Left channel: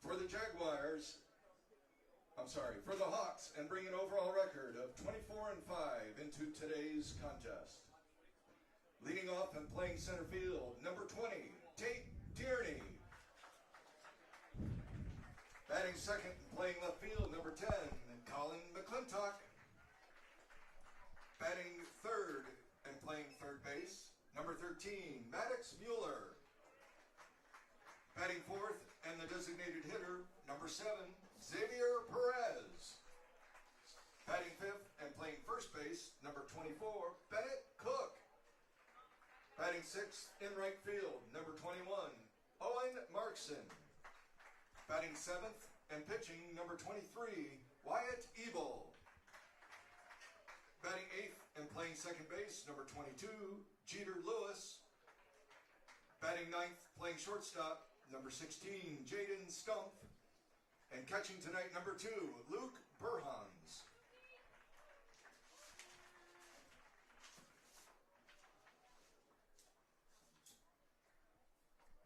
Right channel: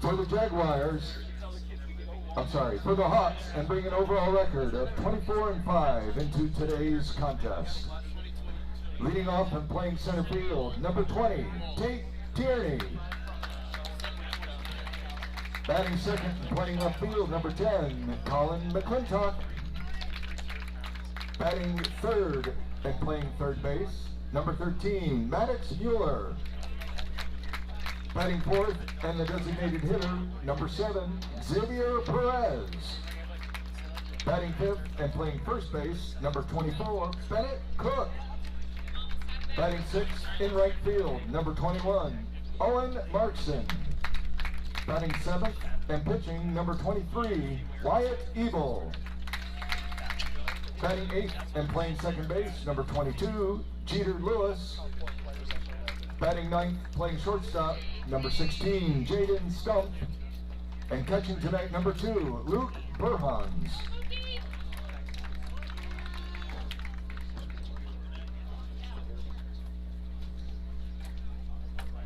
For the Jaguars, for the Hawks, and bring an overall record of 24-5 into today's contest. Leading off and playing center field, number 20, Tate Tierney. Batting second and playing left field, number 10, Colin McClintock. Batting third and playing third base, number 13, Maddox Mueller. Batting fourth and the designated hitter, number 7, Xavier Perez. Batting fifth and playing first base, number 24, Bennett Cook. Batting sixth in right field, number 21, Owen Markson. Batting seventh and pitching, number 23, Wyatt Evil. Batting eighth and playing second base, number 22, Jeter Lewis. Batting ninth, playing shortstop, number 16, Jaden Stump. And catching tonight, number 2, Luke Burhans.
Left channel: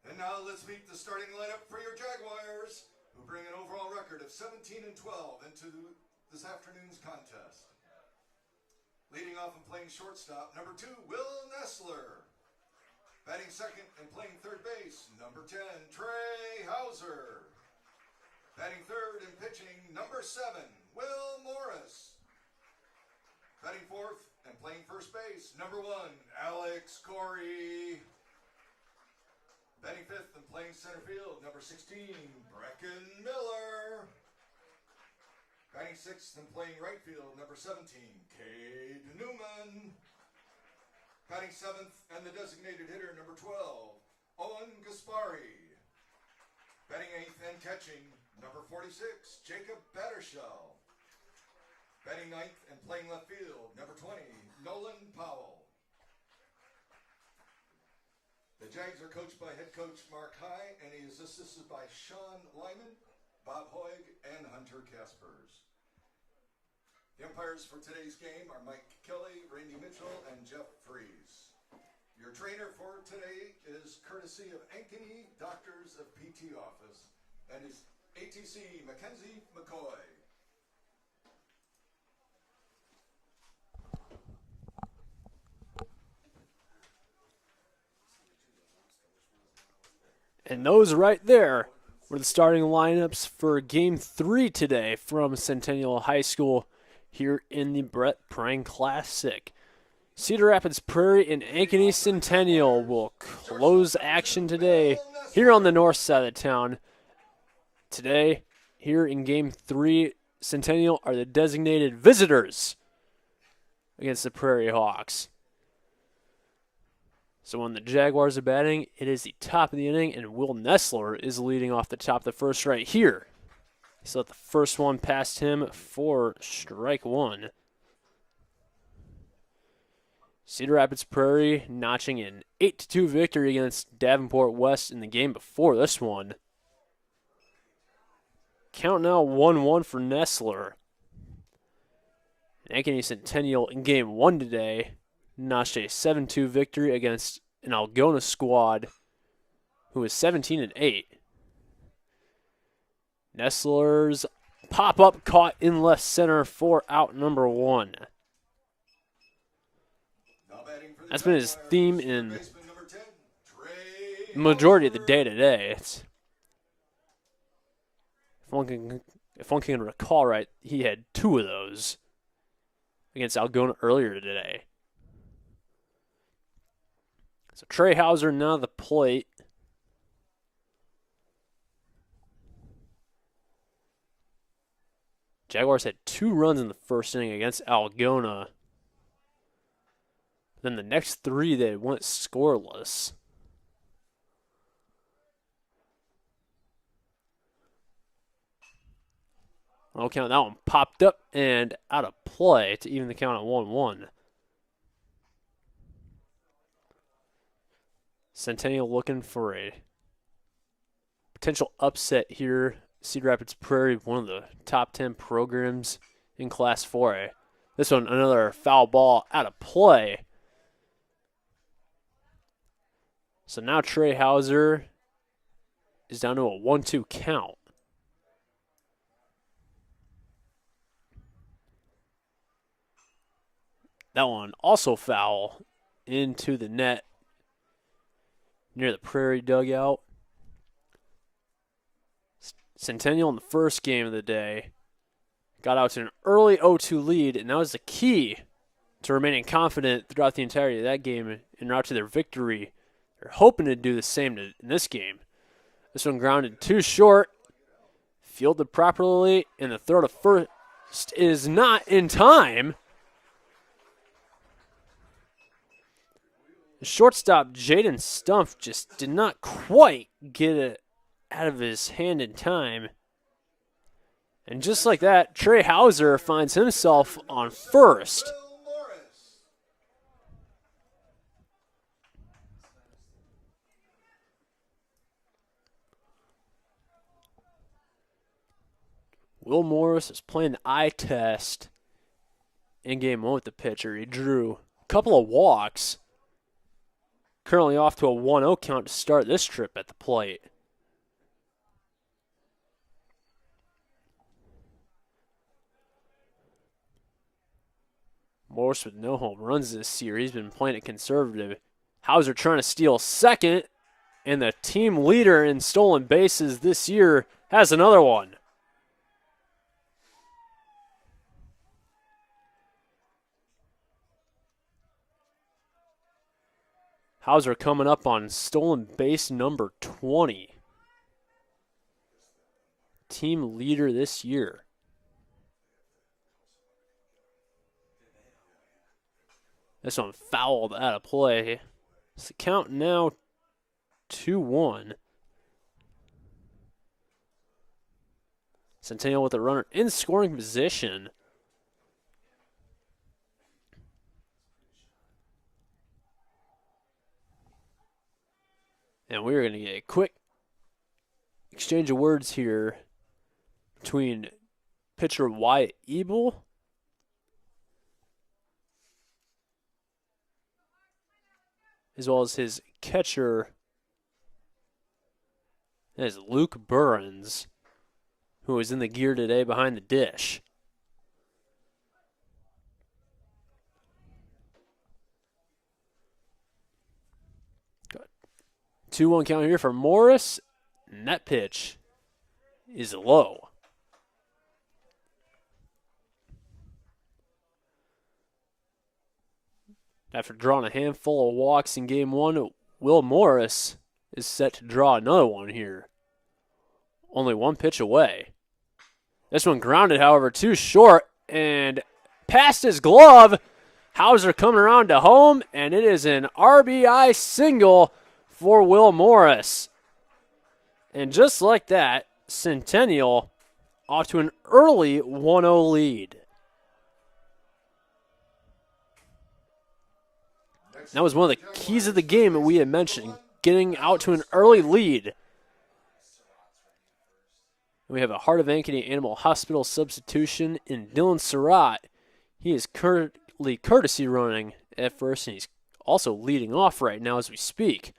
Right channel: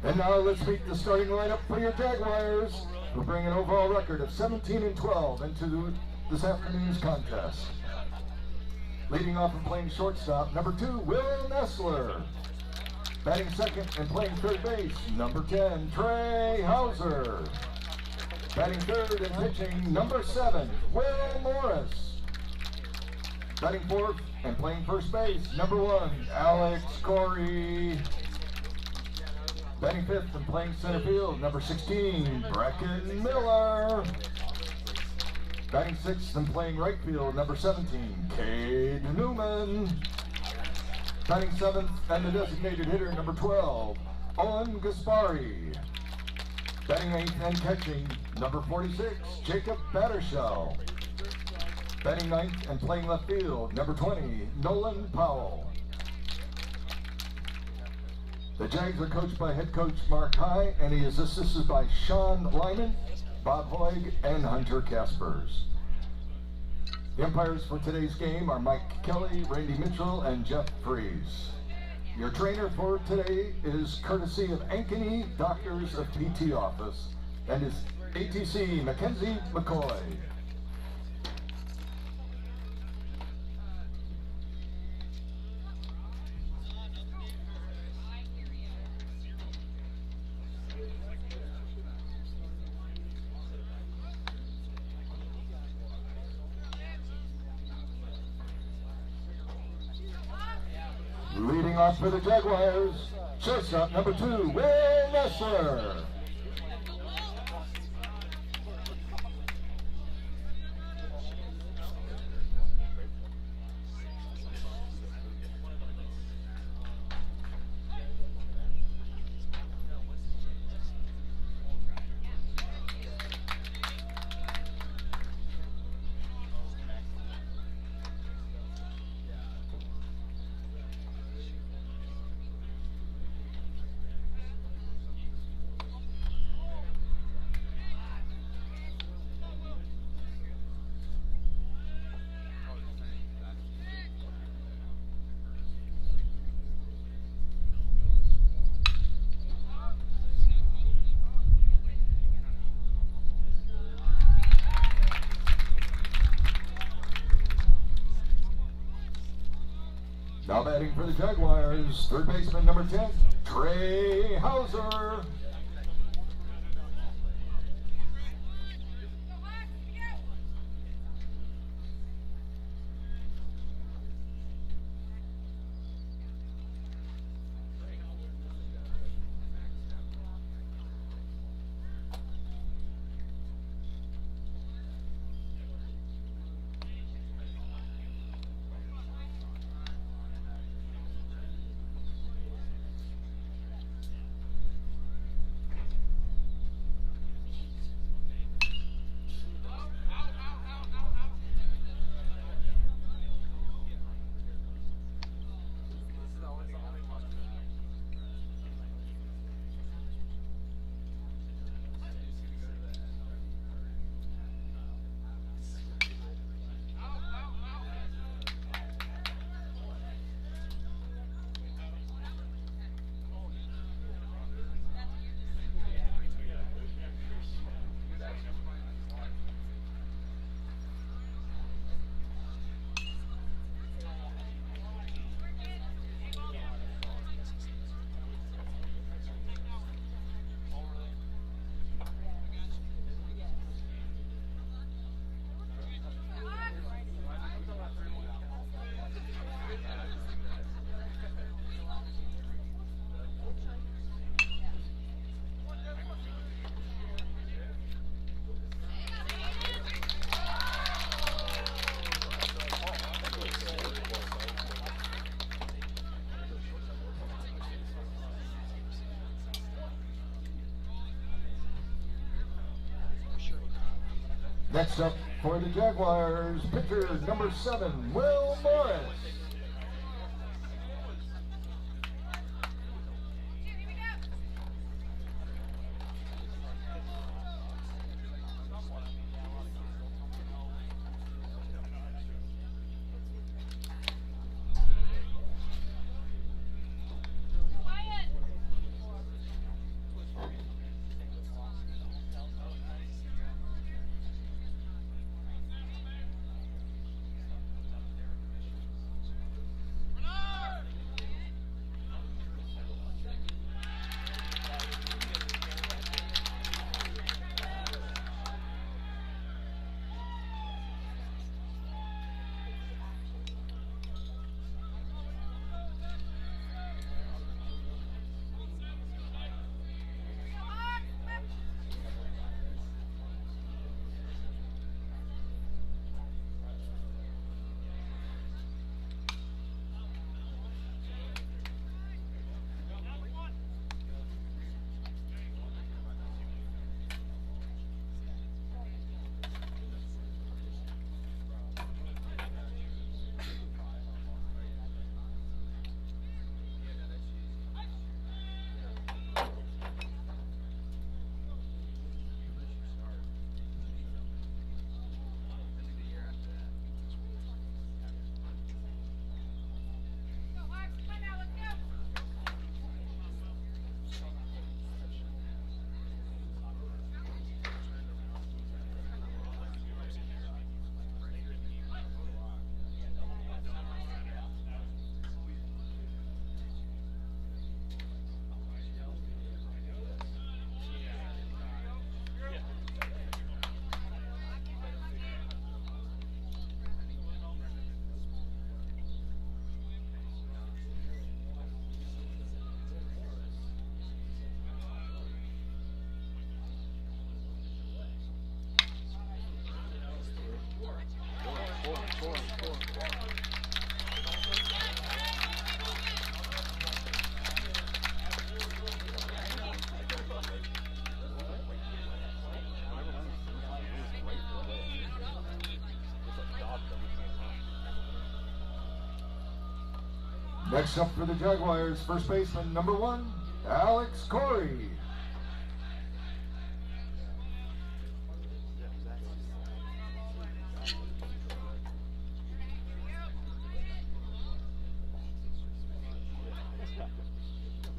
And now let's meet the starting lineup for your Jaguars, who bring an overall record of 17-12 into this afternoon's contest. Leading off and playing shortstop, number 2, Will Nessler. Batting second and playing third base, number 10, Trey Hauser. Batting third and pitching, number 7, Will Morris. Batting fourth and playing first base, number 1, Alex Corey. Batting fifth and playing center field, number 16, Brecken Miller. Batting sixth and playing right field, number 17, Cade Newman. Batting seventh and the designated hitter, number 12, Owen Gaspari. Batting eighth and catching, number 46, Jacob Battershell. Batting ninth and playing left field, number 20, Nolan Powell. The Jags are coached by head coach Mark High, and he is assisted by Sean Lyman, Bob Hoig, and Hunter Caspers. The umpires for today's game are Mike Kelly, Randy Mitchell, and Jeff Freeze. Your trainer for today is courtesy of Ankeny Doctors of PT Office and is ATC Mackenzie McCoy. And those right there were the starting lineups for Game 3 today from Centennial High School here in the Brett Prange Classic. Cedar Rapids Prairie and Ankeny Centennial will close action today here on the north side of town. Today, here in Game 3, Centennial are the designated visitors against the Prairie Hawks. So when the Jaguars are batting, it is the top of the inning, and Will Nessler is leading off the top of the first right here. So the first one past him for strike one. Cedar Rapids Prairie notching an 8-2 victory against Davenport West in the game before this one. Count now 1-1 for Nessler. Ankeny Centennial in Game 1 today notched a 7-2 victory against an Algona squad who is 17-8. Nessler's pop-up caught in left center for out number 1. That's been his theme in the majority of the day today. If one can recall right, he had 2 of those against Algona earlier today. So Trey Hauser now the plate. Jaguars had 2 runs in the first inning against Algona. Then the next 3 they went scoreless. Oh, count, that one popped up and out of play to even the count at 1-1. Centennial looking for a potential upset here. Cedar Rapids Prairie, one of the top 10 programs in Class 4A. This one, another foul ball out of play. So now Trey Hauser is down to a 1-2 count. That one also foul into the net near the Prairie dugout. Centennial in the first game of the day got out to an early 0-2 lead, and that was the key to remaining confident throughout the entirety of that game and route to their victory. They're hoping to do the same in this game. This one grounded too short, fielded properly, and the throw to first is not in time. The shortstop, Jaden Stumpf, just did not quite get it out of his hand in time. And just like that, Trey Hauser finds himself on first. Will Morris is playing the eye test in game one with the pitcher. He drew a couple of walks. Currently off to a 1-0 count to start this trip at the plate. Morris with no home runs this year. He's been playing it conservative. Hauser trying to steal second, and the team leader in stolen bases this year has another one. Hauser coming up on stolen base number 20. Team leader this year. This one fouled out of play. It's the count now 2-1. Centennial with a runner in scoring position. And we're going to get a quick exchange of words here between pitcher Wyatt Ebel as well as his catcher, that is Luke Burns, who is in the gear today behind the dish. Got 2-1 count here for Morris, and that pitch is low. After drawing a handful of walks in game one, Will Morris is set to draw another one here. Only one pitch away. This one grounded, however, too short and past his glove. Hauser coming around to home, and it is an RBI single for Will Morris. And just like that, Centennial off to an early 1-0 lead. That was one of the keys of the game that we had mentioned, getting out to an early lead. We have a Heart of Ankeny Animal Hospital substitution in Dylan Surratt. He is currently courtesy running at first, and he's also leading off right now as we speak.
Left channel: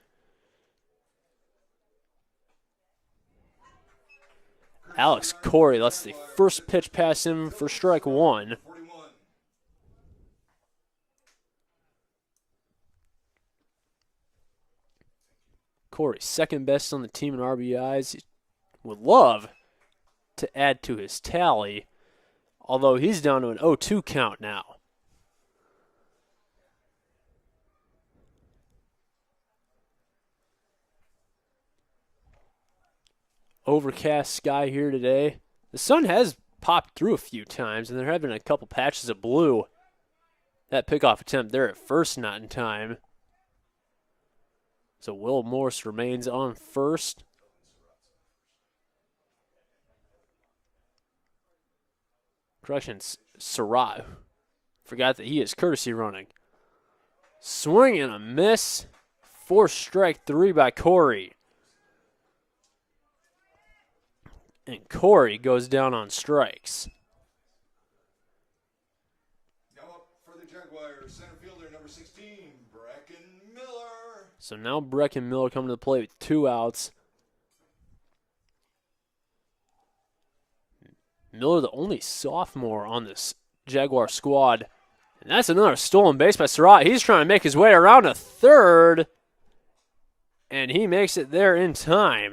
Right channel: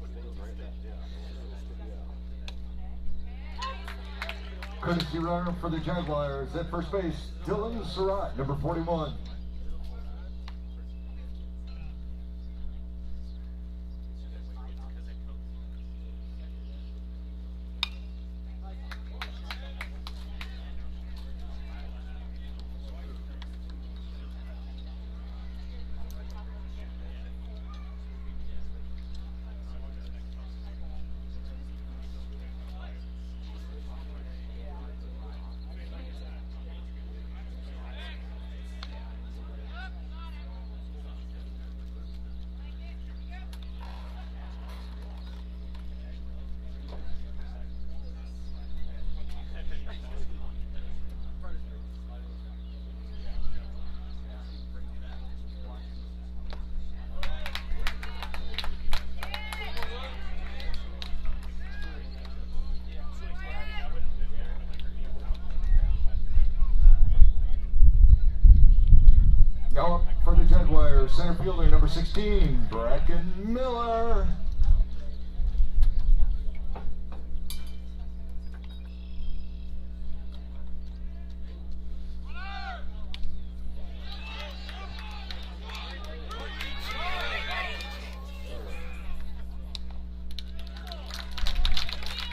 Alex Corey, that's the first pitch past him for strike one. Corey, second best on the team in RBIs. He would love to add to his tally, although he's down to an 0-2 count now. Overcast sky here today. The sun has popped through a few times, and there have been a couple patches of blue. That pickoff attempt there at first not in time. So Will Morris remains on first. Correction, Surratt. Forgot that he is courtesy running. Swing and a miss. Forced strike three by Corey. And Corey goes down on strikes. Now up for the Jaguars, center fielder number 16, Bracken Miller. So now Bracken Miller coming to the plate with 2 outs. Miller, the only sophomore on this Jaguar squad, That's another stolen base by Surratt. He's trying to make his way around to third, and he makes it there in time.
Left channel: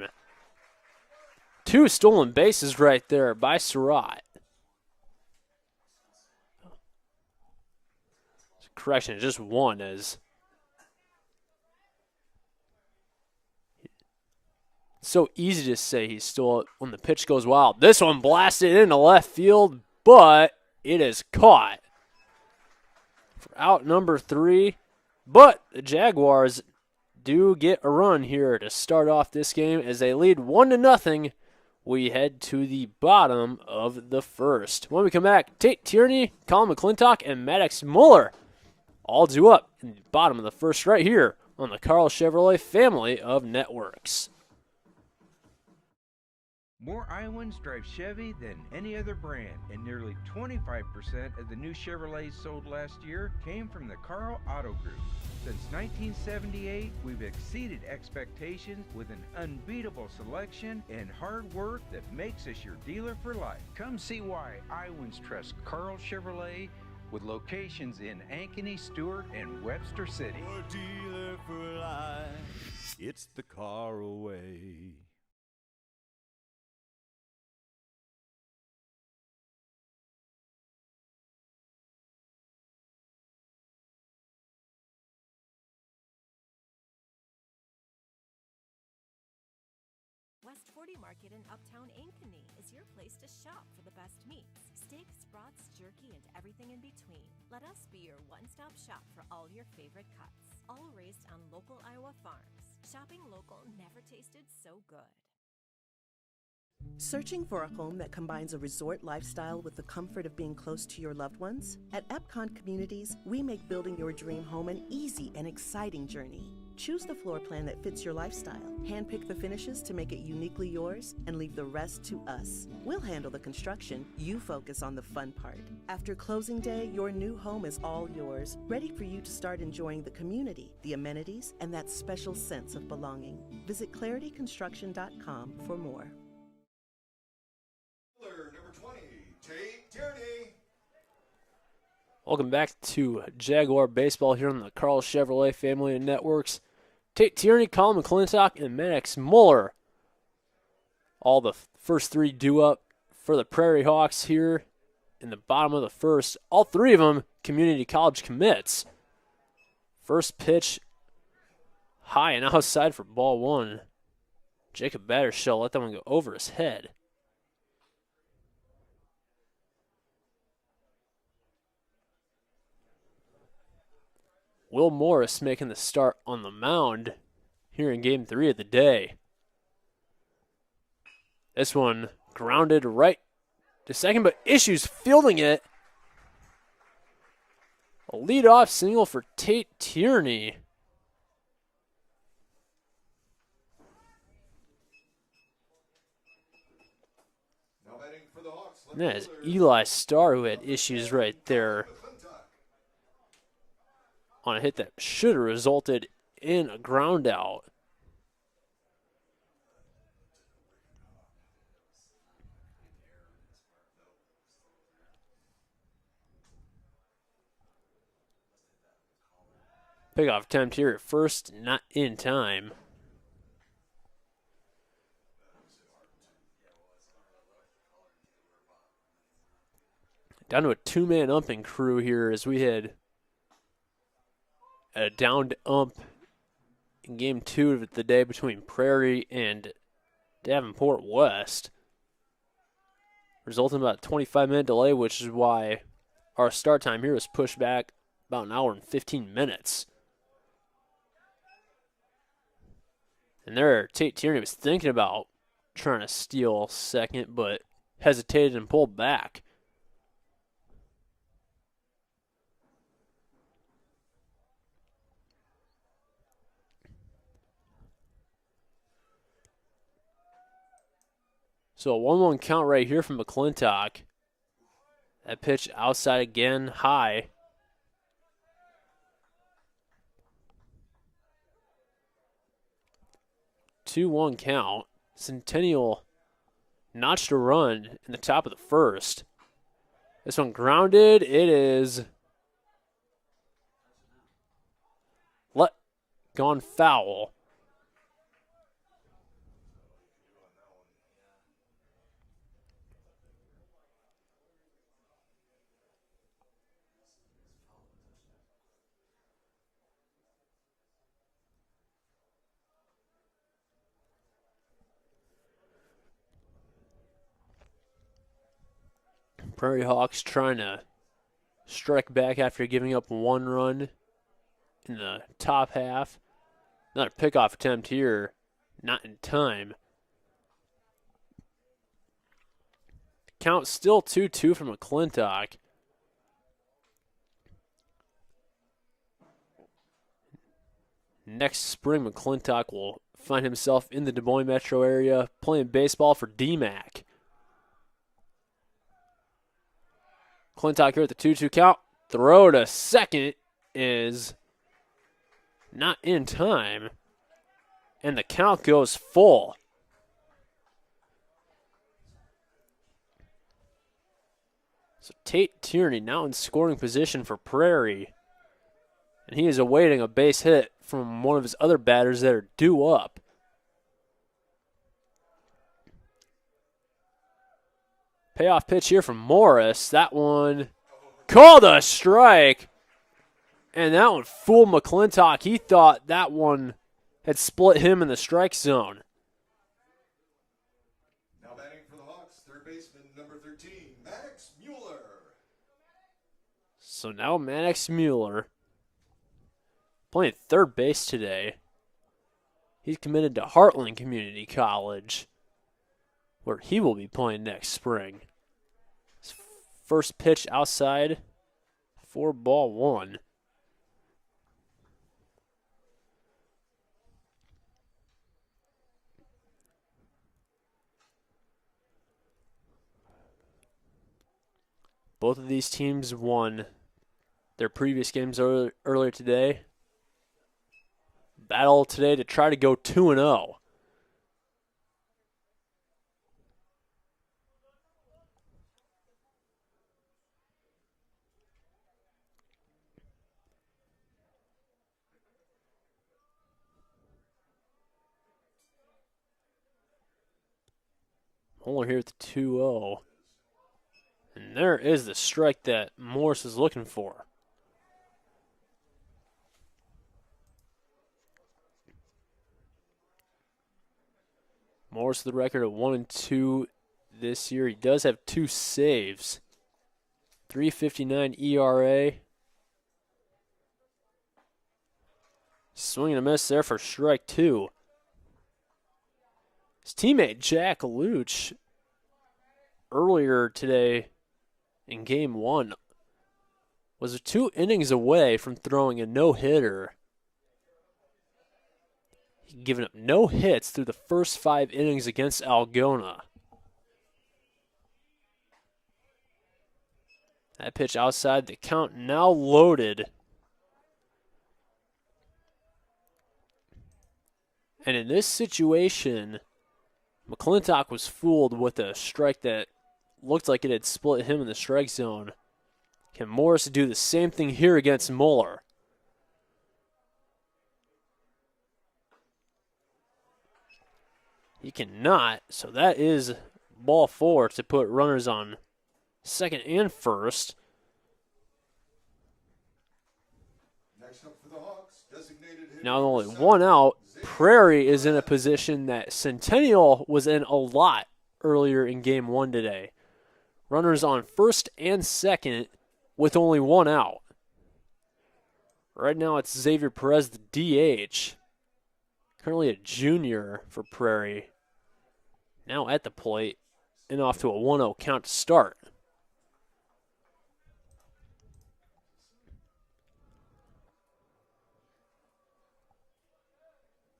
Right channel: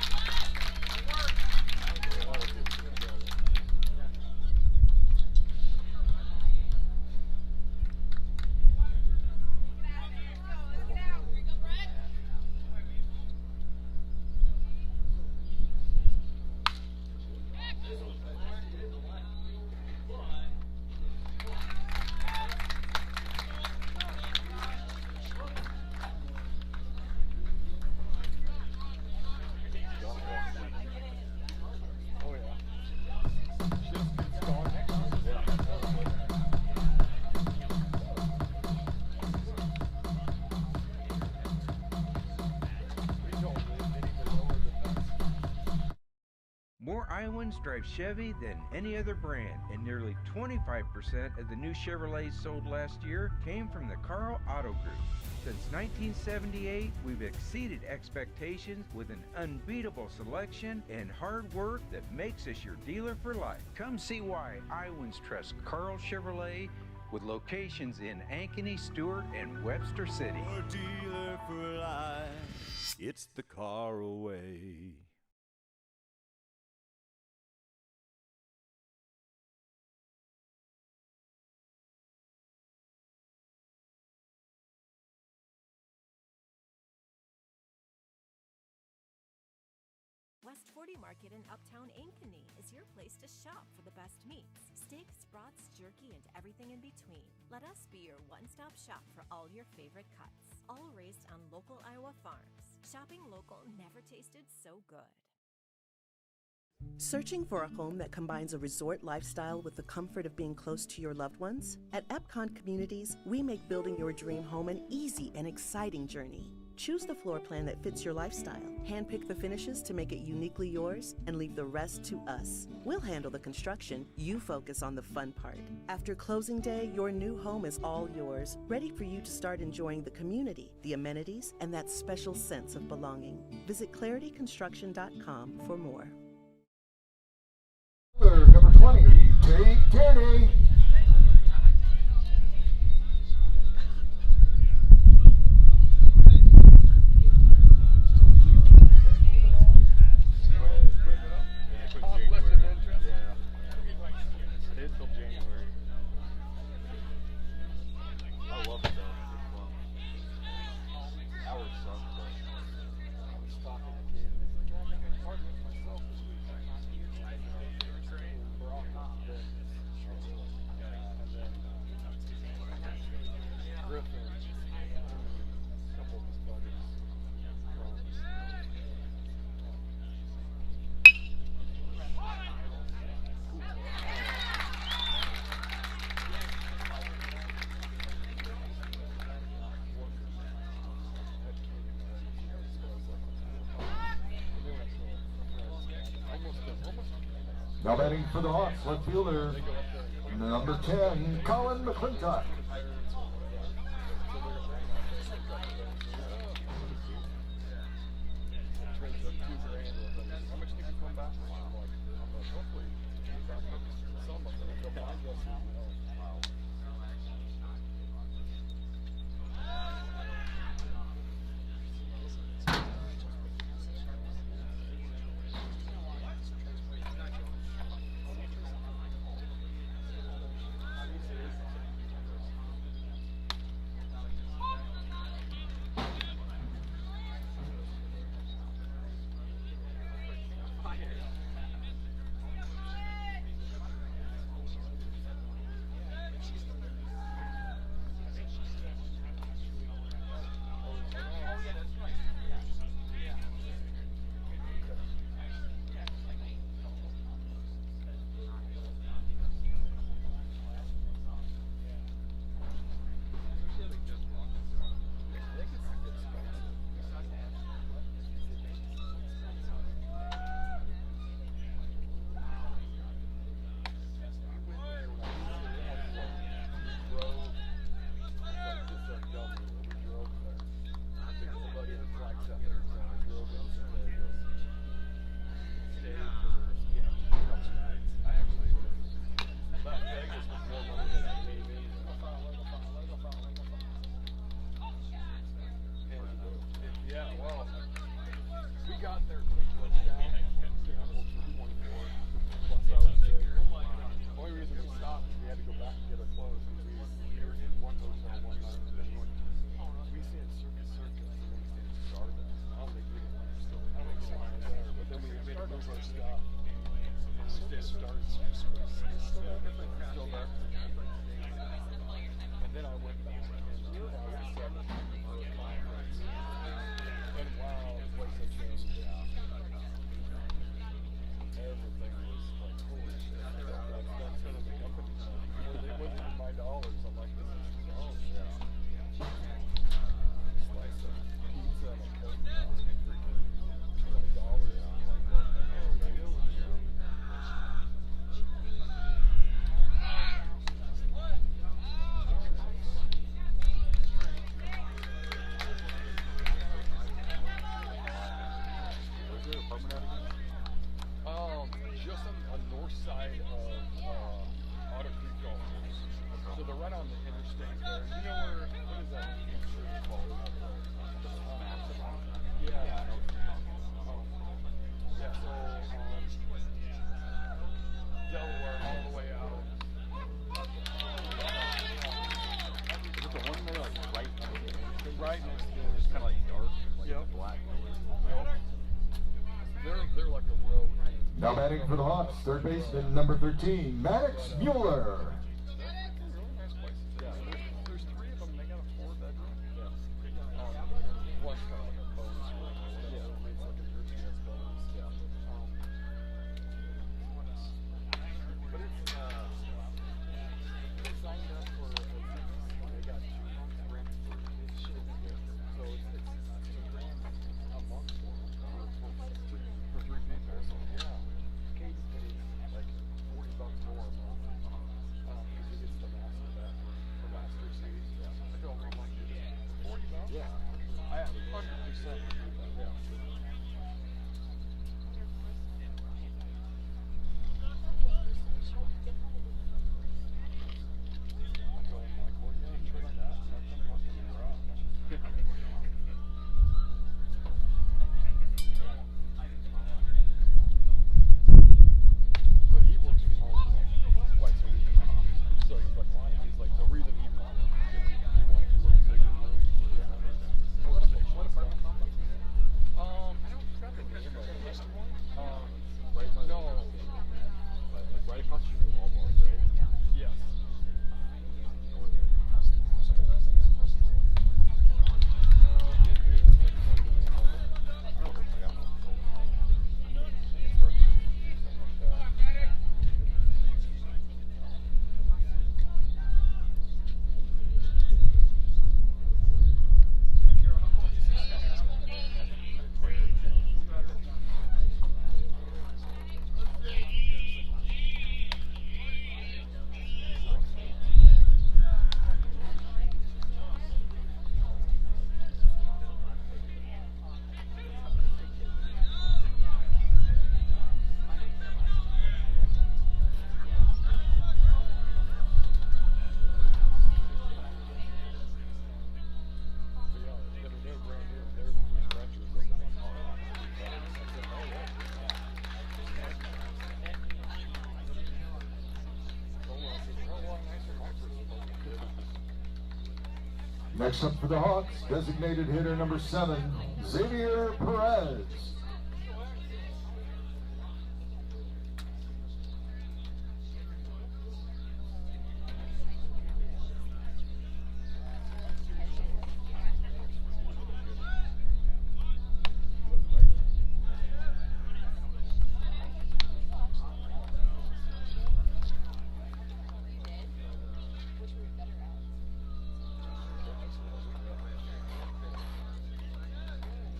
2 stolen bases right there by Surratt. Correction, just 1 as so easy to say he stole it when the pitch goes wild. This one blasted into left field, but it is caught. Out number 3, but the Jaguars do get a run here to start off this game as they lead 1-0. We head to the bottom of the first. When we come back, Tate Tierney, Colin McClintock, and Maddox Muller all due up in the bottom of the first right here on the Carl Chevrolet family of networks. More Iowans drive Chevy than any other brand, and nearly 25% of the new Chevrolets sold last year came from the Carl Auto Group. Since 1978, we've exceeded expectations with an unbeatable selection and hard work that makes us your dealer for life. Come see why Iowans trust Carl Chevrolet, with locations in Ankeny, Stewart, and Webster City. Your dealer for life, it's the Carl way. West 40 Market in Uptown Ankeny is your place to shop for the best meats, steaks, brats, jerky, and everything in between. Let us be your one-stop shop for all your favorite cuts, all raised on local Iowa farms. Shopping local never tasted so good. Searching for a home that combines a resort lifestyle with the comfort of being close to your loved ones? At Epcon Communities, we make building your dream home an easy and exciting journey. Choose the floor plan that fits your lifestyle, handpick the finishes to make it uniquely yours, and leave the rest to us. We'll handle the construction, you focus on the fun part. After closing day, your new home is all yours, ready for you to start enjoying the community, the amenities, and that special sense of belonging. Visit clarityconstruction.com for more. Number 20, Tate Tierney. Welcome back to Jaguar Baseball here on the Carl Chevrolet family of networks. Tate Tierney, Colin McClintock, and Maddox Muller. All the first 3 due up for the Prairie Hawks here in the bottom of the first. All 3 of them community college commits. First pitch high and outside for ball 1. Jacob Battershell let that one go over his head. Will Morris making the start on the mound here in Game 3 of the day. This one grounded right to second, but issues fielding it. A leadoff single for Tate Tierney. Now batting for the Hawks. And that is Eli Starr who had issues right there on a hit that should have resulted in a ground out. Pickoff attempt here at first, not in time. Down to a 2-man umping crew here as we had a downed ump in Game 2 of the day between Prairie and Davenport West, resulting in about a 25-minute delay, which is why our start time here was pushed back about an hour and 15 minutes. And there, Tate Tierney was thinking about trying to steal second, but hesitated and pulled back. So a 1-1 count right here from McClintock. That pitch outside again, high. 2-1 count. Centennial notched a run in the top of the first. This one grounded. It is gone foul. Prairie Hawks trying to strike back after giving up 1 run in the top half. Another pickoff attempt here, not in time. Count still 2-2 for McClintock. Next spring, McClintock will find himself in the Des Moines metro area playing baseball for DMAC. McClintock here at the 2-2 count. Throw to second is not in time. And the count goes full. So Tate Tierney now in scoring position for Prairie. And he is awaiting a base hit from one of his other batters that are due up. Payoff pitch here from Morris. That one called a strike. And that one fooled McClintock. He thought that one had split him in the strike zone. Now batting for the Hawks, third baseman number 13, Maddox Mueller. So now Maddox Mueller playing third base today. He's committed to Heartland Community College, where he will be playing next spring. First pitch outside for ball 1. Both of these teams won their previous games earlier today. Battle today to try to go 2-0. Mueller here at the 2-0. And there is the strike that Morris is looking for. Morris the record at 1-2 this year. He does have 2 saves. 3.59 ERA. Swing and a miss there for strike 2. His teammate Jack Luch earlier today in game 1 was 2 innings away from throwing a no-hitter. Giving up no hits through the first 5 innings against Algona. That pitch outside, the count now loaded. And in this situation, McClintock was fooled with a strike that looked like it had split him in the strike zone. Can Morris do the same thing here against Mueller? He cannot, so that is ball 4 to put runners on second and first. Next up for the Hawks, designated hitter Now number only 7, 1 out. Xavier Prairie is in a Perez. position that Centennial was in a lot earlier in game 1 today. Runners on first and second with only 1 out. Right now it's Xavier Perez, the DH. Currently a junior for Prairie. Now at the plate and off to a 1-0 count to start.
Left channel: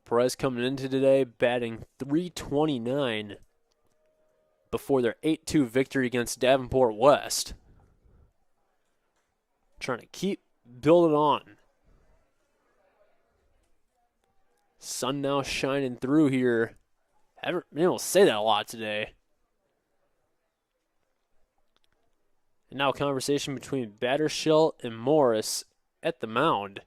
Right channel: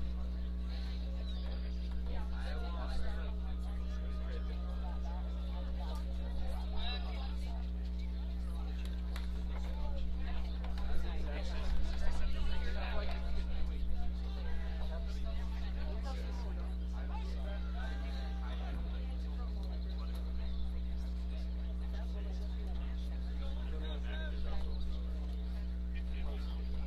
Perez coming into today batting .329 before their 8-2 victory against Davenport West. Trying to keep building on. Sun now shining through here. I haven't been able to say that a lot today. And now a conversation between Battershell and Morris at the mound.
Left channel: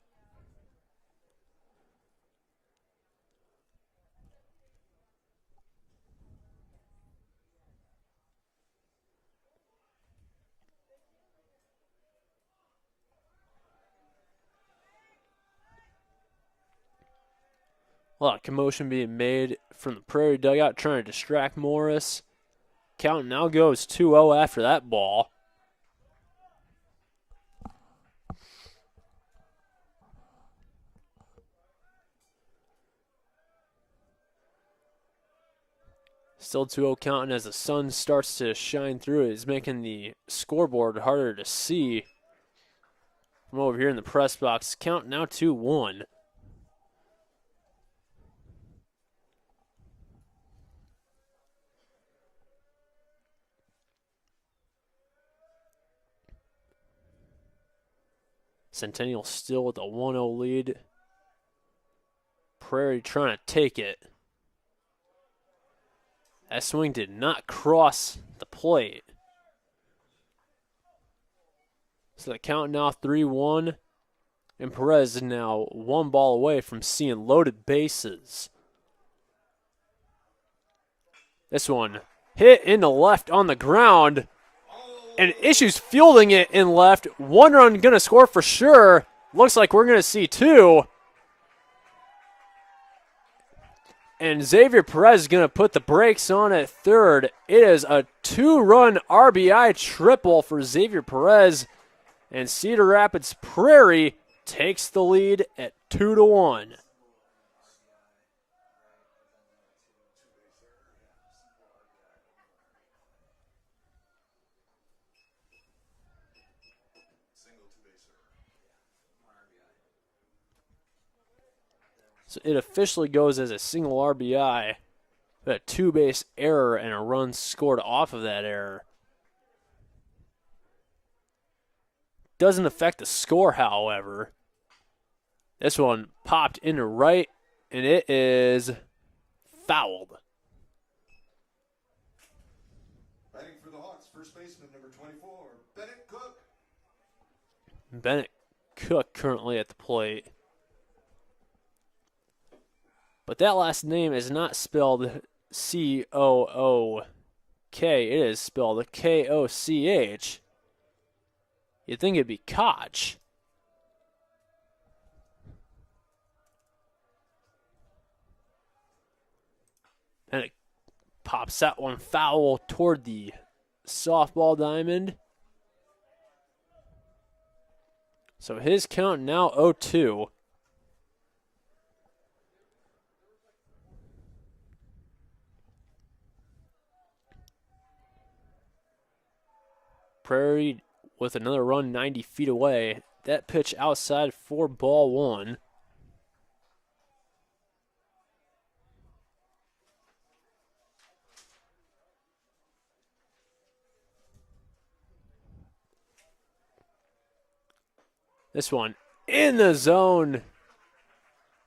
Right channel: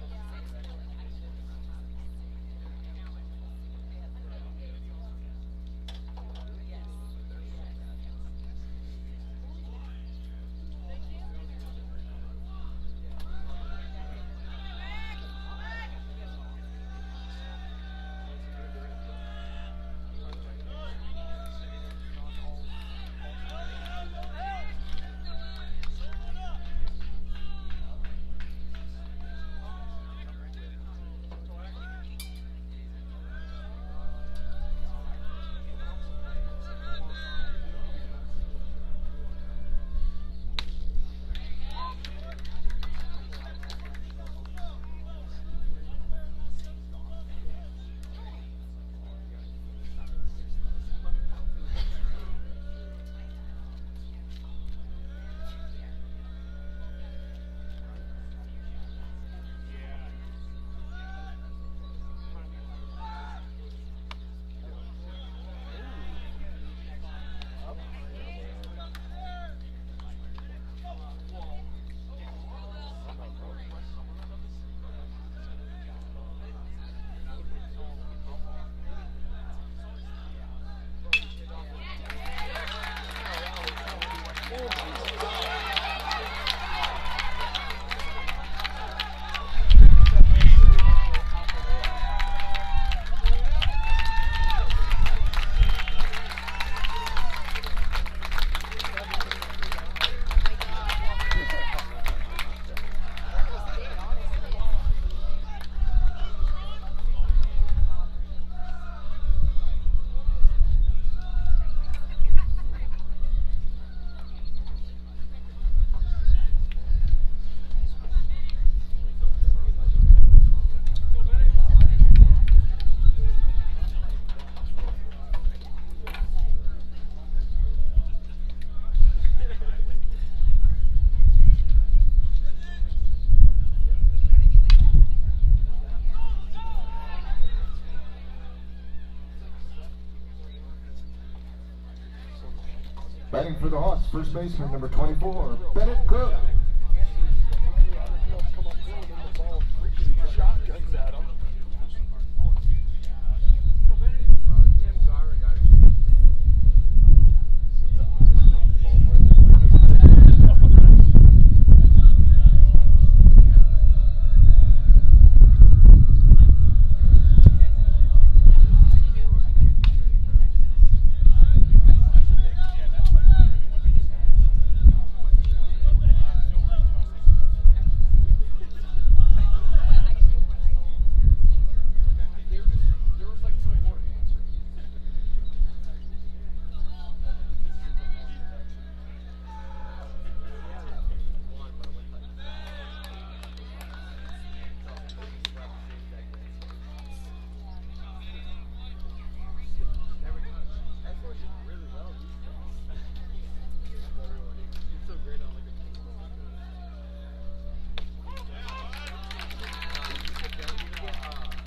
A lot of commotion being made from the Prairie dugout trying to distract Morris. Count now goes 2-0 after that ball. Still 2-0 counting as the sun starts to shine through it. It's making the scoreboard harder to see. I'm over here in the press box. Count now 2-1. Centennial still with a 1-0 lead. Prairie trying to take it. That swing did not cross the plate. So the count now 3-1. And Perez is now one ball away from seeing loaded bases. This one hit in the left on the ground. And Issues fielding it in left. One run gonna score for sure. Looks like we're gonna see two. And Xavier Perez is going to put the brakes on at third. It is a 2-run RBI triple for Xavier Perez. And Cedar Rapids Prairie takes the lead at 2-1. It officially goes as a single RBI, but a two-base error and a run scored off of that error. Doesn't affect the score, however. This one popped into right, and it is fouled. Batting for the Hawks, first baseman number 24, Bennett Cook. Bennett Cook currently at the plate. But that last name is not spelled C-O-O-K. It is spelled K-O-C-H. You'd think it'd be Koch. And it pops that one foul toward the softball diamond. So his count now 0-2. Prairie with another run 90 feet away. That pitch outside for ball one. This one in the zone.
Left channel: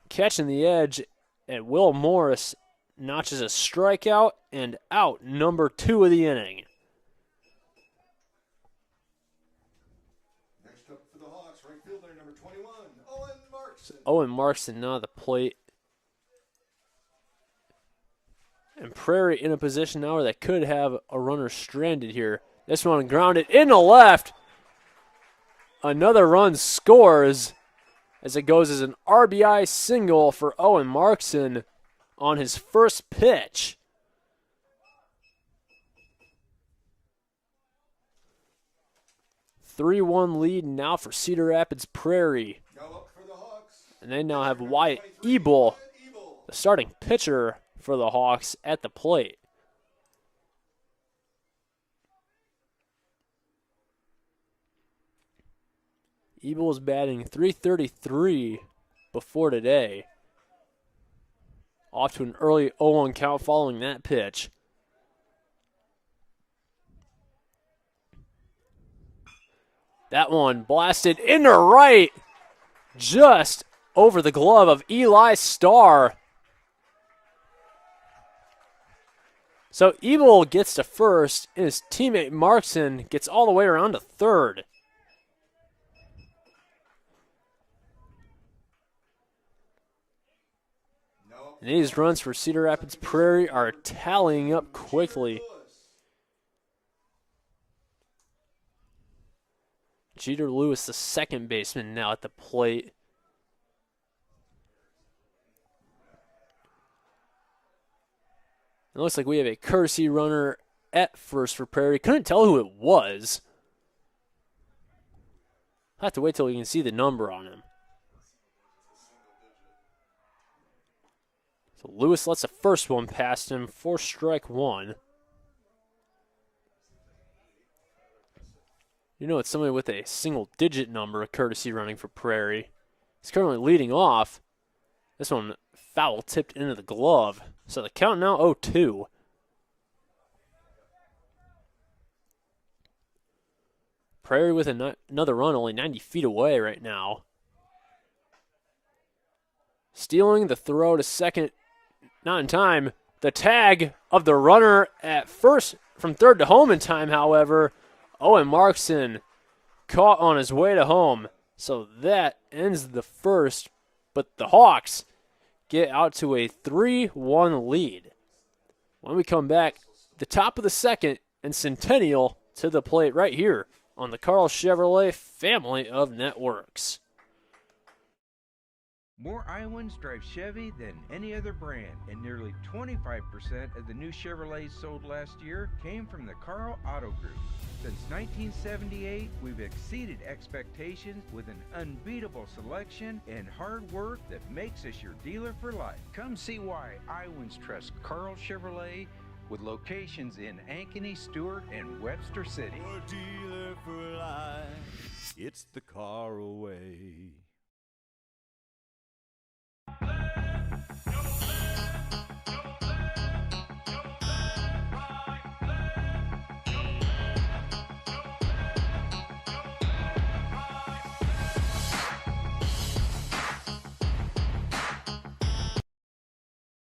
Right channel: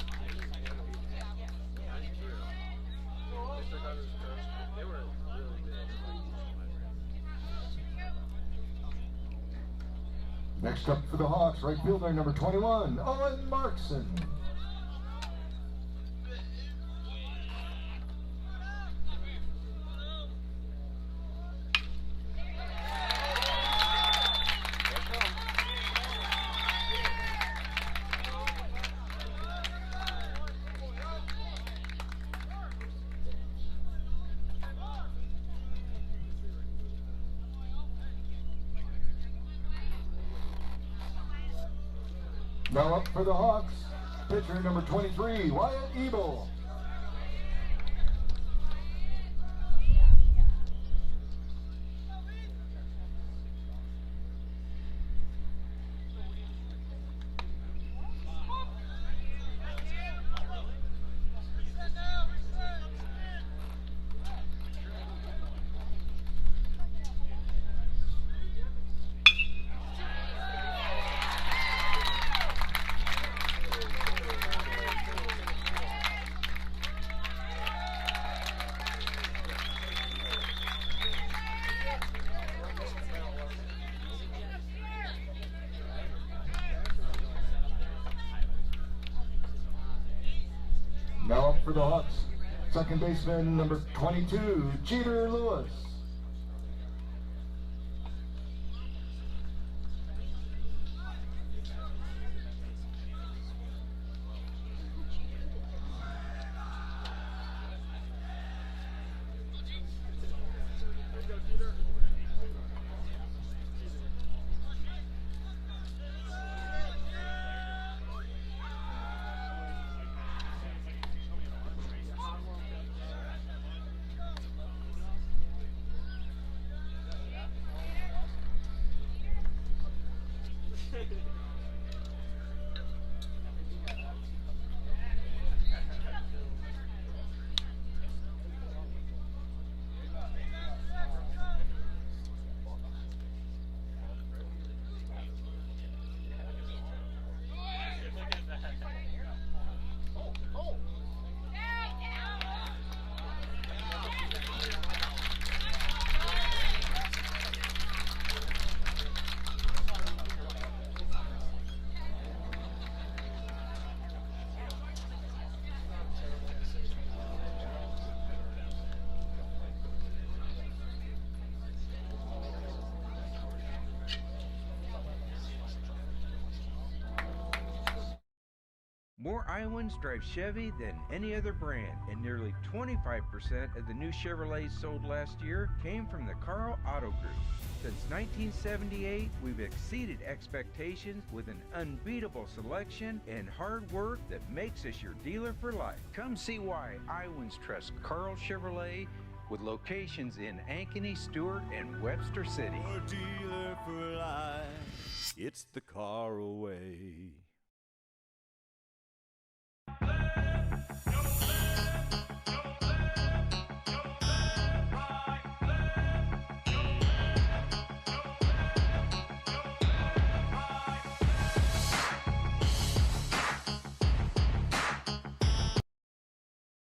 Catching the edge, and Will Morris notches a strikeout and out, number 2 of the inning. Next up for the Hawks, right fielder number 21, Owen Markson. Owen Markson now at the plate. And Prairie in a position now where they could have a runner stranded here. This one grounded in the left. Another run scores as it goes as an RBI single for Owen Markson on his first pitch. (3-1) lead now for Cedar Rapids Prairie. Now up for the Hawks. And they now have Pitcher Wyatt number 23, Ebel, Wyatt Ebel. the starting pitcher for the Hawks, at the plate. Ebel is batting .333 before today. Off to an early 0-1 count following that pitch. That one blasted into right, just over the glove of Eli Starr. So Ebel gets to first, and his teammate Markson gets all the way around to third. Now up for These the Hawks, runs for Cedar Rapids second Prairie baseman are number tallying up 22, quickly. Jeter Lewis. Jeter Lewis, the second baseman, now at the plate. It looks like we have a courtesy runner at first for Prairie. Couldn't tell who it was. I have to wait till we can see the number on him. Lewis lets the first one past him for strike one. You know it's somebody with a single-digit number of courtesy running for Prairie. He's currently leading off. This one foul tipped into the glove. So the count now 0-2. Prairie with another run only 90 feet away right now. Stealing the throw to second. Not in time. The tag of the runner at first from third to home in time, however. Owen Markson caught on his way to home. So that ends the first. But the Hawks get out to a 3-1 lead. When we come back, the top of the second and Centennial to the plate right here on the Carl Chevrolet family of networks. More Iowans drive Chevy than any other brand, and nearly 25% of the new Chevrolets sold last year came from the Carl Auto Group. Since 1978, we've exceeded expectations with an unbeatable selection and hard work that makes us your dealer for life. Come see why Iowans trust Carl Chevrolet with locations in Ankeny, Stewart, and Webster City. Your dealer for life, it's the car away.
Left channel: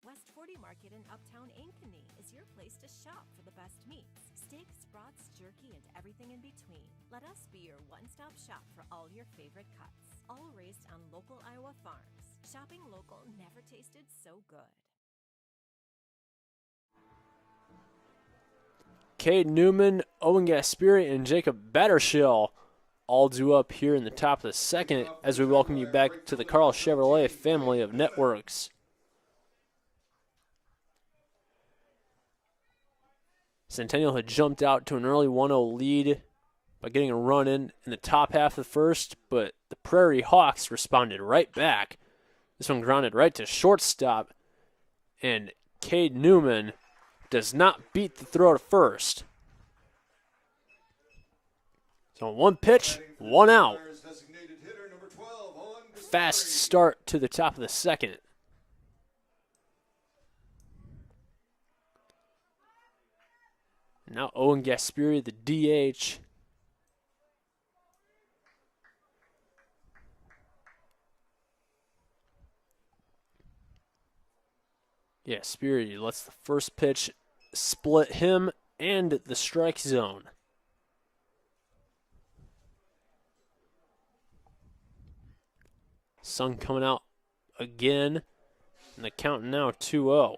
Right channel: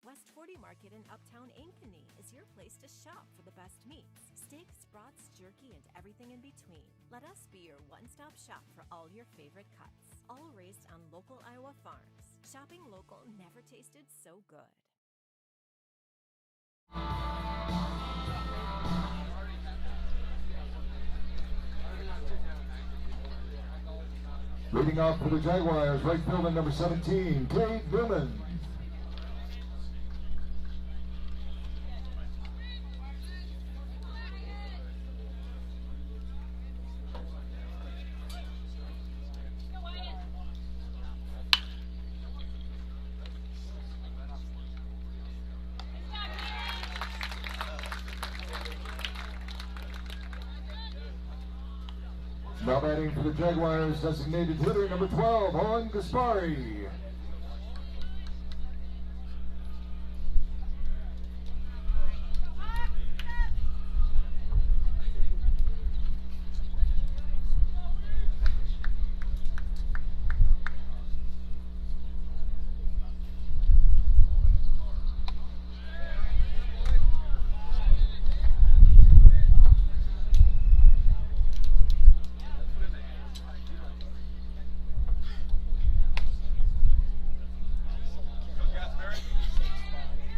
West 40 Market in Uptown Ankeny is your place to shop for the best meats, steaks, brats, jerky, and everything in between. Let us be your one-stop shop for all your favorite cuts, all raised on local Iowa farms. Shopping local never tasted so good. Cade Newman, Owen Gasperi, and Jacob Battershell all due up here in the top of the second as we welcome you back to the Carl Chevrolet family of networks. Centennial had jumped out to an early 1-0 lead by getting a run in the top half of the first, but the Prairie Hawks responded right back. This one grounded right to shortstop, and Cade Newman does not beat the throw to first. So one pitch, one out. Fast start to the top of the second. Now Owen Gasperi, the DH. Gasperi lets the first pitch split him and the strike zone. Sun coming out again, and the count now 2-0.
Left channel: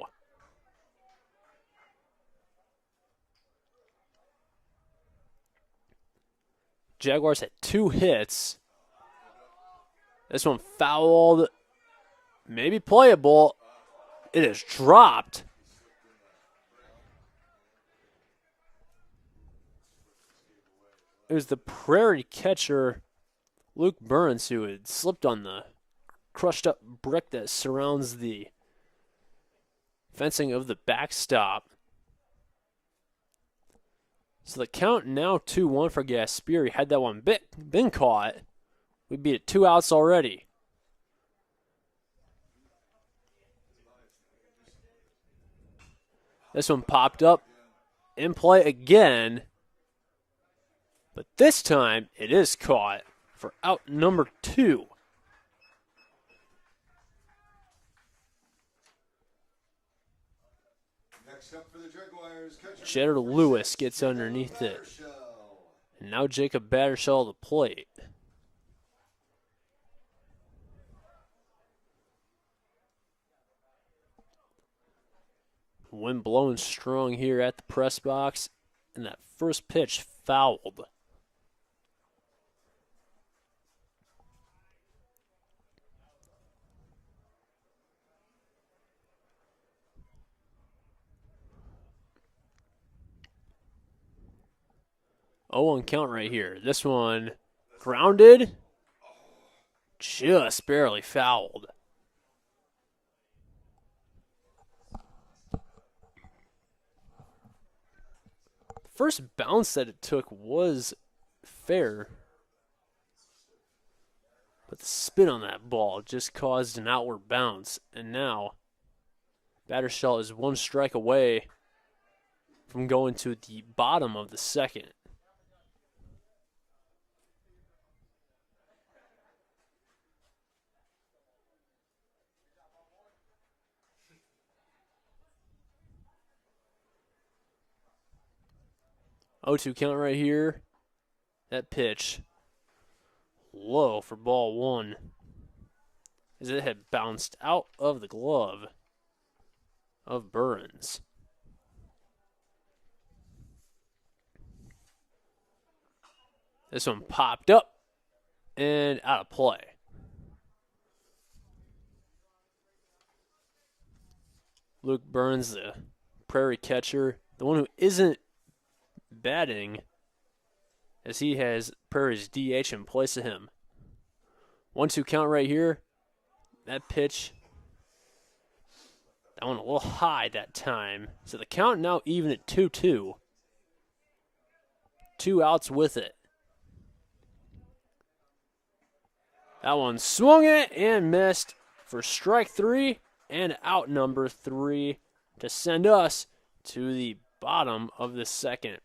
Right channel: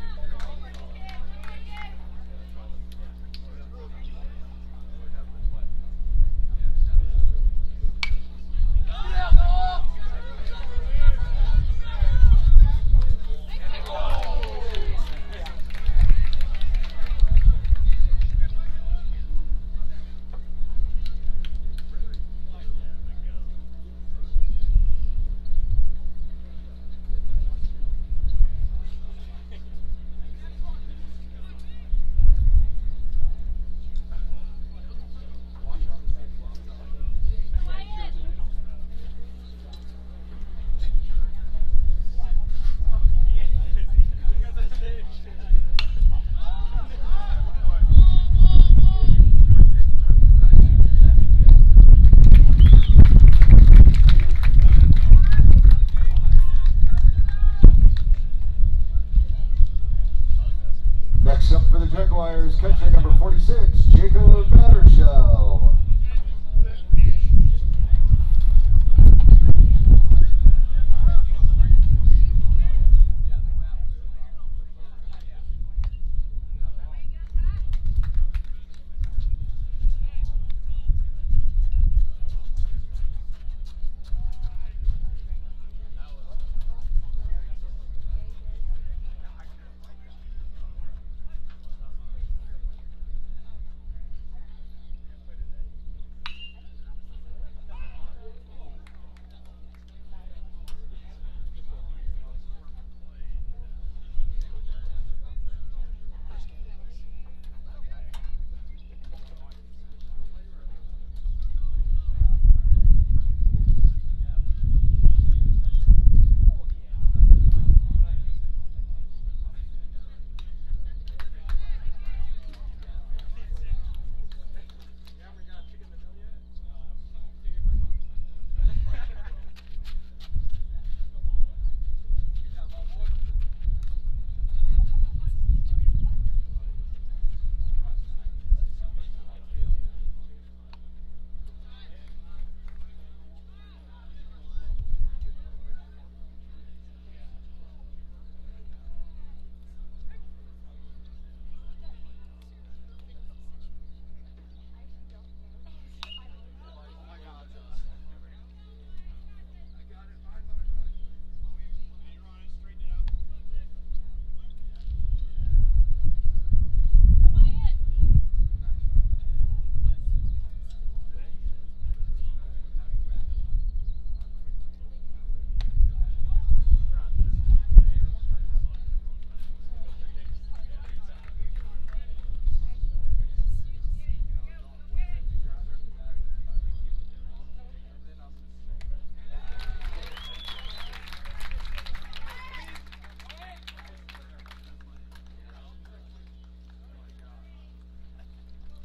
Jaguars had 2 hits. This one fouled, maybe playable. It is dropped. It was the Prairie catcher, Luke Burns, who had slipped on the crushed up brick that surrounds the fencing of the backstop. So the count now 2-1 for Gasperi. Had that one been caught, we'd be at 2 outs already. This one popped up in play again, but this time it is caught for out number 2. Next up for the Jaguars, Cheddar Lewis gets underneath it. Now Jacob Battershell at the plate. Wind blowing strong here at the press box, and that first pitch fouled. 0-1 count right here. This one grounded, just barely fouled. First bounce that it took was fair, but the spin on that ball just caused an outward bounce, and now Battershell is one strike away from going to the bottom of the second. O2 count right here. That pitch low for ball one, as it had bounced out of the glove of Burns. This one popped up and out of play. Luke Burns, the Prairie catcher, the one who isn't batting, as he has Prairie's DH in place of him. 1-2 count right here. That pitch, that one a little high that time. So the count now even at 2-2. 2 outs with it. That one swung it and missed for strike 3 and out number 3 to send us to the bottom of the second.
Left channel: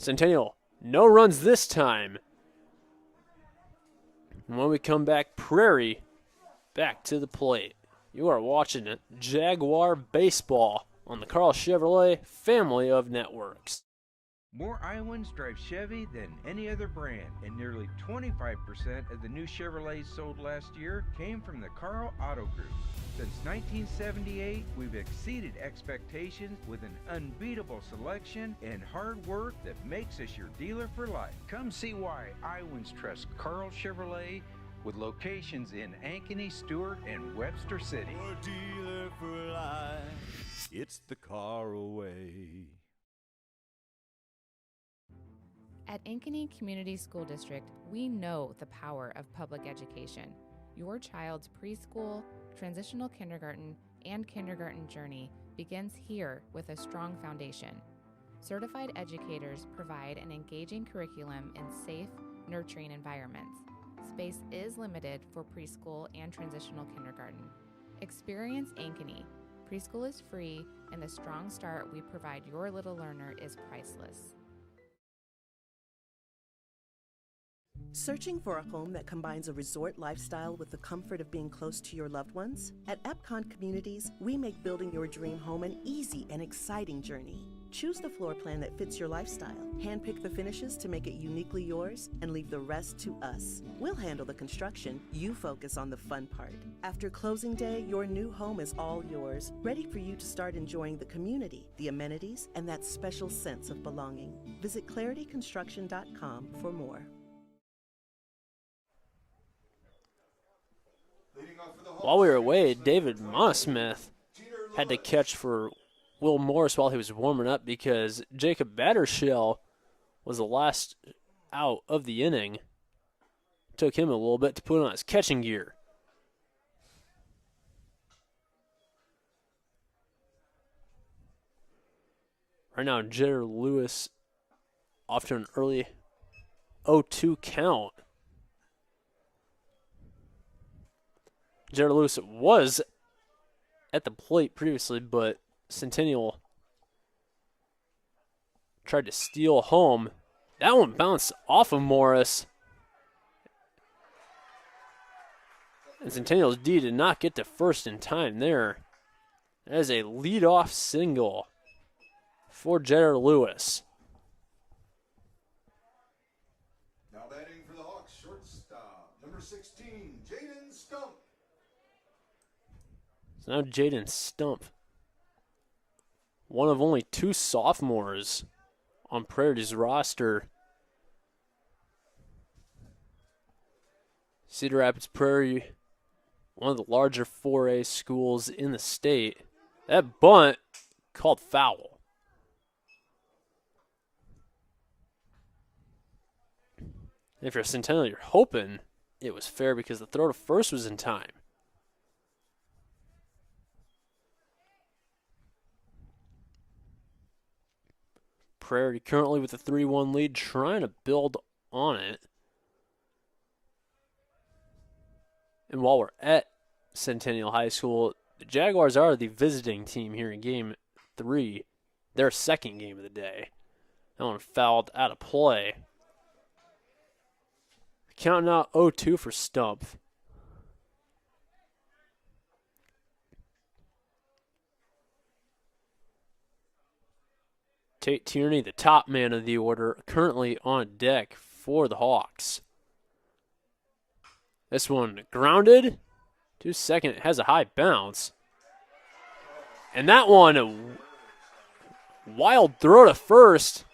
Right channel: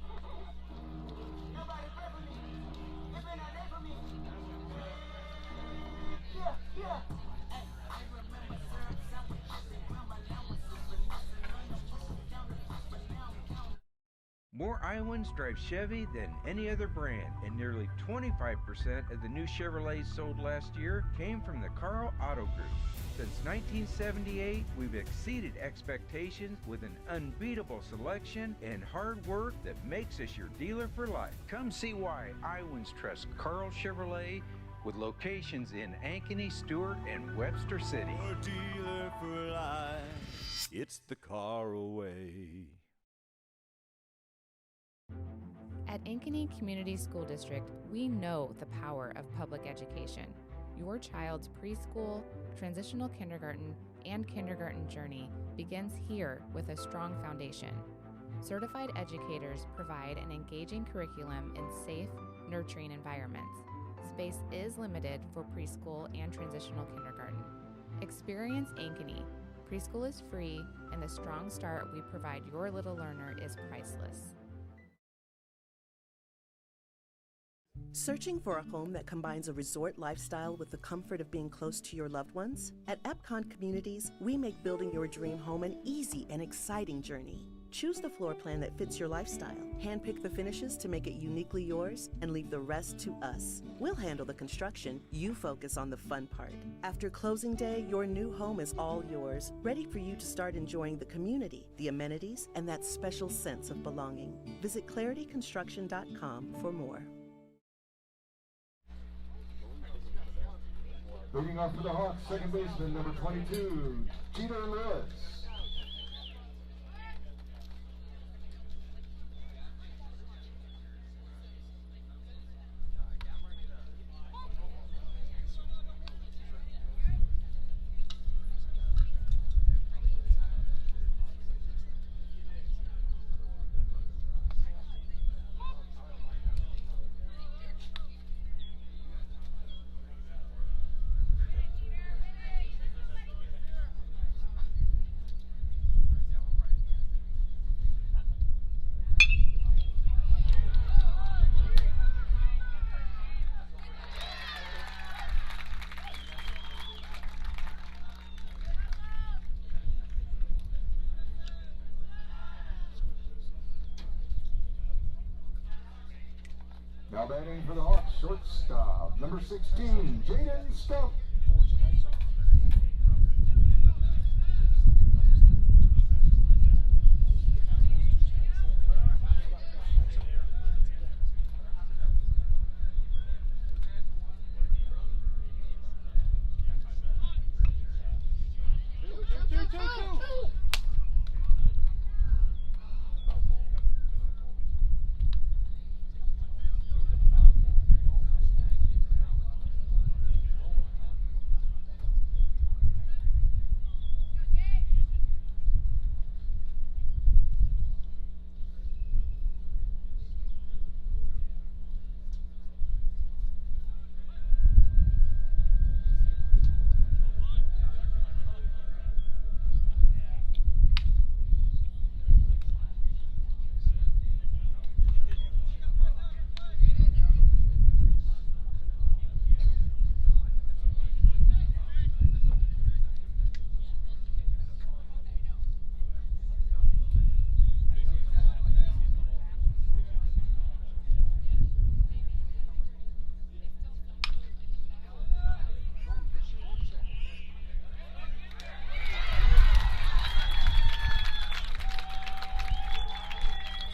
Centennial, no runs this time. And when we come back, Prairie back to the plate. You are watching Jaguar Baseball on the Carl Chevrolet family of networks. More Iowans drive Chevy than any other brand, and nearly 25% of the new Chevrolets sold last year came from the Carl Auto Group. Since 1978, we've exceeded expectations with an unbeatable selection and hard work that makes us your dealer for life. Come see why Iowans trust Carl Chevrolet, with locations in Ankeny, Stewart, and Webster City. Your dealer for life, it's the car away. At Ankeny Community School District, we know the power of public education. Your child's preschool, transitional kindergarten, and kindergarten journey begins here with a strong foundation. Certified educators provide an engaging curriculum in safe, nurturing environments. Space is limited for preschool and transitional kindergarten. Experience Ankeny. Preschool is free, and the strong start we provide your little learner is priceless. Searching for a home that combines a resort lifestyle with the comfort of being close to your loved ones? At Epcon Communities, we make building your dream home an easy and exciting journey. Choose the floor plan that fits your lifestyle, handpick the finishes to make it uniquely yours, and leave the rest to us. We'll handle the construction, you focus on the fun part. After closing day, your new home is all yours, ready for you to start enjoying the community, the amenities, and that special sense of belonging. Visit clarityconstruction.com for more. While we were away, David Mossmith had to catch for Will Morris while he was warming up because Jacob Battershell was the last out of the inning. Took him a little bit to put on his catching gear. Right now, Jedder Lewis off to an early 0-2 count. Jedder Lewis was at the plate previously, but Centennial tried to steal home. That one bounced off of Morris. And Centennial's D did not get to first in time there. That is a leadoff single for Jedder Lewis. Now batting for the Hawks, shortstop, number 16, Jaden Stump. So now Jaden Stump, one of only 2 sophomores on Prairie's roster. Cedar Rapids Prairie, one of the larger 4A schools in the state. That bunt called foul. If you're Centennial, you're hoping it was fair because the throw to first was in time. Prairie currently with a 3-1 lead, trying to build on it. And while we're at Centennial High School, the Jaguars are the visiting team here in Game 3, their second game of the day. That one fouled out of play. Counting out 0-2 for Stump. Tate Tierney, the top man of the order, currently on deck for the Hawks. This one grounded. 2 second, has a high bounce. And that one, wild throw to first.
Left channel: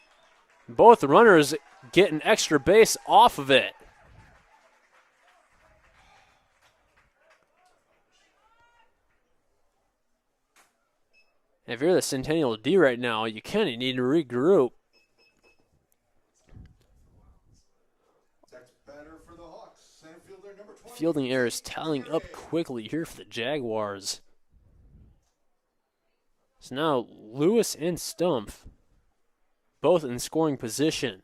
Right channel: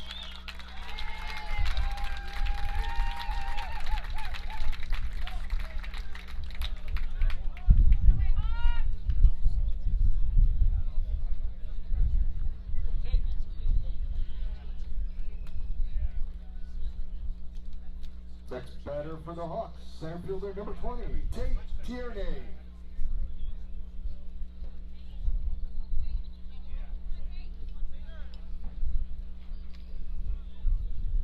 Both runners get an extra base off of it. If you're the Centennial D right now, you kind of need to regroup. Next batter for the Hawks, center fielder number 20. Fielding errors tallying up quickly here for the Jaguars. So now Lewis and Stump, both in scoring position.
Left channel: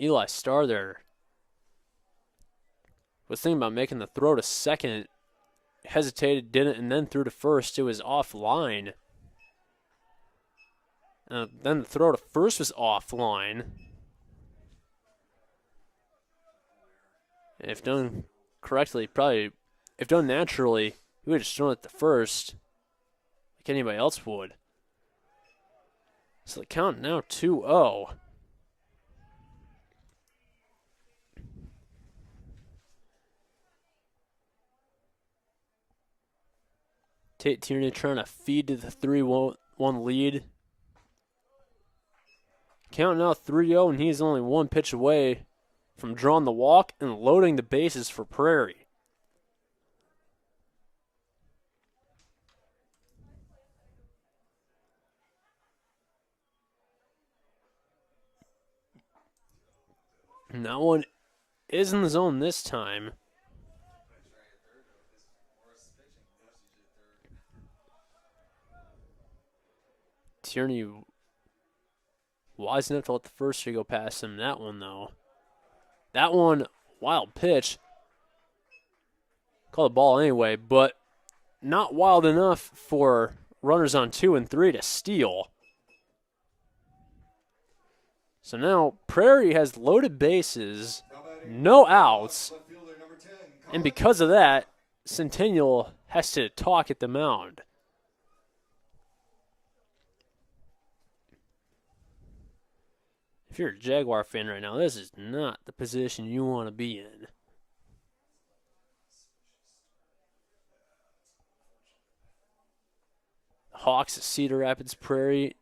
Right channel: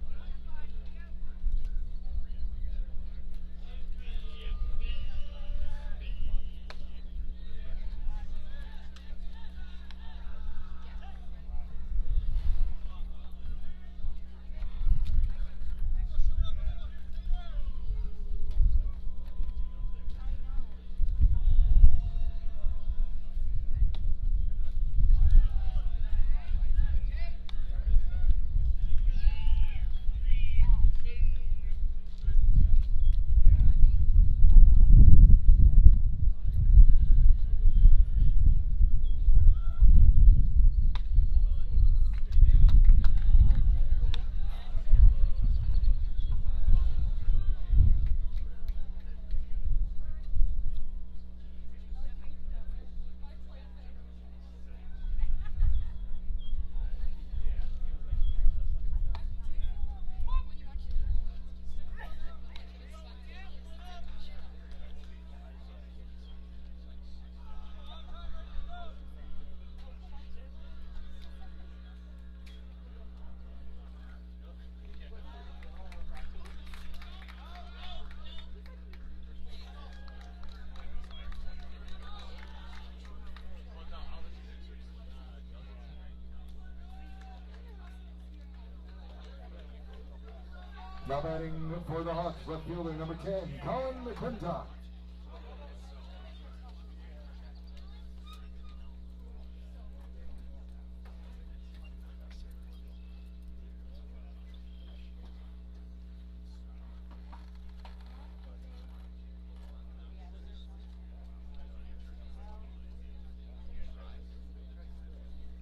Eli Starr there was thinking about making the throw to second, hesitated, didn't, and then threw to first. It was offline. Then the throw to first was offline. And if done correctly, probably, if done naturally, we would have just thrown it to first like anybody else would. So the count now 2-0. Tate Tierney trying to feed to the 3-1 lead. Count now 3-0, and he's only one pitch away from drawing the walk and loading the bases for Prairie. And that one is in the zone this time. Tierney wise enough to let the first go past him. That one, though. That one, wild pitch. Call the ball anyway, but not wild enough for runners on 2 and 3 to steal. So now Prairie has loaded bases, no outs, and because of that, Centennial has to talk at the mound. If you're a Jaguar fan right now, this is not the position you want to be in. Hawks at Cedar Rapids Prairie,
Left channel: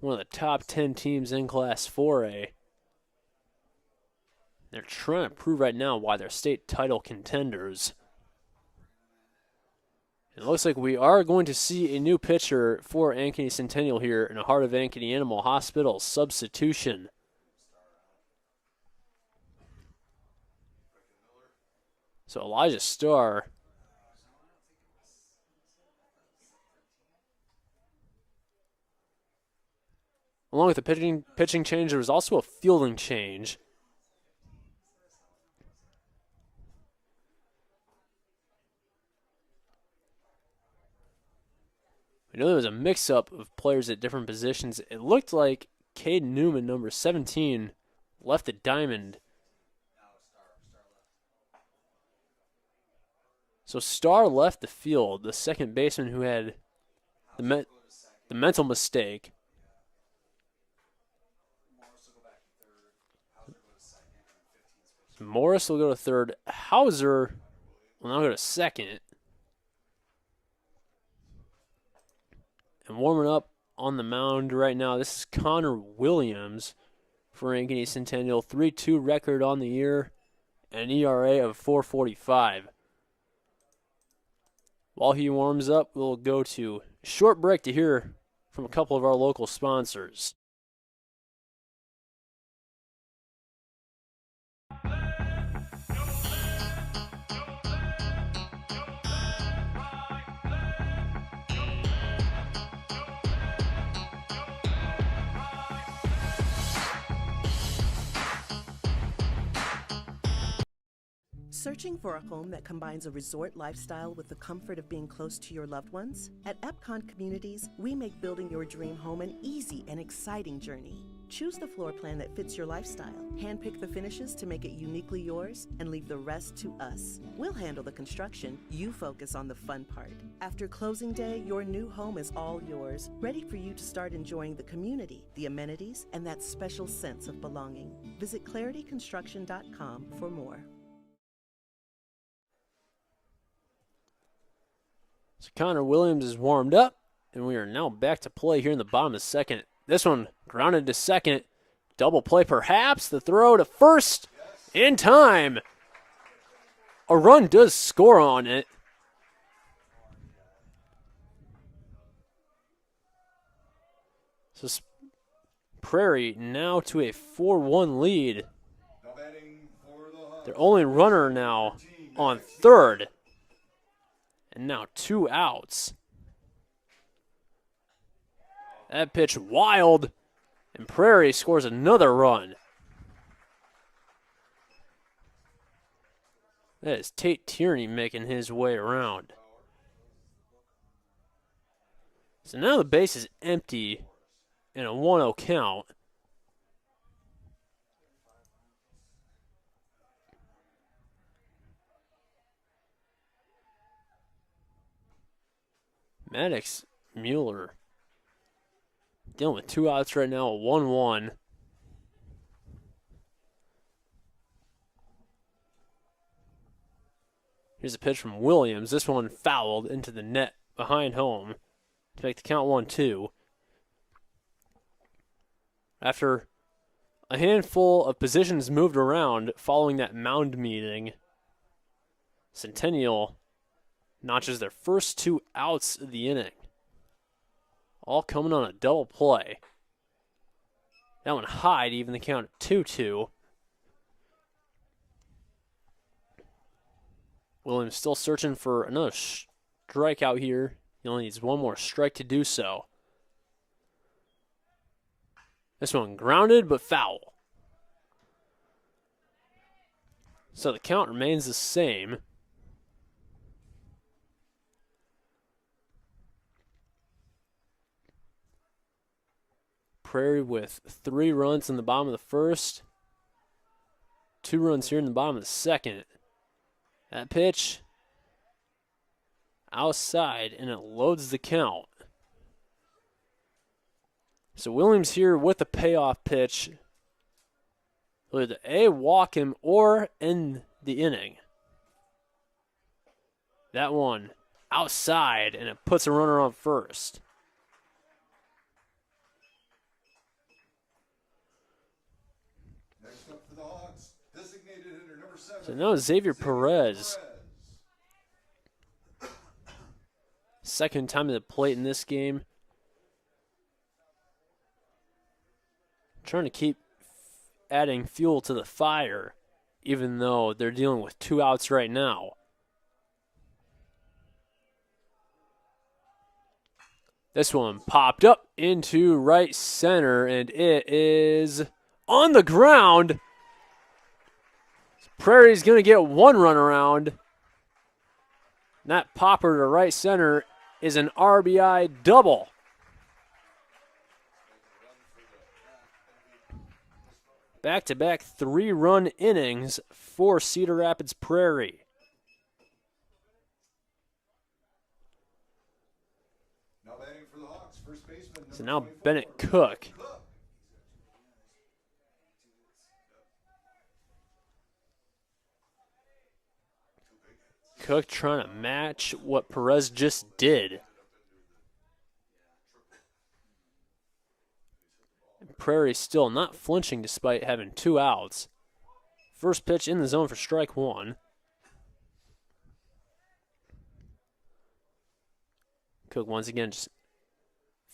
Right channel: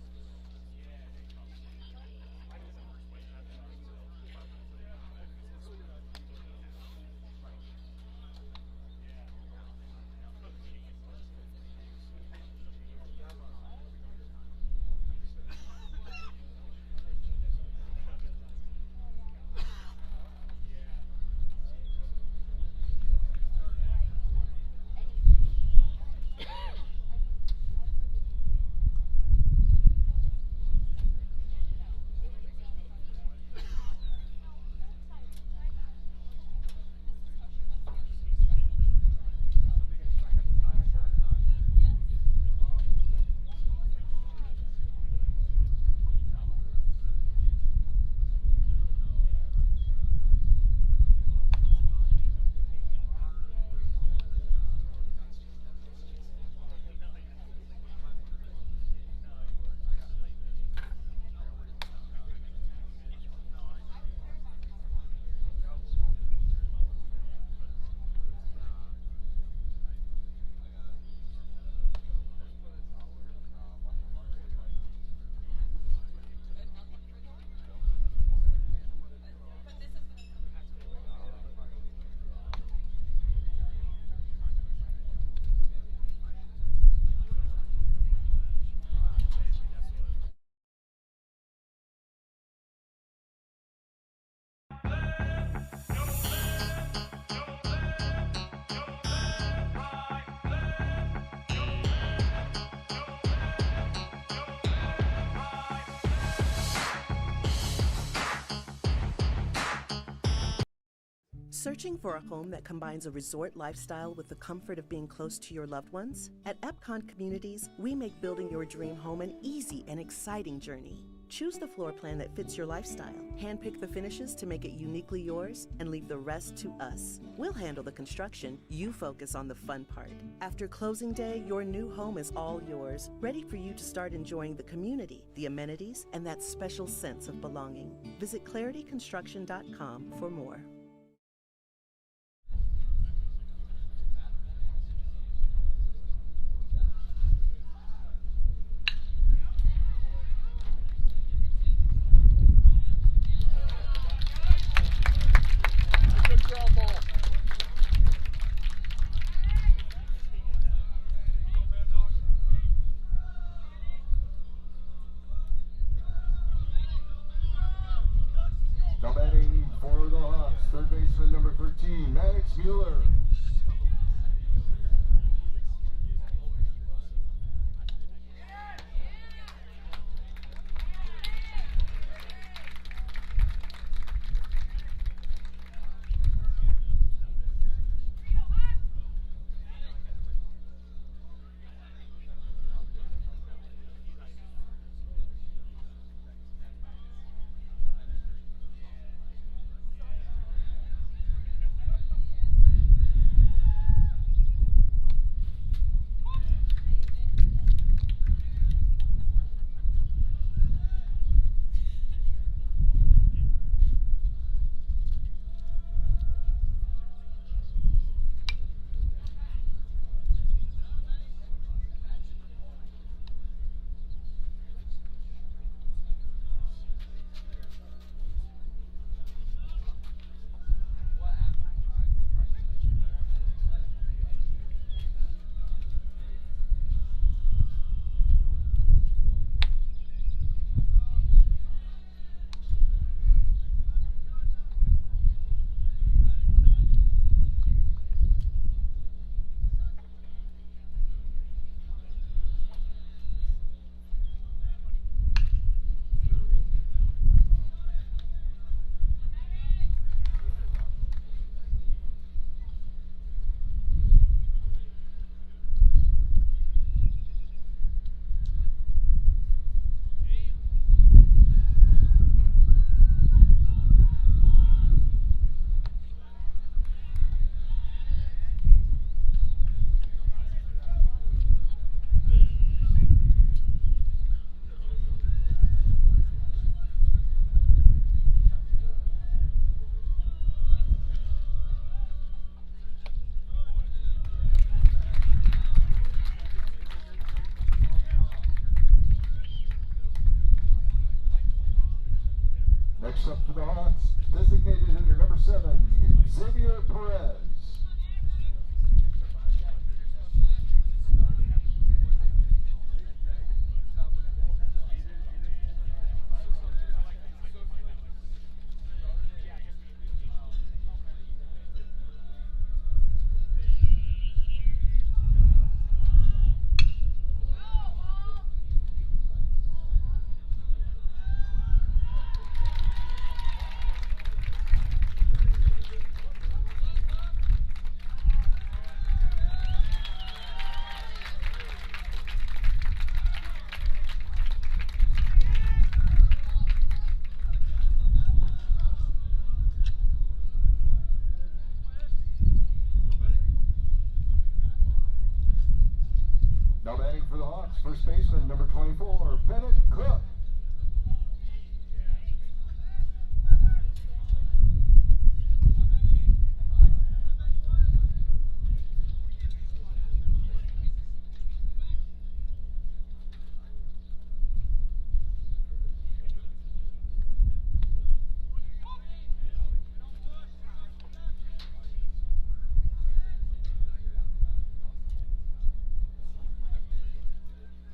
one of the top 10 teams in Class 4A. They're trying to prove right now why they're state title contenders. It looks like we are going to see a new pitcher for Ankeny Centennial here in the heart of Ankeny Animal Hospital. Substitution. So Elijah Starr along with the pitching change, there was also a fielding change. I know there was a mix-up of players at different positions. It looked like Cade Newman, number 17, left the diamond. So Starr left the field, the second baseman who had the mental mistake. Morris will go to third. Hauser will now go to second. And warming up on the mound right now, this is Connor Williams for Ankeny Centennial. 3-2 record on the year, and an ERA of 4.45. While he warms up, we'll go to a short break to hear from a couple of our local sponsors. Searching for a home that combines a resort lifestyle with the comfort of being close to your loved ones? At Epcon Communities, we make building your dream home an easy and exciting journey. Choose the floor plan that fits your lifestyle, handpick the finishes to make it uniquely yours, and leave the rest to us. We'll handle the construction, you focus on the fun part. After closing day, your new home is all yours, ready for you to start enjoying the community, the amenities, and that special sense of belonging. Visit clarityconstruction.com for more. Connor Williams is warmed up, and we are now back to play here in the bottom of the second. This one grounded to second. Double play perhaps. The throw to first in time. A run does score on it. So Prairie now to a 4-1 lead. Their only runner now on third. And now 2 outs. That pitch wild, and Prairie scores another run. That is Tate Tierney making his way around. So now the base is empty in a 1-0 count. Maddox Mueller dealing with 2 outs right now, a 1-1. Here's a pitch from Williams. This one fouled into the net behind home to make the count 1-2. After a handful of positions moved around following that mound meeting, Centennial notches their first 2 outs of the inning. All coming on a double play. That one high to even the count at 2-2. Williams still searching for another strikeout here. He only needs one more strike to do so. This one grounded but foul. So the count remains the same. Prairie with 3 runs in the bottom of the first. 2 runs here in the bottom of the second. That pitch outside, and it loads the count. So Williams here with the payoff pitch. Will either A, walk him, or end the inning. That one outside, and it puts a runner on first. Next up for the Hawks, designated hitter number 7. So now Xavier Perez. Second time at the plate in this game. Trying to keep adding fuel to the fire, even though they're dealing with 2 outs right now. This one popped up into right center, and it is on the ground. Prairie's going to get 1 run around. That popper to right center is an RBI double. Back-to-back 3-run innings for Cedar Rapids Prairie. Now batting for the Hawks, first baseman number So now 24, Bennett Cook. Cook trying to match what Perez just did. Prairie still not flinching despite having 2 outs. First pitch in the zone for strike 1. Cook once again just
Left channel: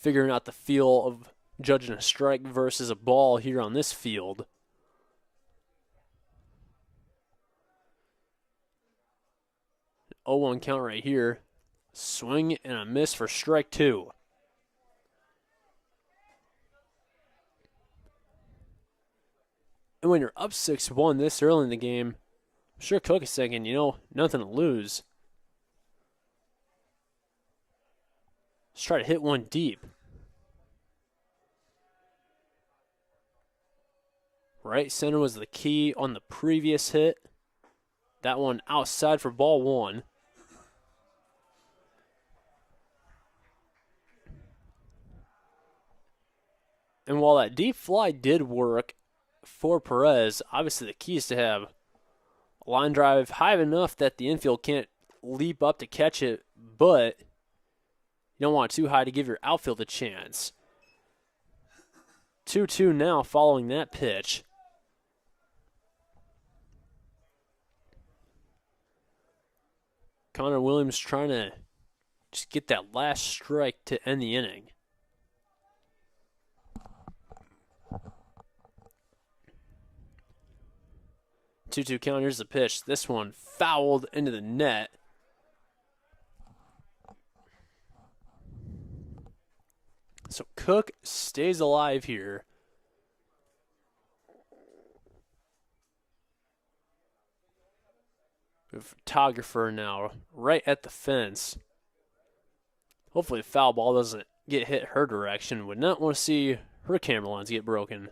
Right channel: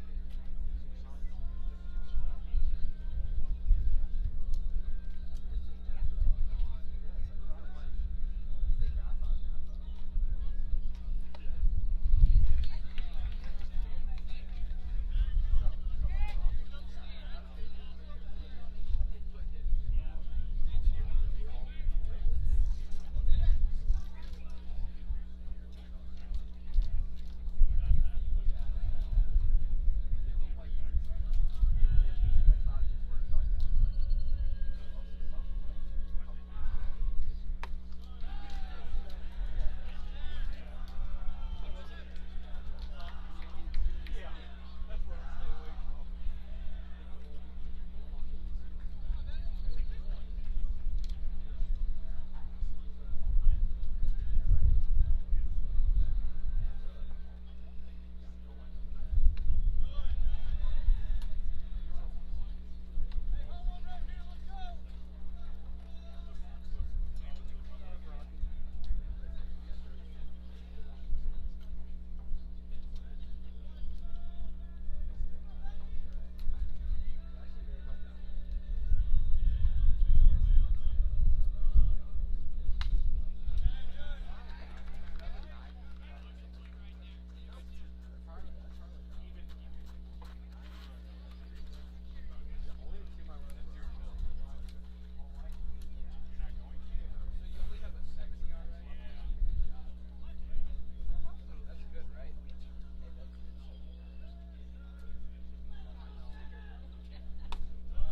figuring out the feel of judging a strike versus a ball here on this field. An 0-1 count right here. Swing and a miss for strike 2. And when you're up 6-1 this early in the game, I'm sure Cook is thinking, you know, nothing to lose. Let's try to hit one deep. Right center was the key on the previous hit. That one outside for ball 1. And while that deep fly did work for Perez, obviously the key is to have a line drive high enough that the infield can't leap up to catch it, but you don't want it too high to give your outfield a chance. 2-2 now following that pitch. Connor Williams trying to just get that last strike to end the inning. Two count. Here's the pitch. This one fouled into the net. So Cook stays alive here. The photographer now right at the fence. Hopefully the foul ball doesn't get hit her direction. Would not want to see her camera lens get broken.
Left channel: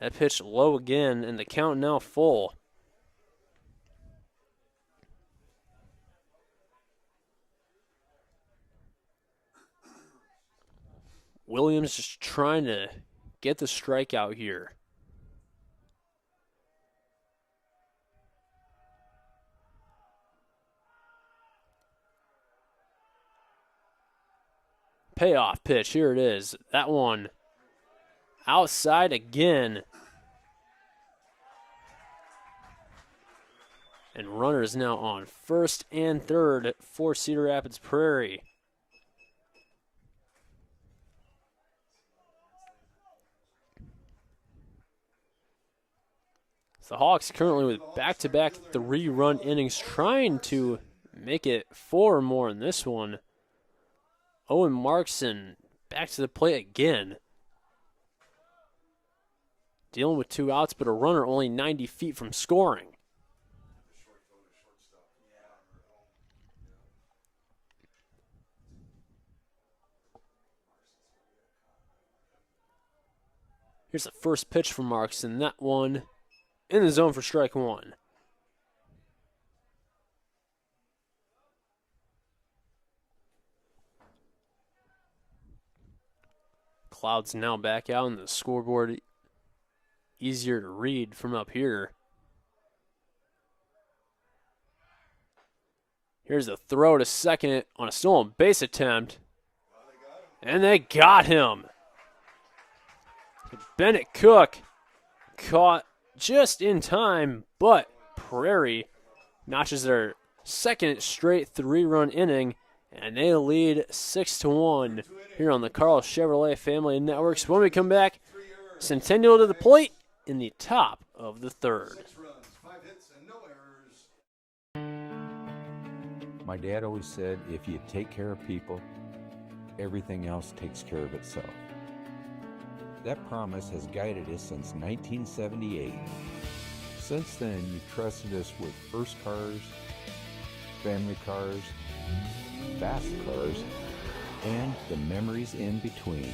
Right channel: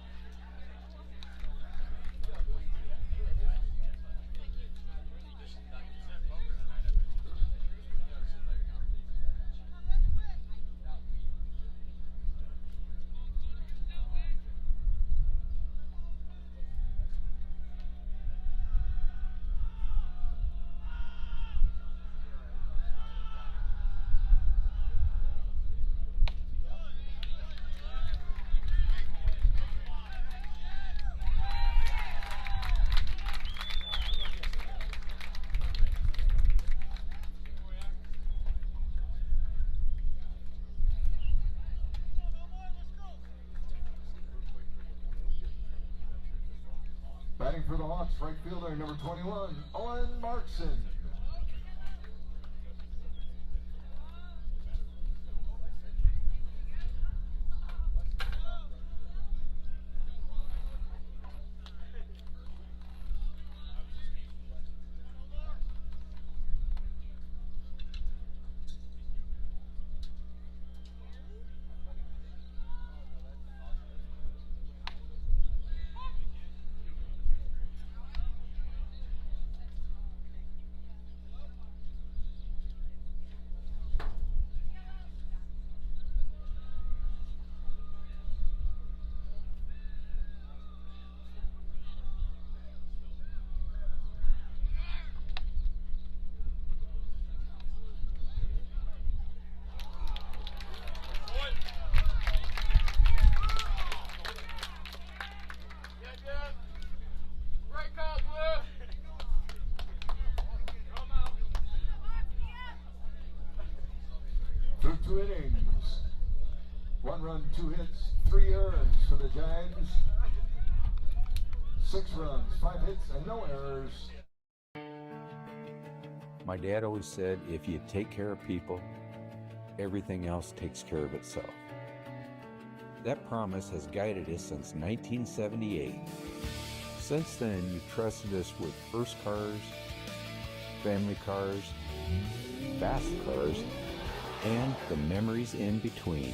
That pitch low again, and the count now full. Williams just trying to get the strikeout here. Payoff pitch, here it is. That one outside again. And runners now on first and third for Cedar Rapids Prairie. The Hawks currently with back-to-back 3-run innings, trying to make it 4 or more in this one. Owen Markson back to the plate again. Dealing with 2 outs, but a runner only 90 feet from scoring. Here's the first pitch from Markson. That one in the zone for strike 1. Clouds now back out on the scoreboard. Easier to read from up here. Here's a throw to second on a stolen base attempt. And they got him. Bennett Cook caught just in time, but Prairie notches their second straight 3-run inning, and they lead 6-1 here on the Carl Chevrolet Family Networks. When we come back, Centennial to the plate in the top of the third. 6 runs, 5 hits, and no errors. My dad always said, if you take care of people, everything else takes care of itself. That promise has guided us since 1978. Since then, you've trusted us with first cars, family cars, fast cars, and the memories in between.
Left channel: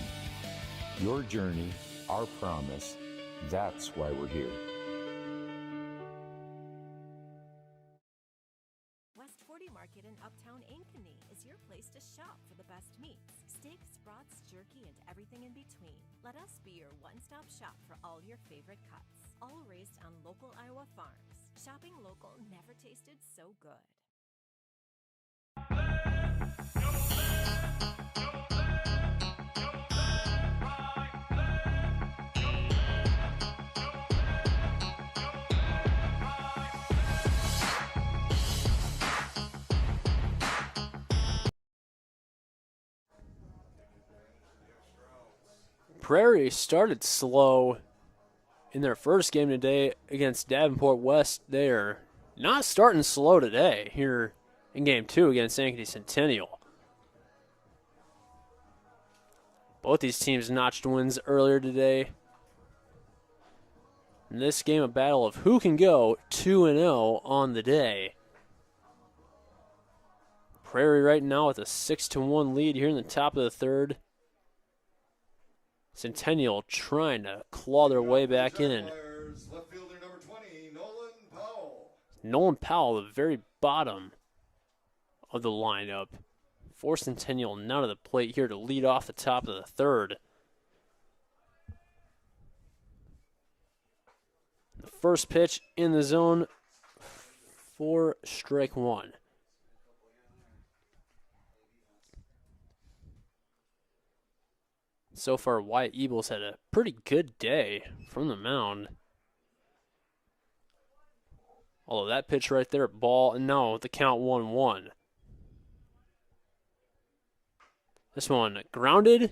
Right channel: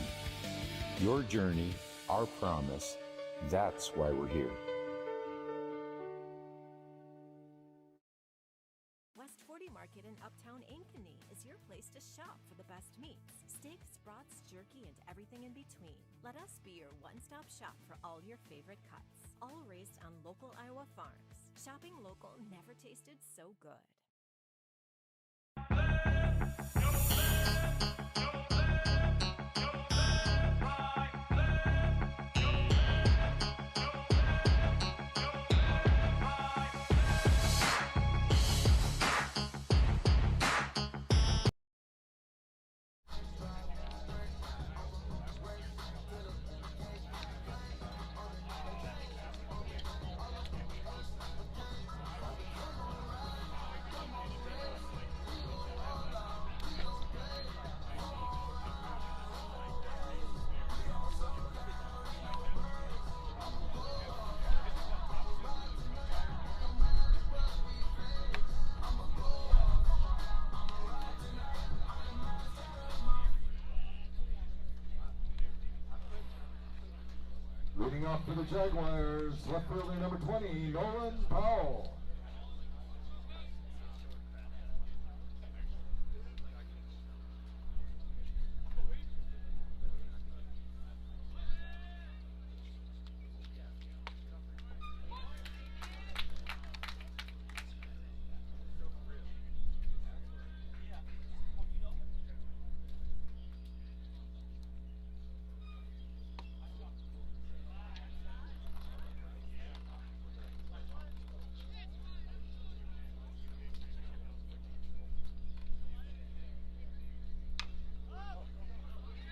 Your journey, our promise, that's why we're here. West 40 Market in Uptown Ankeny is your place to shop for the best meats, steaks, brats, jerky, and everything in between. Let us be your one-stop shop for all your favorite cuts, all raised on local Iowa farms. Shopping local never tasted so good. Prairie started slow in their first game today against Davenport West. They're not starting slow today here in game 2 against Ankeny Centennial. Both these teams notched wins earlier today. In this game, a battle of who can go 2-0 on the day. Prairie right now with a 6-1 lead here in the top of the third. Centennial trying to claw their way back in. Left fielder number 20, Nolan Powell. Nolan Powell, the very bottom of the lineup. For Centennial, none of the plate here to lead off the top of the third. The first pitch in the zone for strike 1. So far, Wyatt Ebels had a pretty good day from the mound. Although that pitch right there, ball, no, the count 1-1. This one grounded,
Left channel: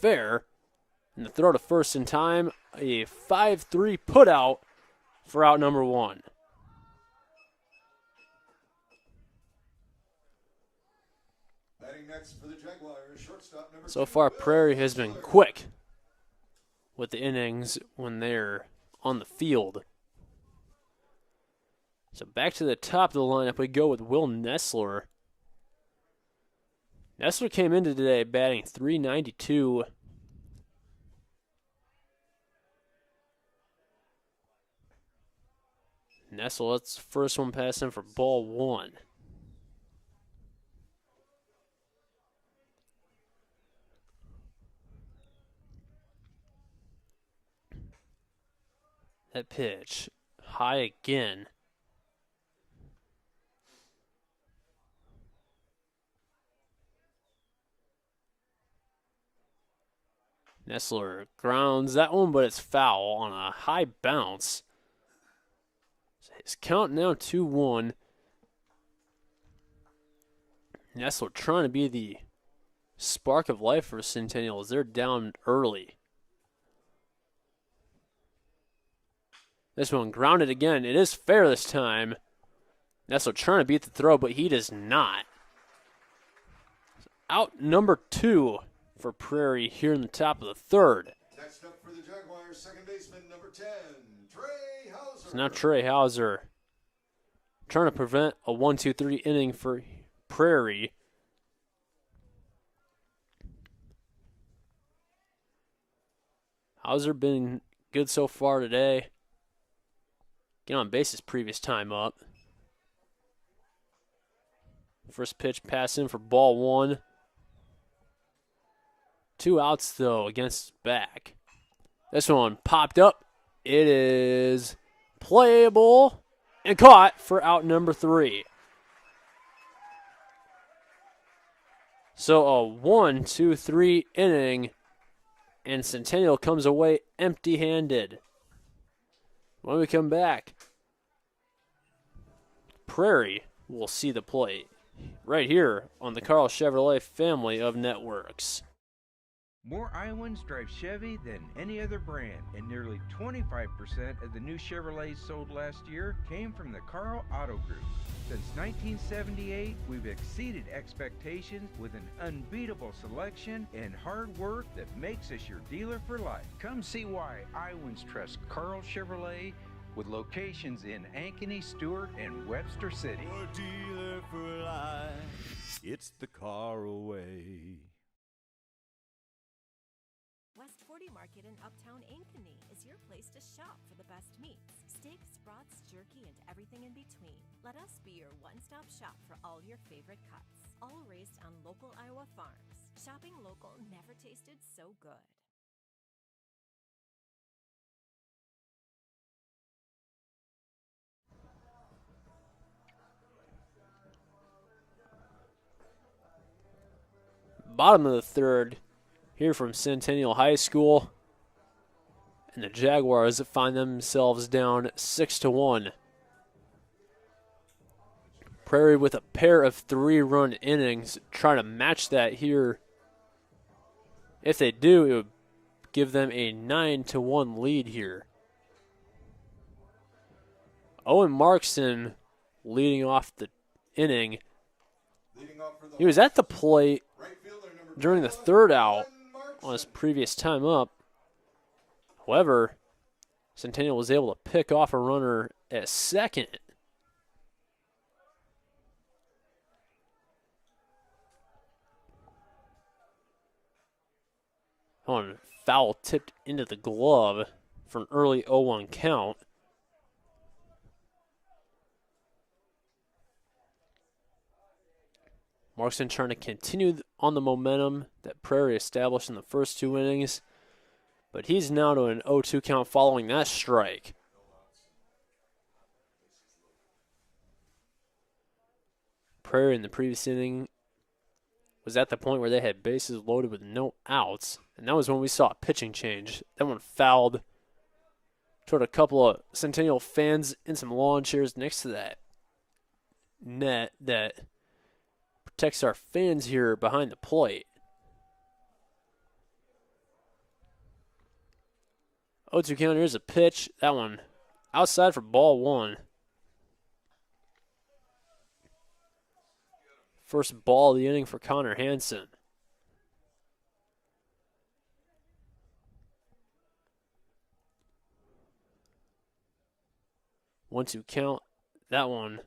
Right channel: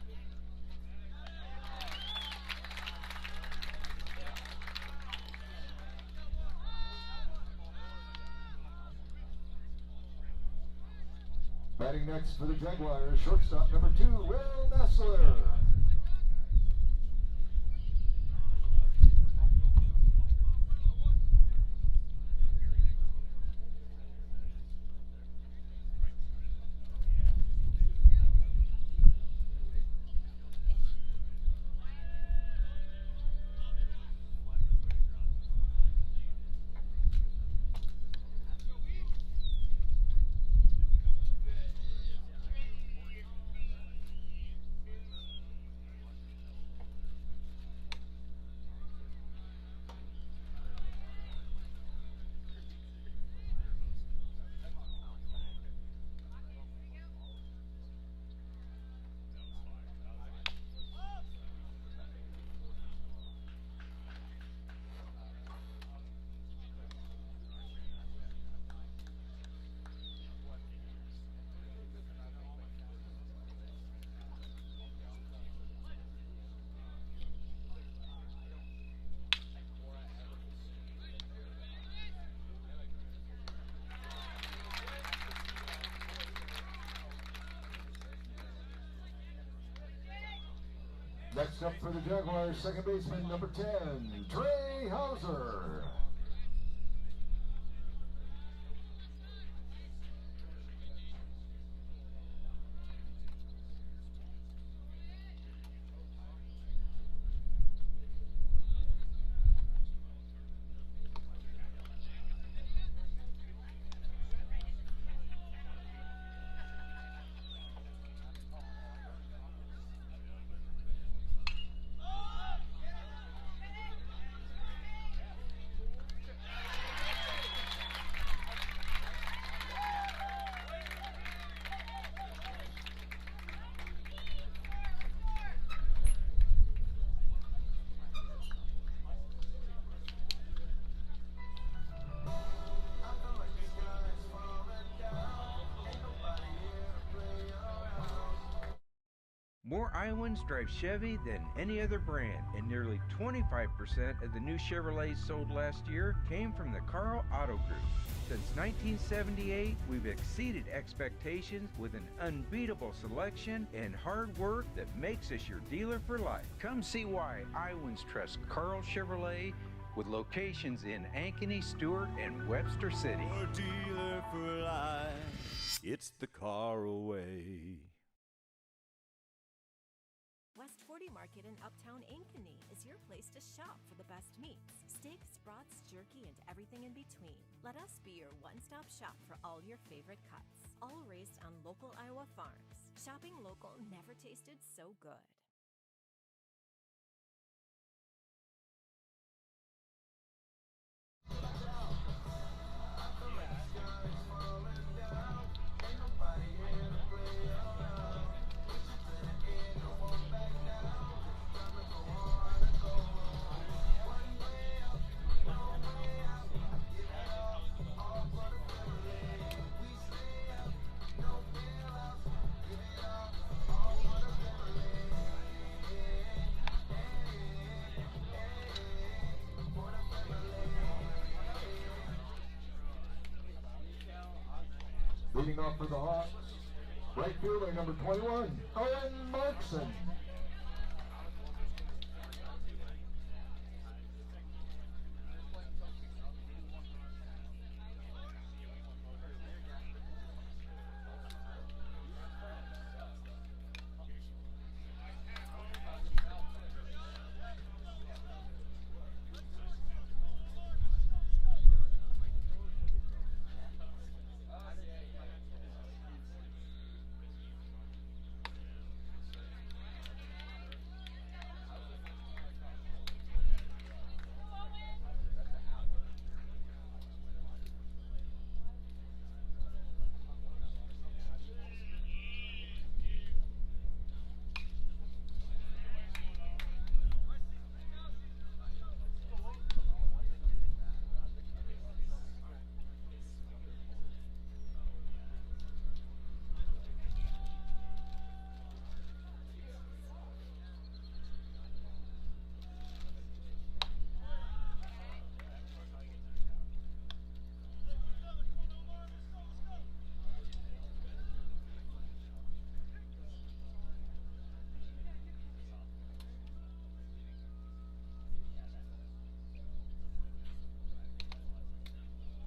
fair, and the throw to first in time. A 5-3 put out for out number 1. Batting next for the Jaguars, shortstop number 2. So far, Prairie has been quick with the innings when they're on the field. So back to the top of the lineup we go with Will Nestler. Nestler came into today batting .392. Nestler lets the first one pass in for ball 1. That pitch, high again. Nestler grounds that one, but it's foul on a high bounce. His count now 2-1. Nestler trying to be the spark of life for Centennial as they're down early. This one grounded again. It is fair this time. Nestler trying to beat the throw, but he does not. Out number 2 for Prairie here in the top of the third. Next up for the Jaguars, second baseman number 10, Trey Hauser. So now Trey Hauser trying to prevent a 1-2-3 inning for Prairie. Hauser been good so far today. Get on base his previous time up. First pitch pass in for ball 1. 2 outs though against his back. This one popped up. It is playable and caught for out number 3. So a 1-2-3 inning, and Centennial comes away empty-handed. When we come back, Prairie will see the plate right here on the Carl Chevrolet family of networks. More Iowans drive Chevy than any other brand, and nearly 25% of the new Chevrolets sold last year came from the Carl Auto Group. Since 1978, we've exceeded expectations with an unbeatable selection and hard work that makes us your dealer for life. Come see why Iowans trust Carl Chevrolet, with locations in Ankeny, Stewart, and Webster City. Your dealer for life, it's the car away. West 40 Market in Uptown Ankeny is your place to shop for the best meats. Steaks, brats, jerky, and everything in between. Let us be your one-stop shop for all your favorite cuts. All raised on local Iowa farms. Shopping local never tasted so good. Bottom of the third here from Centennial High School. And the Jaguars find themselves down 6-1. Prairie with a pair of 3-run innings, trying to match that here. If they do, it would give them a 9-1 lead here. Owen Markson leading off the inning. He was at the plate during the third out on his previous time up. However, Centennial was able to pick off a runner at second. On foul tipped into the glove for an early 0-1 count. Markson trying to continue on the momentum that Prairie established in the first 2 innings, but he's now to an 0-2 count following that strike. Prairie in the previous inning was at the point where they had bases loaded with no outs, and that was when we saw a pitching change. That one fouled toward a couple of Centennial fans in some lawn chairs next to that net that protects our fans here behind the plate. 0-2 count, here's a pitch. That one outside for ball 1. First ball of the inning for Connor Hansen. One-two count. That one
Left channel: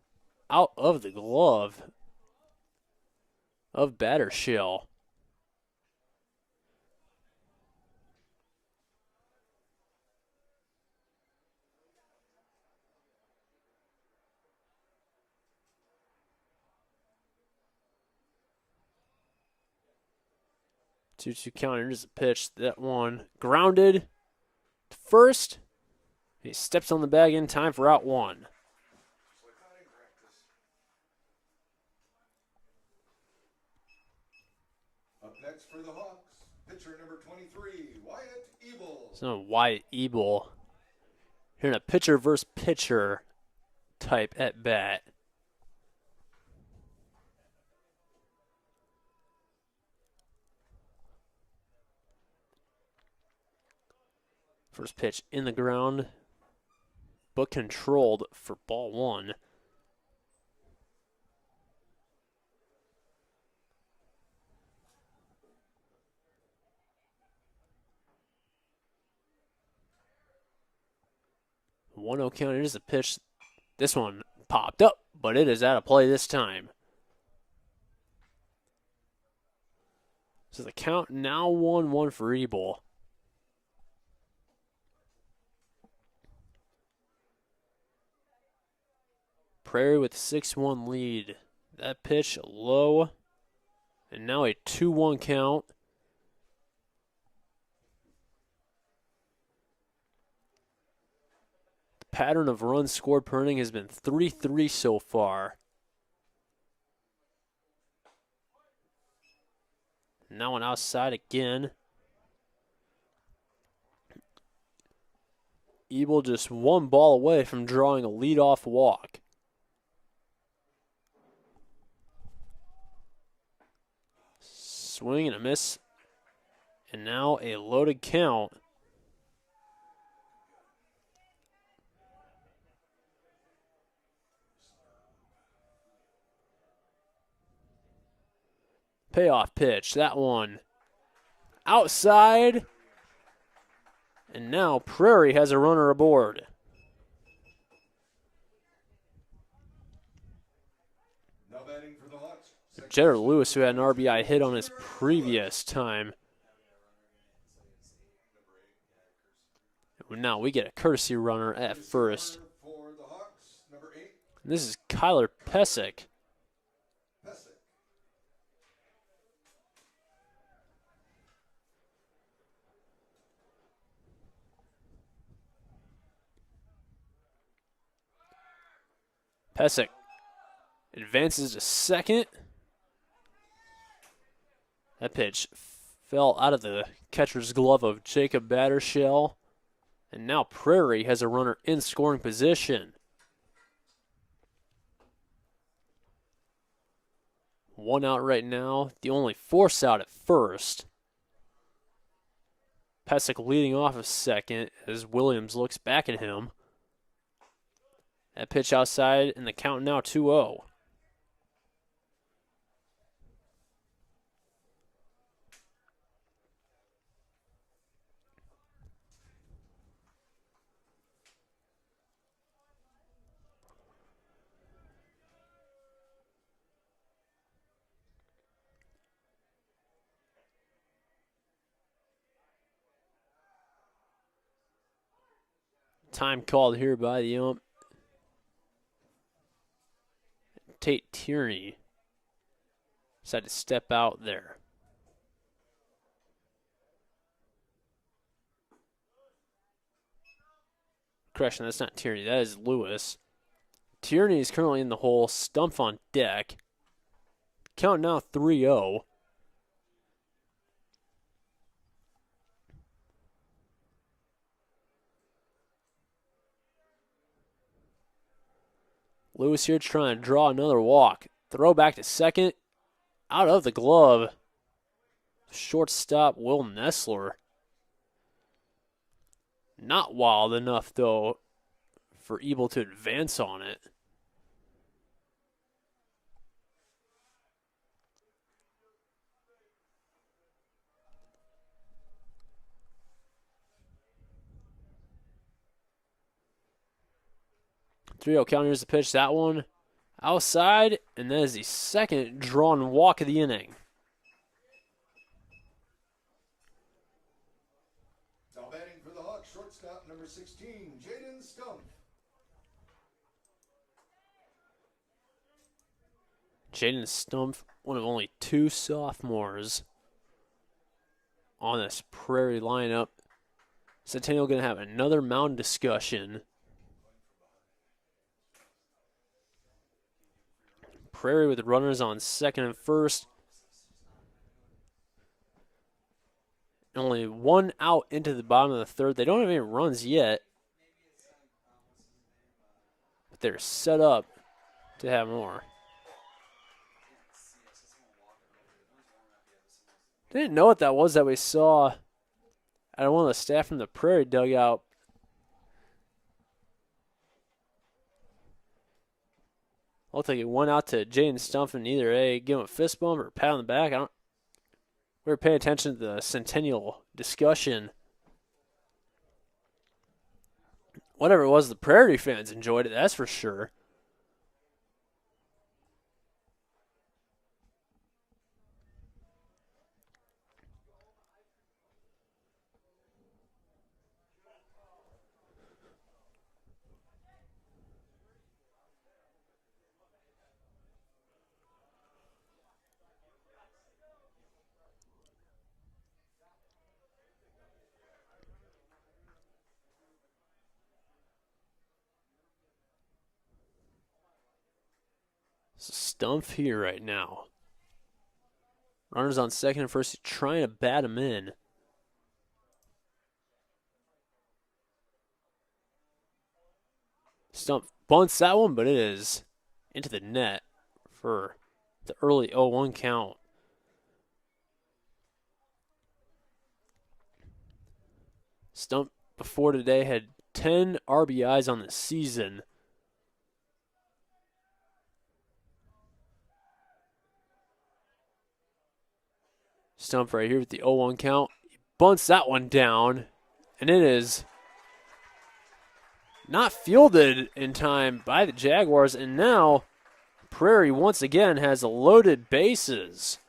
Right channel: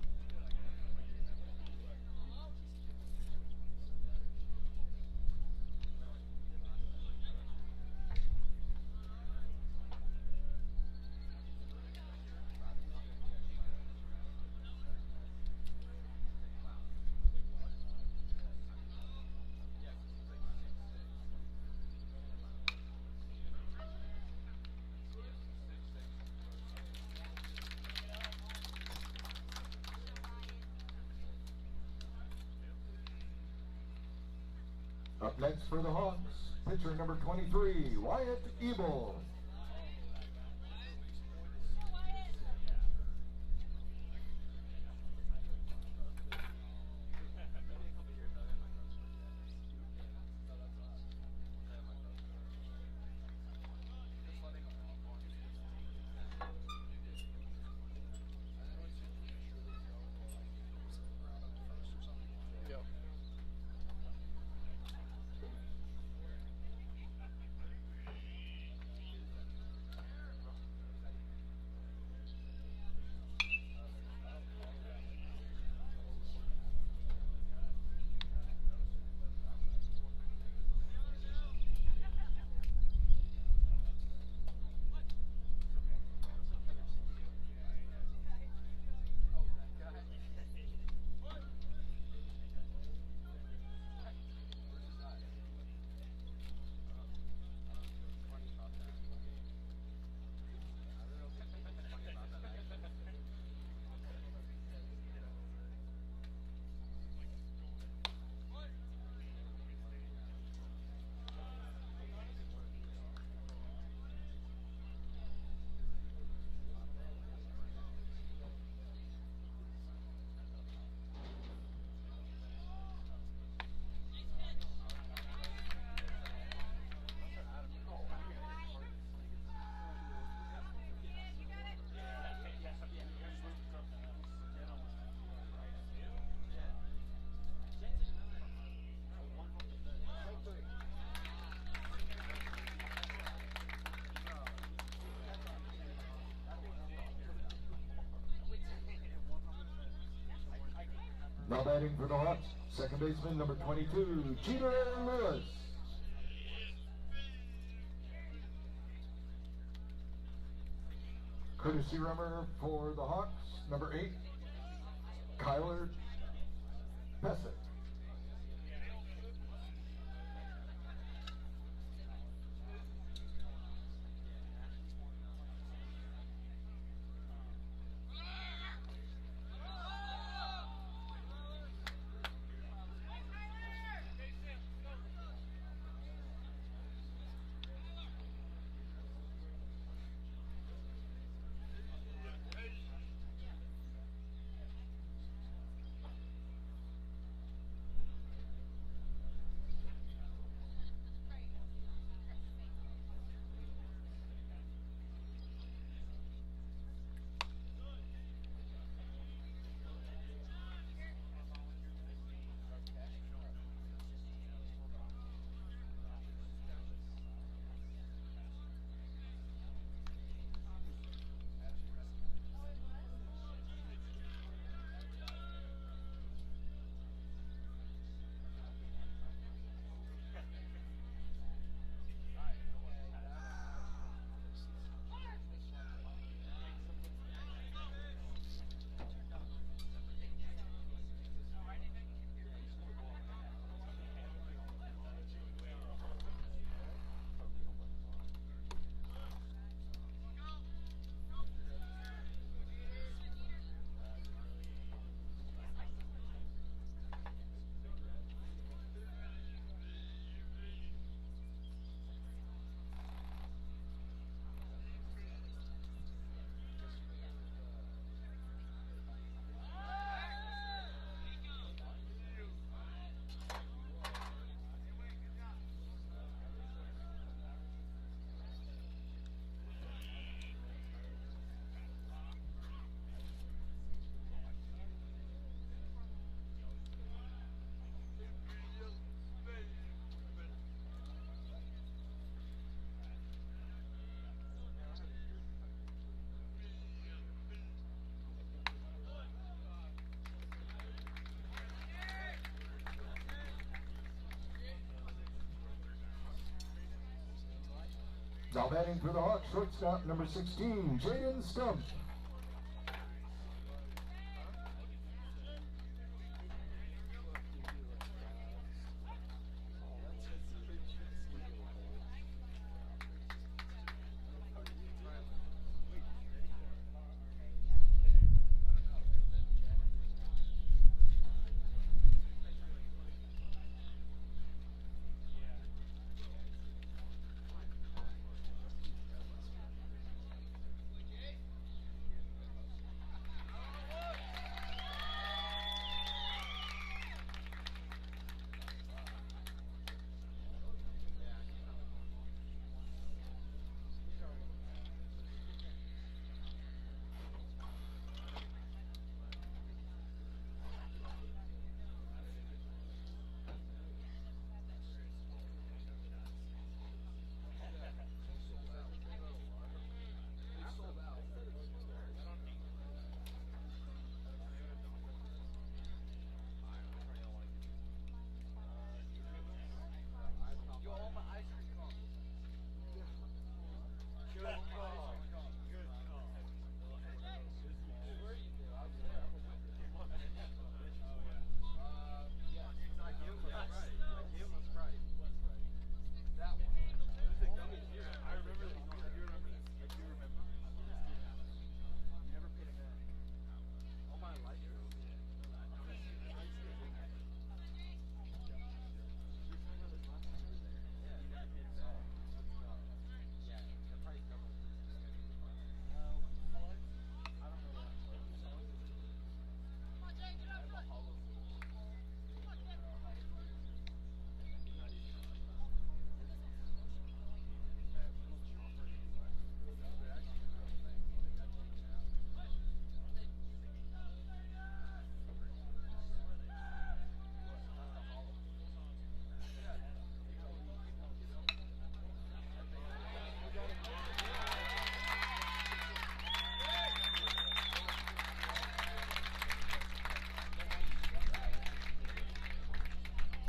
out of the glove of Battershell. Two-two count. Here's a pitch. That one grounded to first. He steps on the bag in time for out 1. Up next for the Hawks, pitcher number 23, Wyatt Ebel. So Wyatt Ebel here in a pitcher versus pitcher type at bat. First pitch in the ground, but controlled for ball 1. One 0 count. It is a pitch. This one popped up, but it is out of play this time. So the count now 1-1 for Ebel. Prairie with a 6-1 lead. That pitch low, and now a 2-1 count. The pattern of runs scored per inning has been 3-3 so far. Now an outside again. Ebel just 1 ball away from drawing a leadoff walk. Swing and a miss, and now a loaded count. Payoff pitch, that one outside, and now Prairie has a runner aboard. Now batting for the Hawks, Jared Lewis, who had an RBI hit on his previous time. Now we get a courtesy runner at first. For the Hawks, number 8. This is Kyler Pesic. Pesic advances to second. That pitch fell out of the catcher's glove of Jacob Battershell. And now Prairie has a runner in scoring position. One out right now. The only force out at first. Pesic leading off of second as Williams looks back at him. That pitch outside, and the count now 2-0. Time called here by the ump. Tate Tierney decided to step out there. Correction, that's not Tierney, that is Lewis. Tierney is currently in the hole, Stumpf on deck. Count now 3-0. Lewis here trying to draw another walk. Throw back to second. Out of the glove. Shortstop Will Nessler. Not wild enough, though, for Ebel to advance on it. Count. Here's the pitch. That one outside, and that is the second drawn walk of the inning. Now batting for the Hawks, shortstop number 16, Jaden Stumpf. Jaden Stumpf, one of only 2 sophomores on this Prairie lineup. Centennial going to have another mound discussion. Prairie with runners on second and first. Only 1 out into the bottom of the third. They don't have any runs yet. But they're set up to have more. Didn't know what that was that we saw out of one of the staff from the Prairie dugout. Looked like it went out to Jaden Stumpf and either give him a fist bump or a pat on the back. We were paying attention to the Centennial discussion. Whatever it was, the Prairie fans enjoyed it, that's for sure. Stumpf here right now. Runners on second and first, trying to bat him in. Stumpf bunts that one, but it is into the net for the early 0-1 count. Stumpf before today had 10 RBIs on the season. Stumpf right here with the 0-1 count. He bunts that one down, and it is not fielded in time by the Jaguars, and now Prairie once again has loaded bases.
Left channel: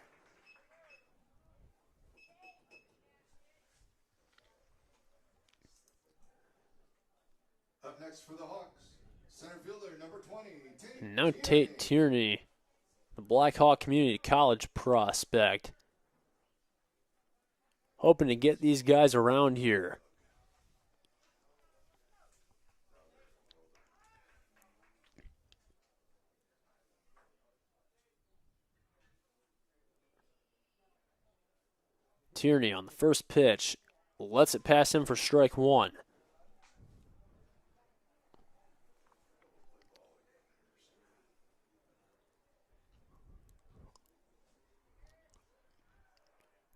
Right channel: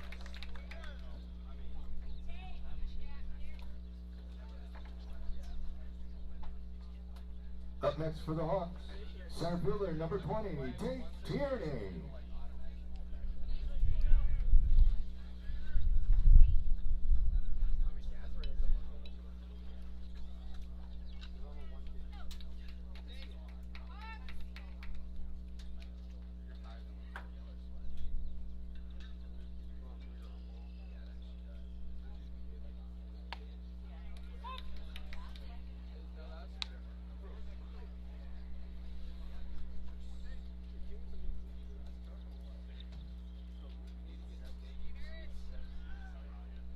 Up next for the Hawks, center fielder number 20, Tate Now Tierney. Tate Tierney, the Black Hawk Community College prospect. Hoping to get these guys around here. Tierney on the first pitch lets it pass him for strike 1.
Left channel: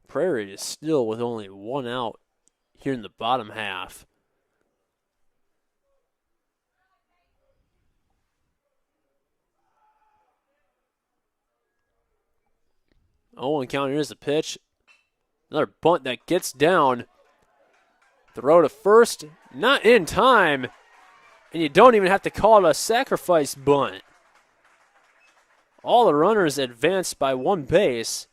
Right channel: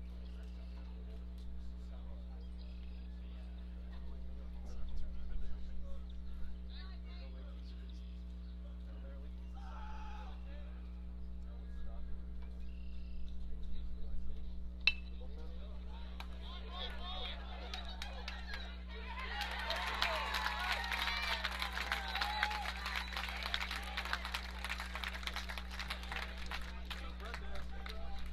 Prairie is still with only 1 out here in the bottom half. Oh, and count, here's the pitch. Another bunt that gets down. Throw to first, not in time. And you don't even have to call it a sacrifice bunt. All the runners advanced by one base.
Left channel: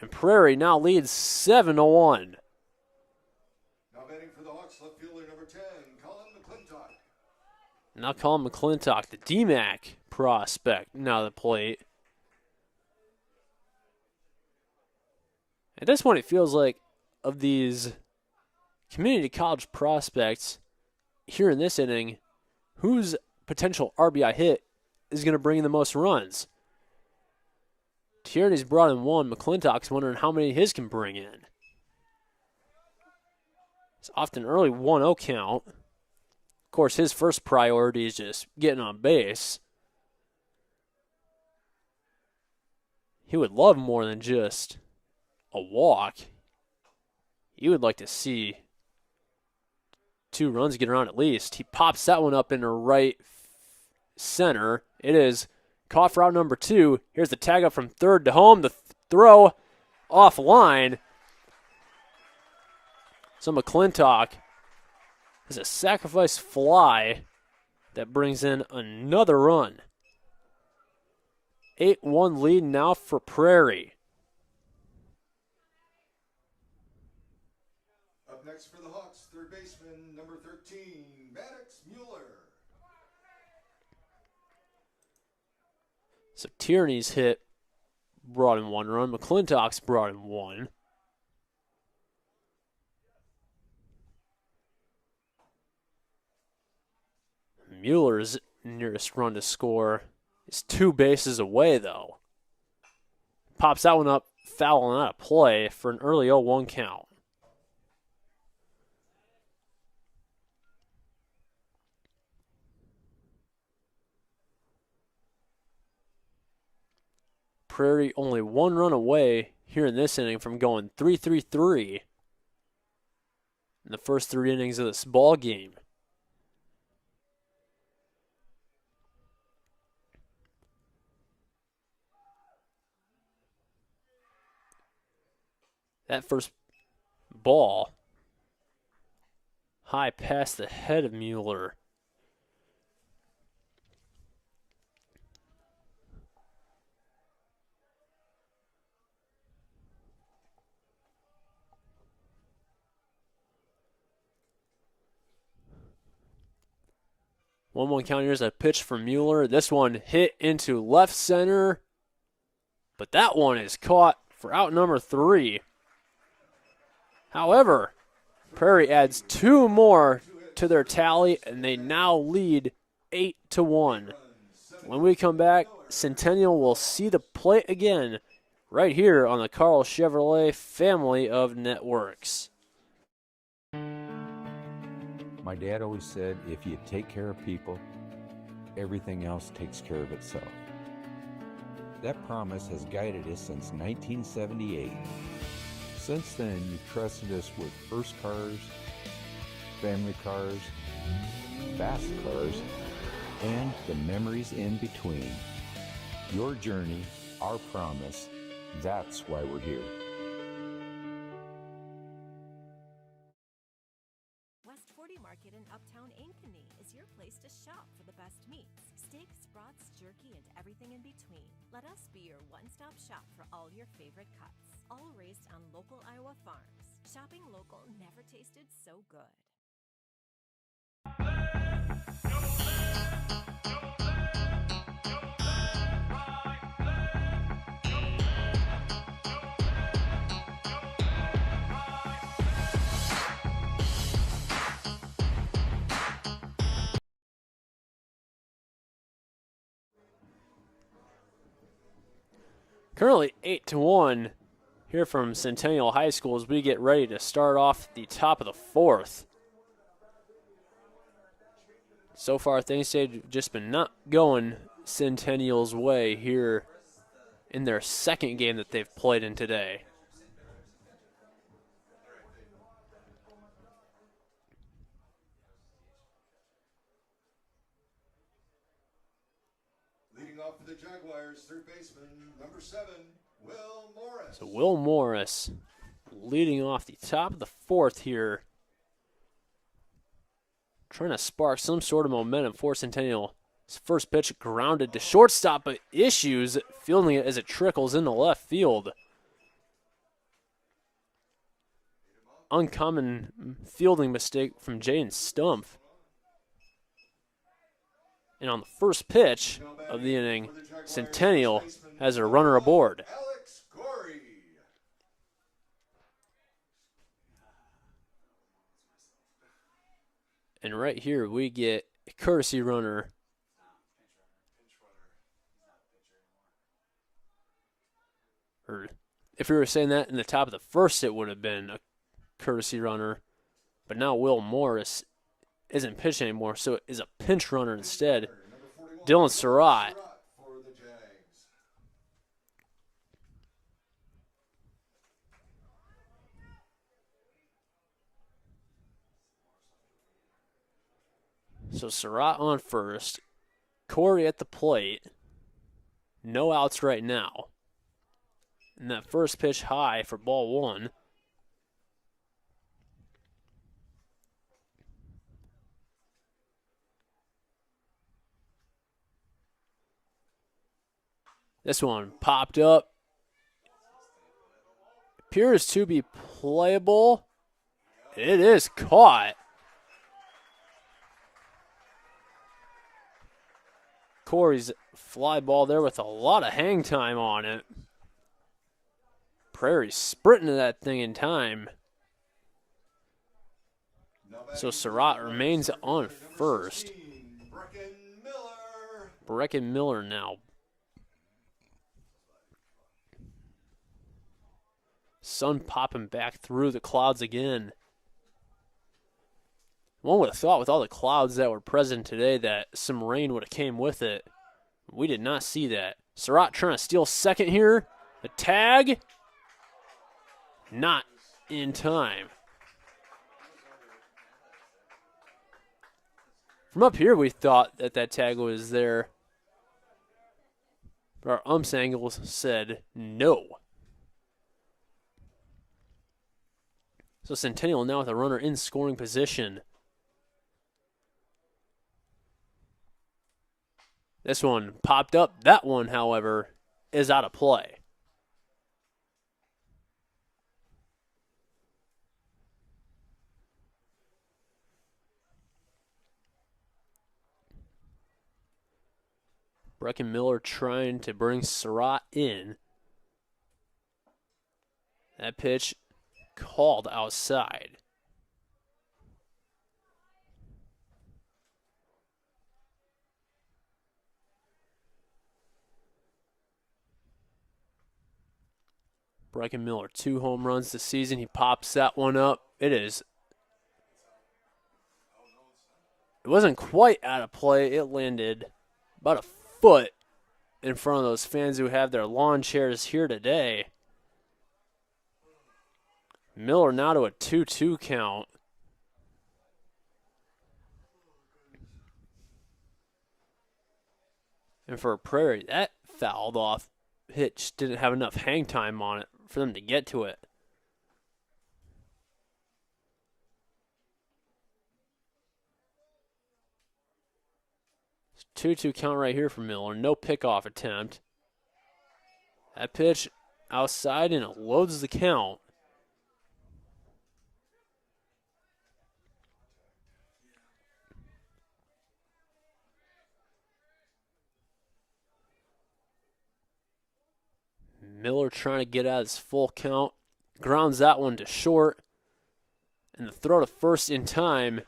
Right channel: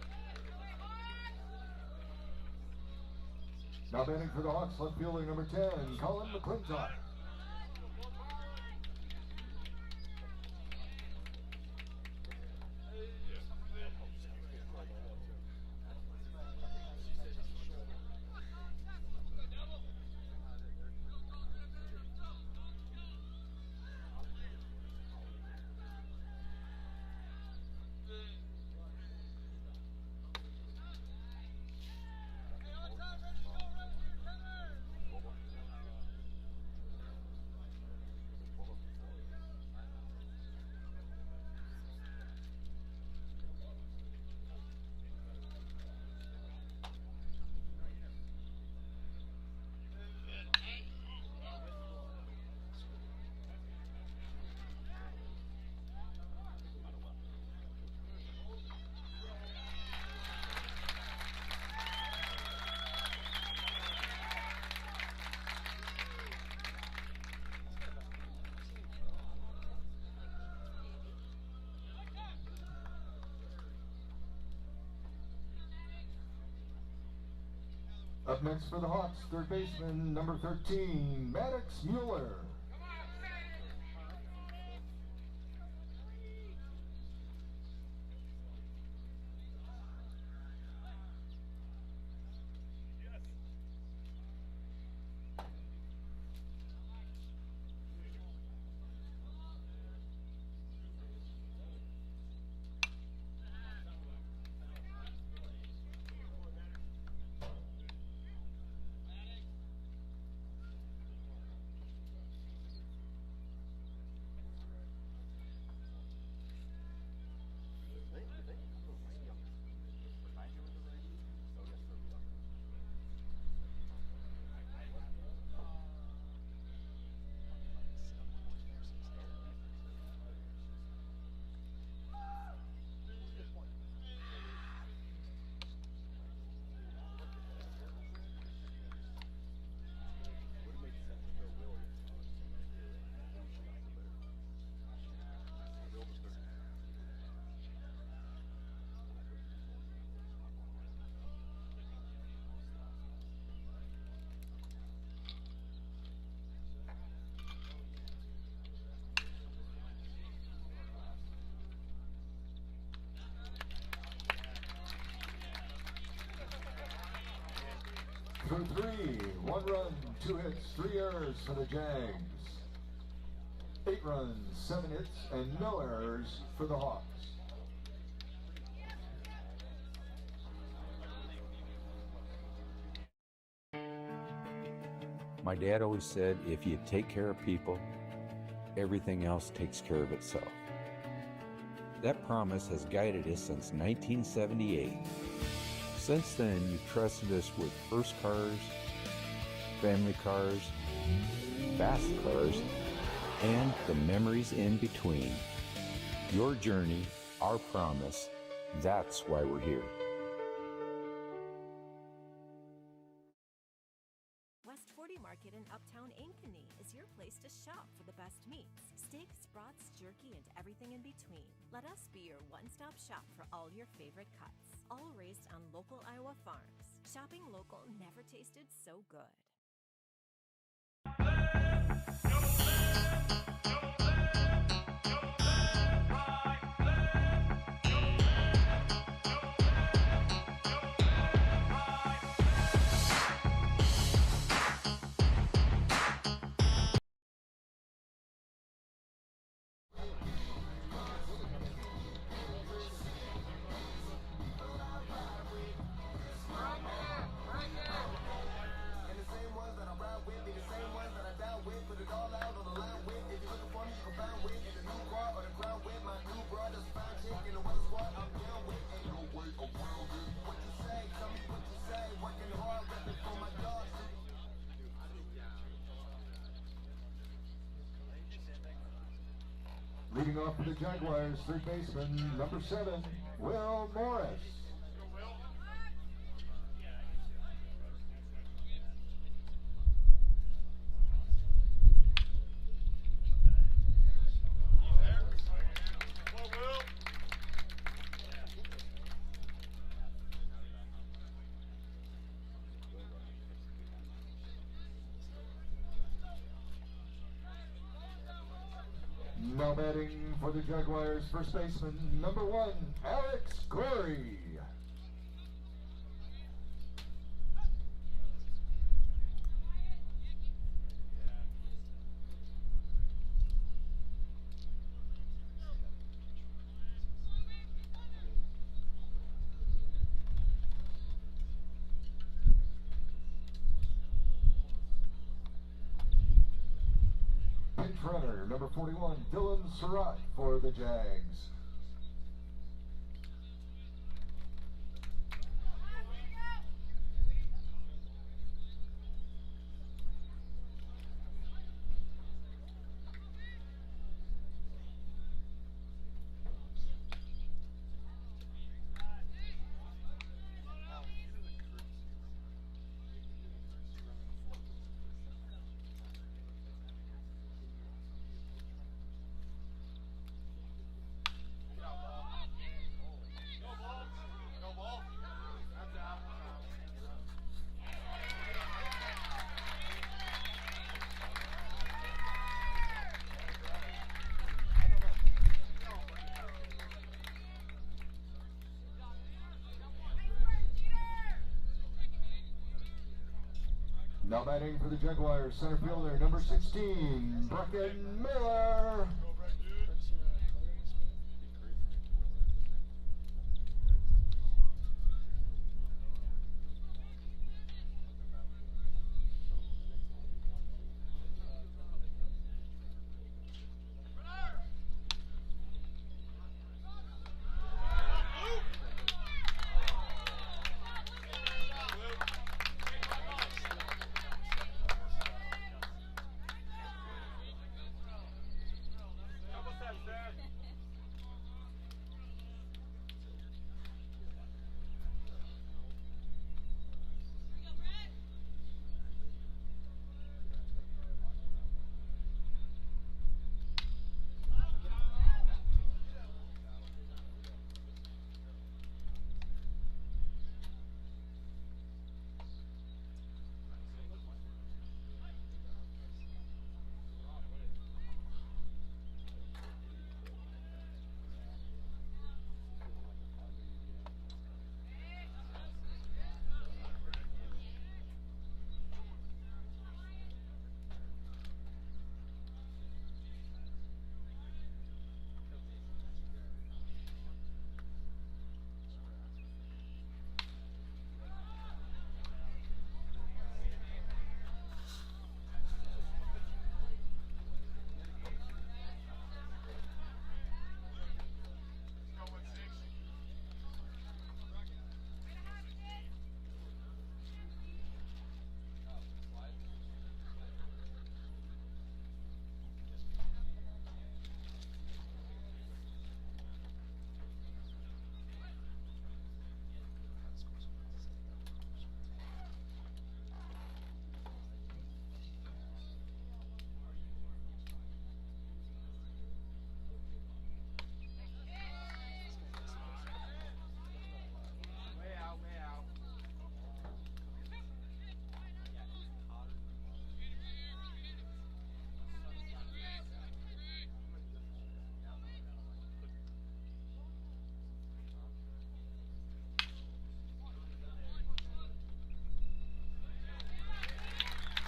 And Prairie now leads 7-1. Now batting for the Hawks, left fielder number 10, Colin McClintock. Now Colin McClintock, the DMAC prospect, now the plate. At this point, it feels like of these community college prospects here in this inning, whose potential RBI hit is going to bring in the most runs? Tierney's brought in one. McClintock's wondering how many his can bring in. It's often early 1-0 count. Of course, his first priority is just getting on base. He would love more than just a walk. You would like to see 2 runs get around at least. He pops that one up into right center. It is caught for out number 2. Here's the tag up from third to home. The throw offline. So McClintock is a sacrifice fly that brings in another run. 8-1 lead now for Prairie. Up next for the Hawks, third baseman number 13, Maddox Mueller. So Tierney's hit brought in 1 run. McClintock's brought in 1. Mueller's nearest run to score is 2 bases away, though. Pops that one up, foul and out of play for an early 0-1 count. Prairie only 1 run away here in this inning from going 3-3-3 in the first 3 innings of this ball game. That first ball high past the head of Mueller. One count. Here's a pitch from Mueller. This one hit into left center, but that one is caught for out number 3. However, Prairie adds 2 more to their tally, and they now lead 8-1. When we come back, Centennial will see the plate again right here on the Carl Chevrolet family of networks. My dad always said, if you take care of people, everything else takes care of itself. That promise has guided us since 1978. Since then, you've trusted us with first cars, family cars, fast cars, and the memories in between. Your journey, our promise, that's why we're here. West 40 Market in Uptown Ankeny is your place to shop for the best meats, steaks, brats, jerky, and everything in between. Let us be your one-stop shop for all your favorite cuts, all raised on local Iowa farms. Shopping local never tasted so good. Currently 8-1 here from Centennial High School as we get ready to start off the top of the 4th. So far, things have just been not going Centennial's way here in their second game that they've played in today. Leading off for the Jaguars, third baseman, number 7, Will Morris. So Will Morris leading off the top of the 4th here. Trying to spark some sort of momentum for Centennial. His first pitch grounded to shortstop, but issues fielding it as it trickles into left field. Uncommon fielding mistake from Jaden Stumpf. And on the first pitch of the inning, Centennial has a runner aboard. Alex Corey. And right here we get a courtesy runner. Or if we were saying that in the top of the 1st, it would have been a courtesy runner. But now Will Morris isn't pitching anymore, so it is a pinch runner instead. Number 41, Dylan Surratt. for the Jags. So Surratt on first. Corey at the plate. No outs right now. And that first pitch high for ball 1. This one popped up. Appears to be playable. It is caught. Corey's fly ball there with a lot of hang time on it. Prairie sprinting to that thing in time. So Surratt remains on first. Brecken Miller now. Sun popping back through the clouds again. One would have thought with all the clouds that were present today that some rain would have came with it. We did not see that. Surratt trying to steal second here. The tag. Not in time. From up here we thought that that tag was there. But our ump's angles said no. So Centennial now with a runner in scoring position. This one popped up. That one, however, is out of play. Brecken Miller trying to bring Surratt in. That pitch called outside. Brecken Miller, 2 home runs this season. He pops that one up. It wasn't quite out of play. It landed about a foot in front of those fans who have their lawn chairs here today. Miller now to a 2-2 count. And for Prairie, that fouled off pitch didn't have enough hang time on it for them to get to it. 2-2 count right here for Miller. No pickoff attempt. That pitch outside and it loads the count. Miller trying to get out his full count. Grounds that one to short. And the throw to first in time.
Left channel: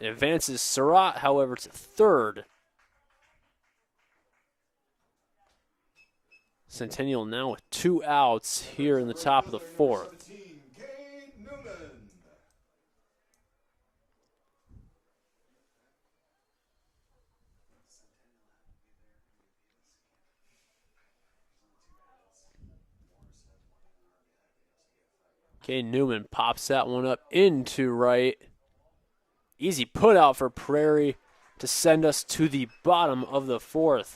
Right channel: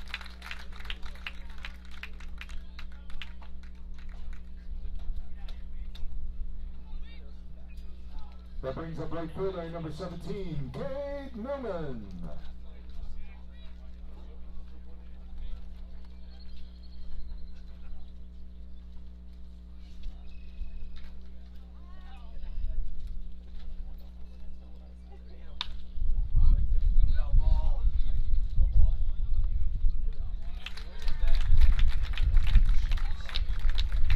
It advances Surratt, however, to third. Centennial now with 2 outs here in the top of the 4th. Cade Newman pops that one up into right. Easy put out for Prairie to send us to the bottom of the 4th.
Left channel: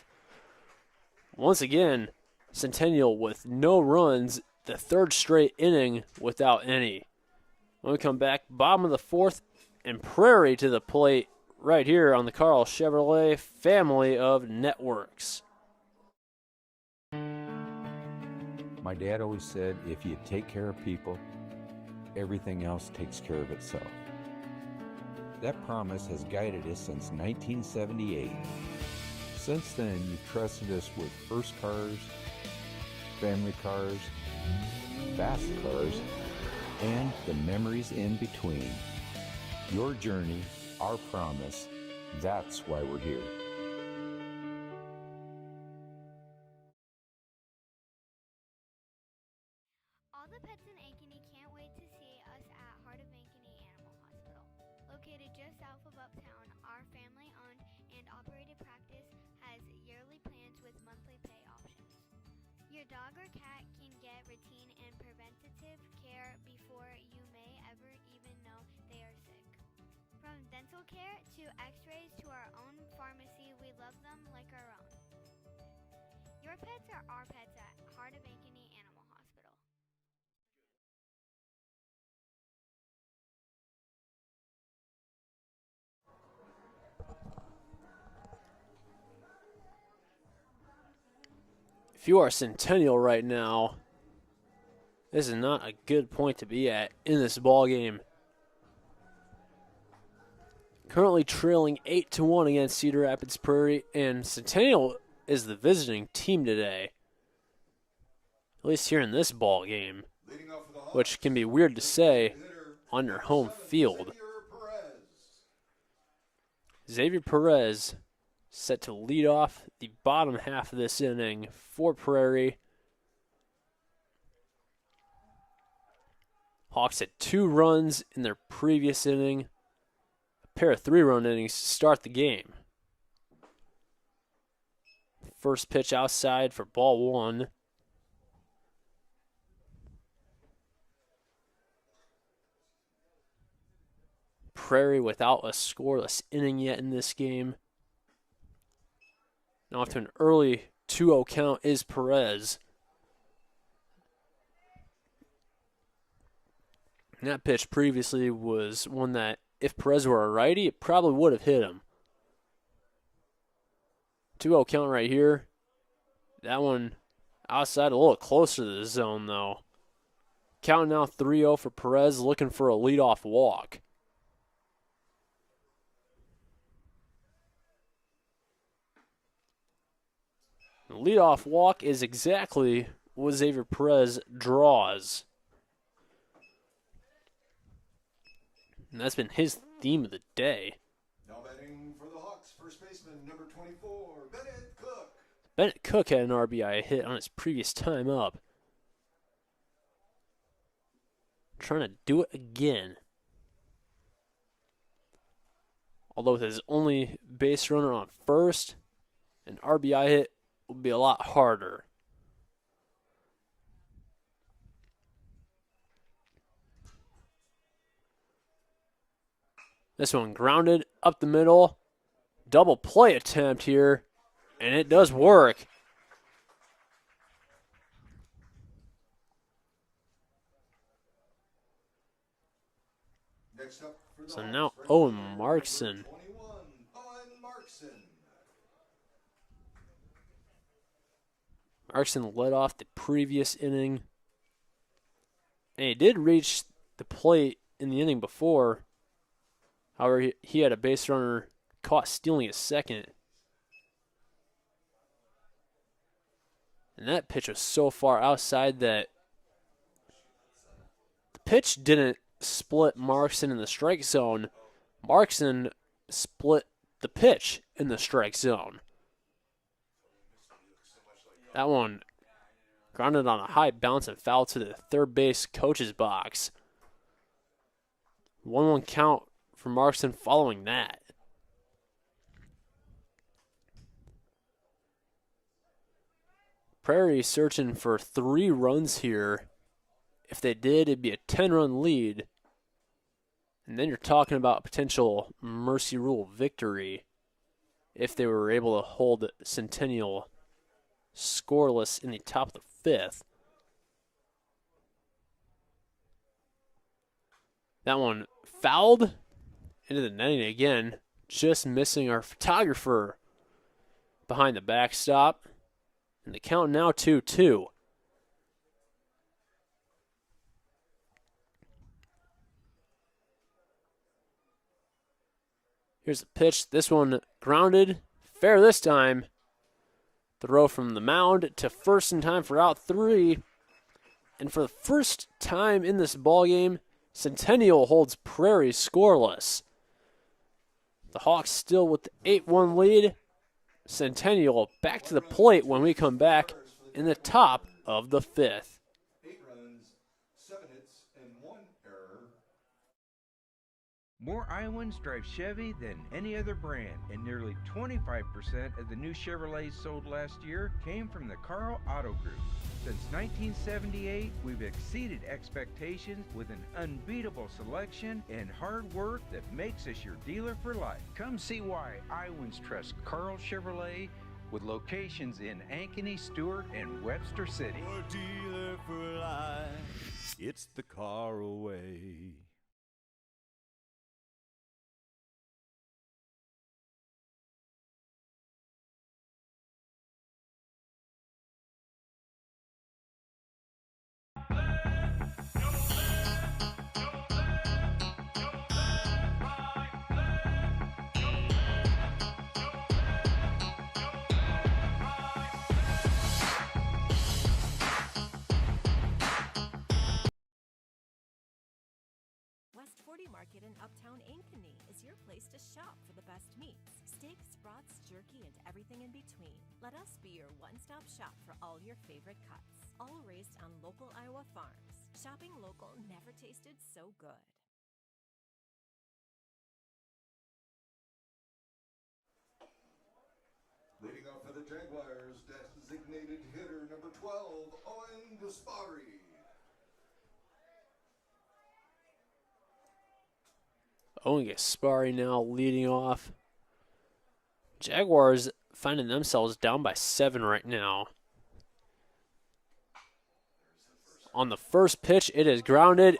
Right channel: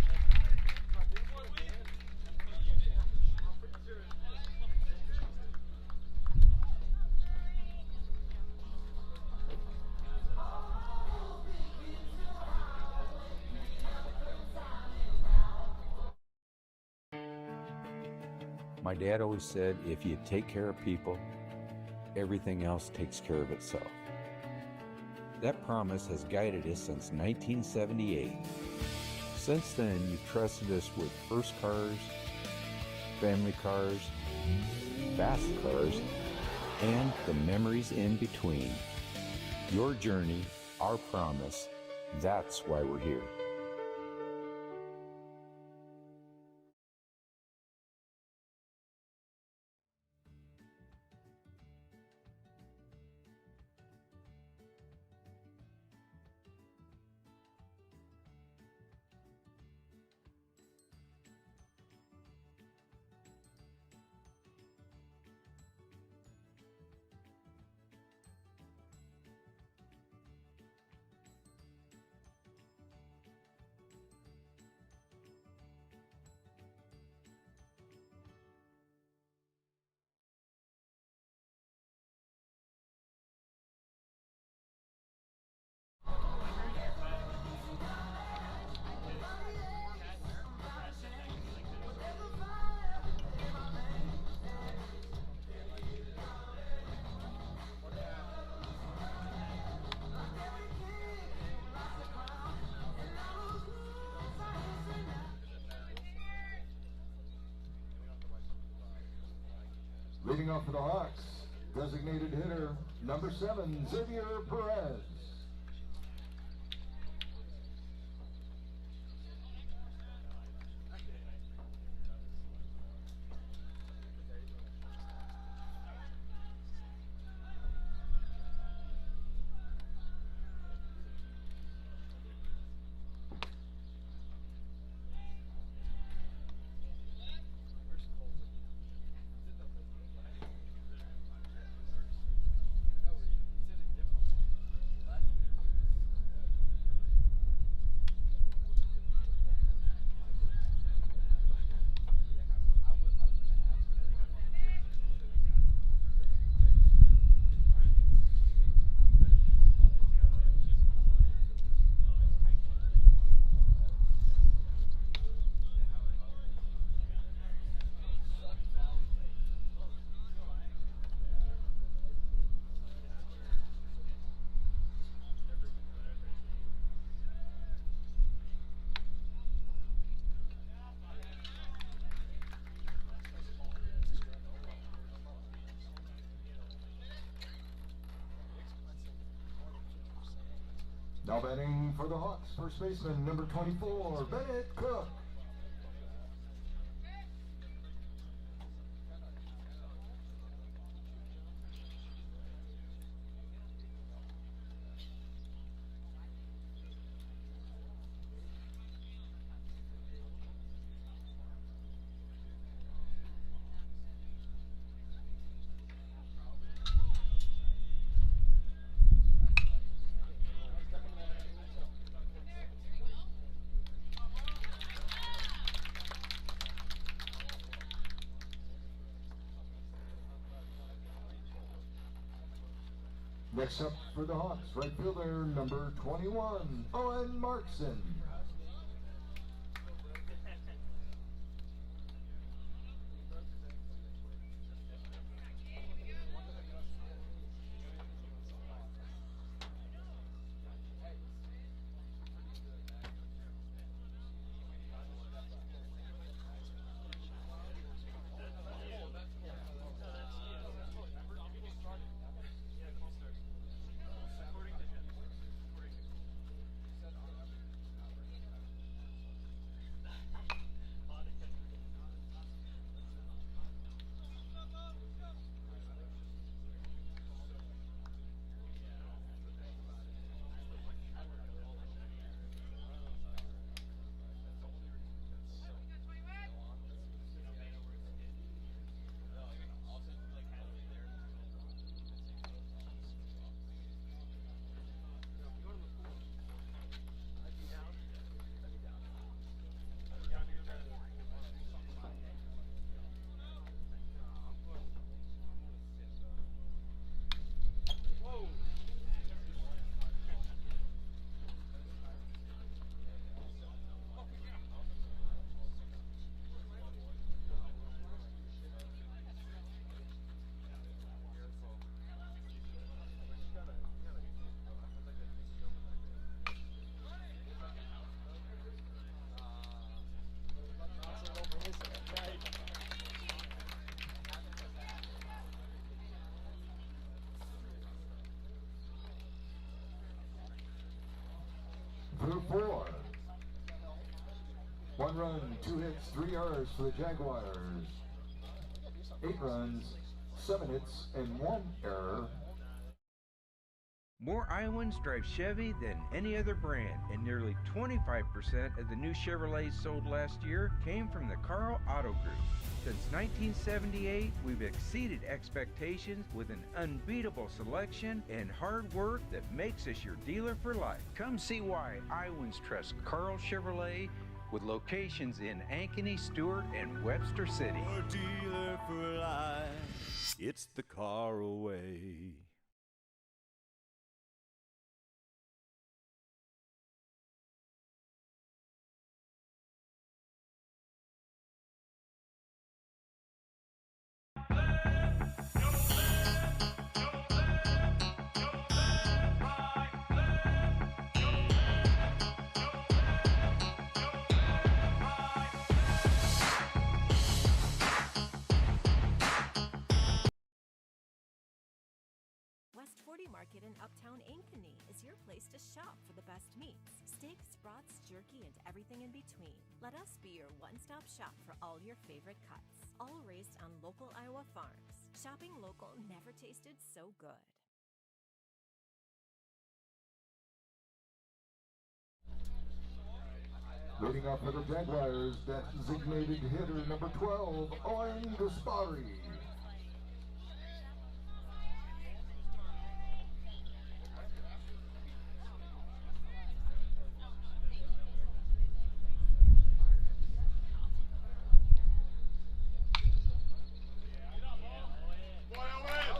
Once again, Centennial with no runs, the third straight inning without any. When we come back, bottom of the fourth, and Prairie to the plate right here on the Carl Chevrolet family of networks. My dad always said, if you take care of people, everything else takes care of itself. That promise has guided us since 1978. Since then, you've trusted us with first cars, family cars, fast cars, and the memories in between. Your journey, our promise, that's why we're here. All the pets in Ankeny can't wait to see us at Heart of Ankeny Animal Hospital. Located just south of Uptown, our family-owned and operated practice has yearly plans with monthly pay options. Your dog or cat can get routine and preventative care before you may ever even know they are sick. From dental care to x-rays to our own pharmacy, we love them like our own. Your pets are our pets at Heart of Ankeny Animal Hospital. If you are Centennial right now, this is not a good point to be at in this ball game. Currently trailing 8-1 against Cedar Rapids Prairie, and Centennial is the visiting team today. At least here in this ball game, which can be weird to say on your home field. Xavier Perez set to lead off the bottom half of this inning for Prairie. Hawks had 2 runs in their previous inning. A pair of 3-run innings to start the game. First pitch outside for ball 1. Prairie without a scoreless inning yet in this game. Now off to an early 2-0 count is Perez. And that pitch previously was one that, if Perez were a righty, it probably would have hit him. 2-0 count right here. That one outside, a little closer to the zone though. Count now 3-0 for Perez, looking for a leadoff walk. The leadoff walk is exactly what Xavier Perez draws. And that's been his theme of the day. Now batting for the Hawks, first baseman number 24, Bennett Cook. Bennett Cook had an RBI hit on his previous time up. Trying to do it again. Although with his only base runner on first, an RBI hit will be a lot harder. This one grounded up the middle. Double play attempt here, and it does work. Next up for the So Hawks, now right Owen fielder, Markson. number 21, Owen Markson. Markson led off the previous inning. And he did reach the plate in the inning before. However, he had a base runner caught stealing his second. And that pitch was so far outside that the pitch didn't split Markson in the strike zone. Markson split the pitch in the strike zone. That one grounded on a high bounce and foul to the third base coach's box. 1-1 count for Markson following that. Prairie searching for 3 runs here. If they did, it'd be a 10-run lead. And then you're talking about a potential mercy rule victory if they were able to hold Centennial scoreless in the top of the fifth. That one fouled into the netting again, just missing our photographer behind the backstop. And the count now 2-2. Here's the pitch. This one grounded. Fair this time. Throw from the mound to first in time for out 3. And for the first time in this ballgame, Centennial holds Prairie scoreless. The Hawks still with the 8-1 lead. Centennial back to the plate when we come back in the top of the fifth. 8 runs, 7 hits, and 1 error. More Iowans drive Chevy than any other brand, and nearly 25% of the new Chevrolets sold last year came from the Carl Auto Group. Since 1978, we've exceeded expectations with an unbeatable selection and hard work that makes us your dealer for life. Come see why Iowans trust Carl Chevrolet, with locations in Ankeny, Stewart, and Webster City. Your dealer for life, it's the car away. West 40 Market in Uptown Ankeny is your place to shop for the best meats, steaks, brats, jerky, and everything in between. Let us be your one-stop shop for all your favorite cuts, all raised on local Iowa farms. Shopping local never tasted so good. Leading off for the Jaguars, designated hitter number 12, Owen Gaspari. Owen Gaspari now leading off. Jaguars finding themselves down by 7 right now. On the first pitch, it is grounded.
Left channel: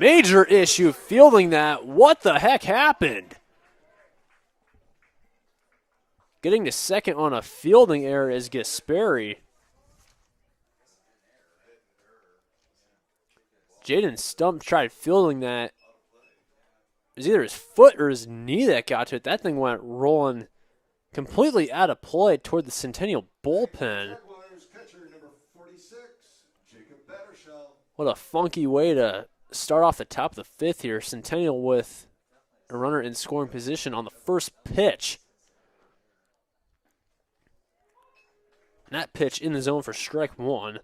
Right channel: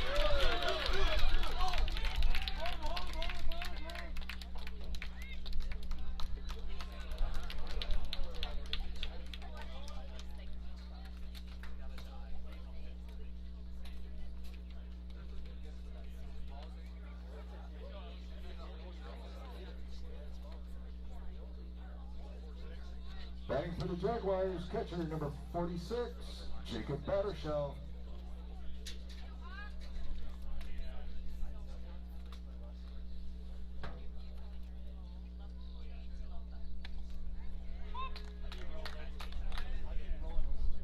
Major issue fielding that. What the heck happened? Getting to second on a fielding error is Gaspari. Jaden Stump tried fielding that. It was either his foot or his knee that got to it. That thing went rolling completely out of play toward the Centennial bullpen. Jaguars catcher number 46, Jacob Battershell. What a funky way to start off the top of the fifth here. Centennial with a runner in scoring position on the first pitch. And that pitch in the zone for strike 1.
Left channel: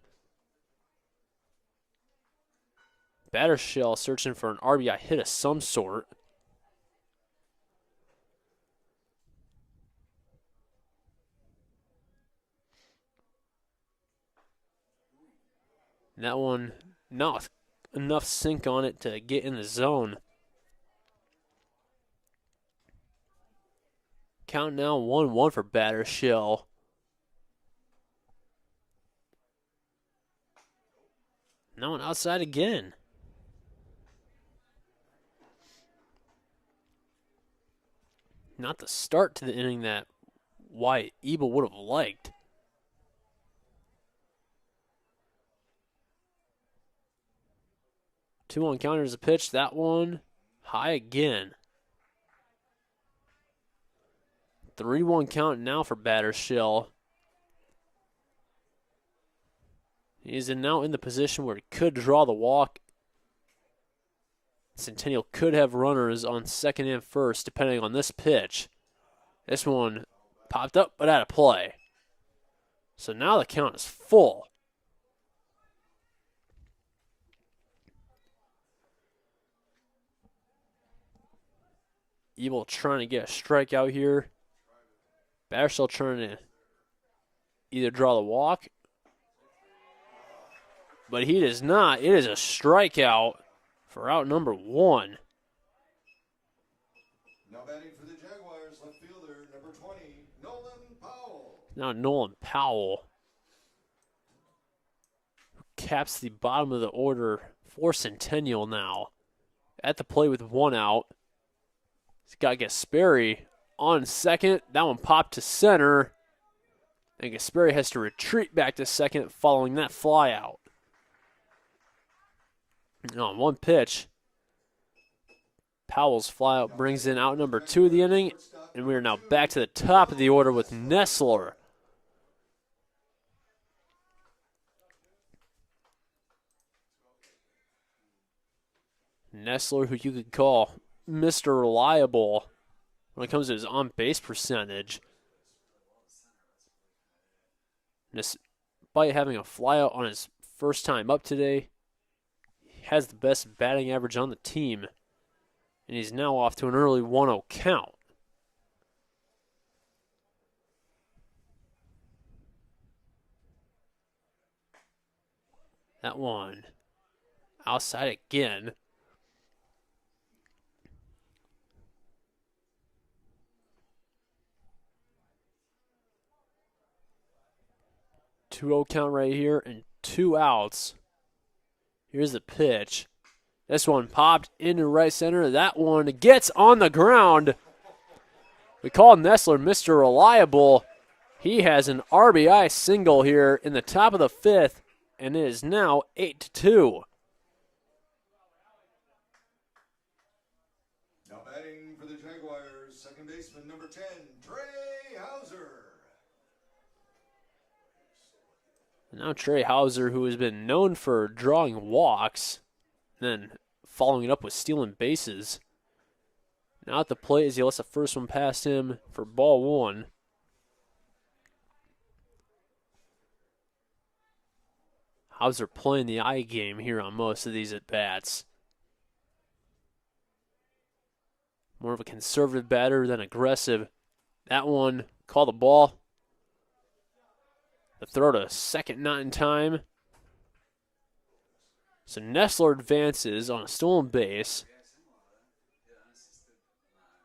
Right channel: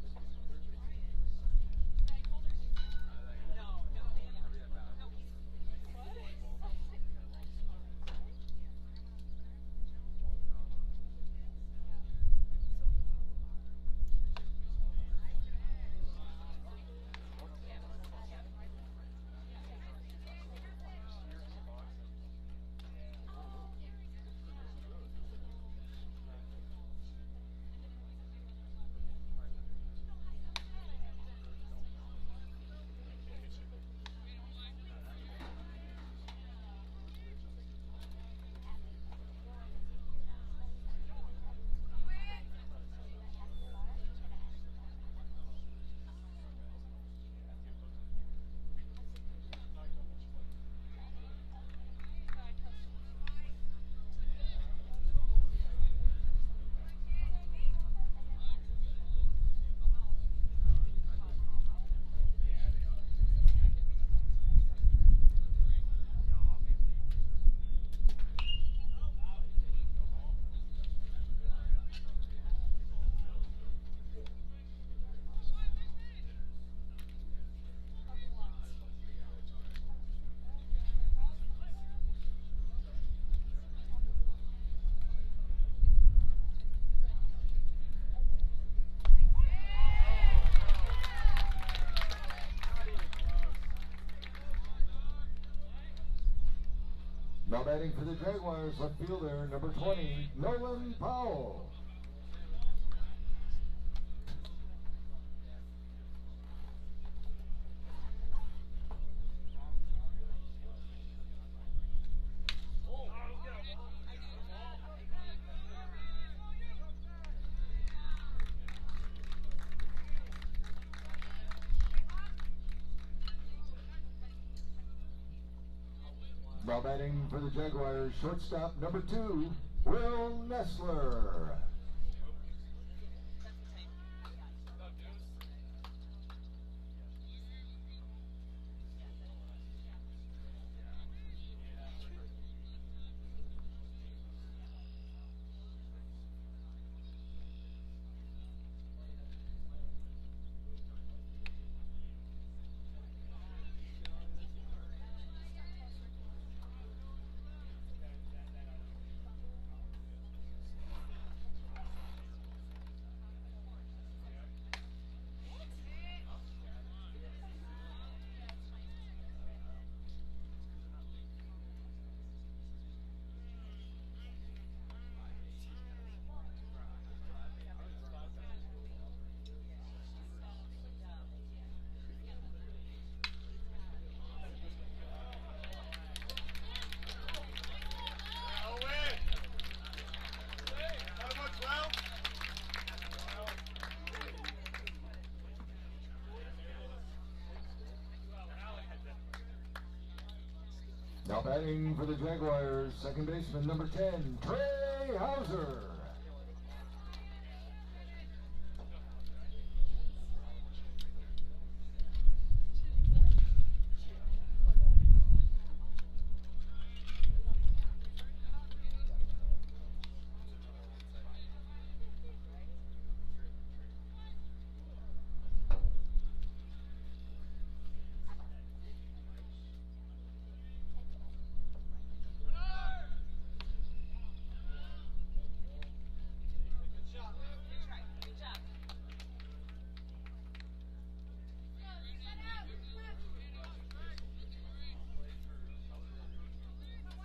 Battershell searching for an RBI hit of some sort. And that one, not enough sink on it to get in the zone. Count now 1-1 for Battershell. Now one outside again. Not the start to the inning that Wyatt Ebel would have liked. Two on counter is a pitch. That one high again. 3-1 count now for Battershell. He's now in the position where he could draw the walk. Centennial could have runners on second and first depending on this pitch. This one popped up but out of play. So now the count is full. Ebel trying to get a strikeout here. Battershell trying to either draw the walk, but he does not. It is a strikeout for out number 1. Now batting for the Jaguars, left fielder number 20, Nolan Powell. Now Nolan Powell caps the bottom of the order for Centennial now. At the plate with one out. He's got Gasperi on second. That one popped to center. And Gasperi has to retreat back to second following that fly out. And on one pitch, Powell's flyout brings in out number 2 of the inning, and we are now back to the top of the order with Nestler. Nestler, who you could call Mr. Reliable when it comes to his on-base percentage. Despite having a flyout on his first time up today, he has the best batting average on the team, and he's now off to an early 1-0 count. That one outside again. Two-0 count right here and 2 outs. Here's the pitch. This one popped into right center. That one gets on the ground. We call Nestler Mr. Reliable. He has an RBI single here in the top of the 5th, and it is now 8-2. Now batting for the Jaguars, second baseman number 10, Trey Hauser. Now Trey Hauser, who has been known for drawing walks, then following it up with stealing bases. Now at the plate as he lets the first one past him for ball 1. Hauser playing the eye game here on most of these at-bats. More of a conservative batter than aggressive. That one, call the ball. The throw to second, not in time. So Nestler advances on a stolen base.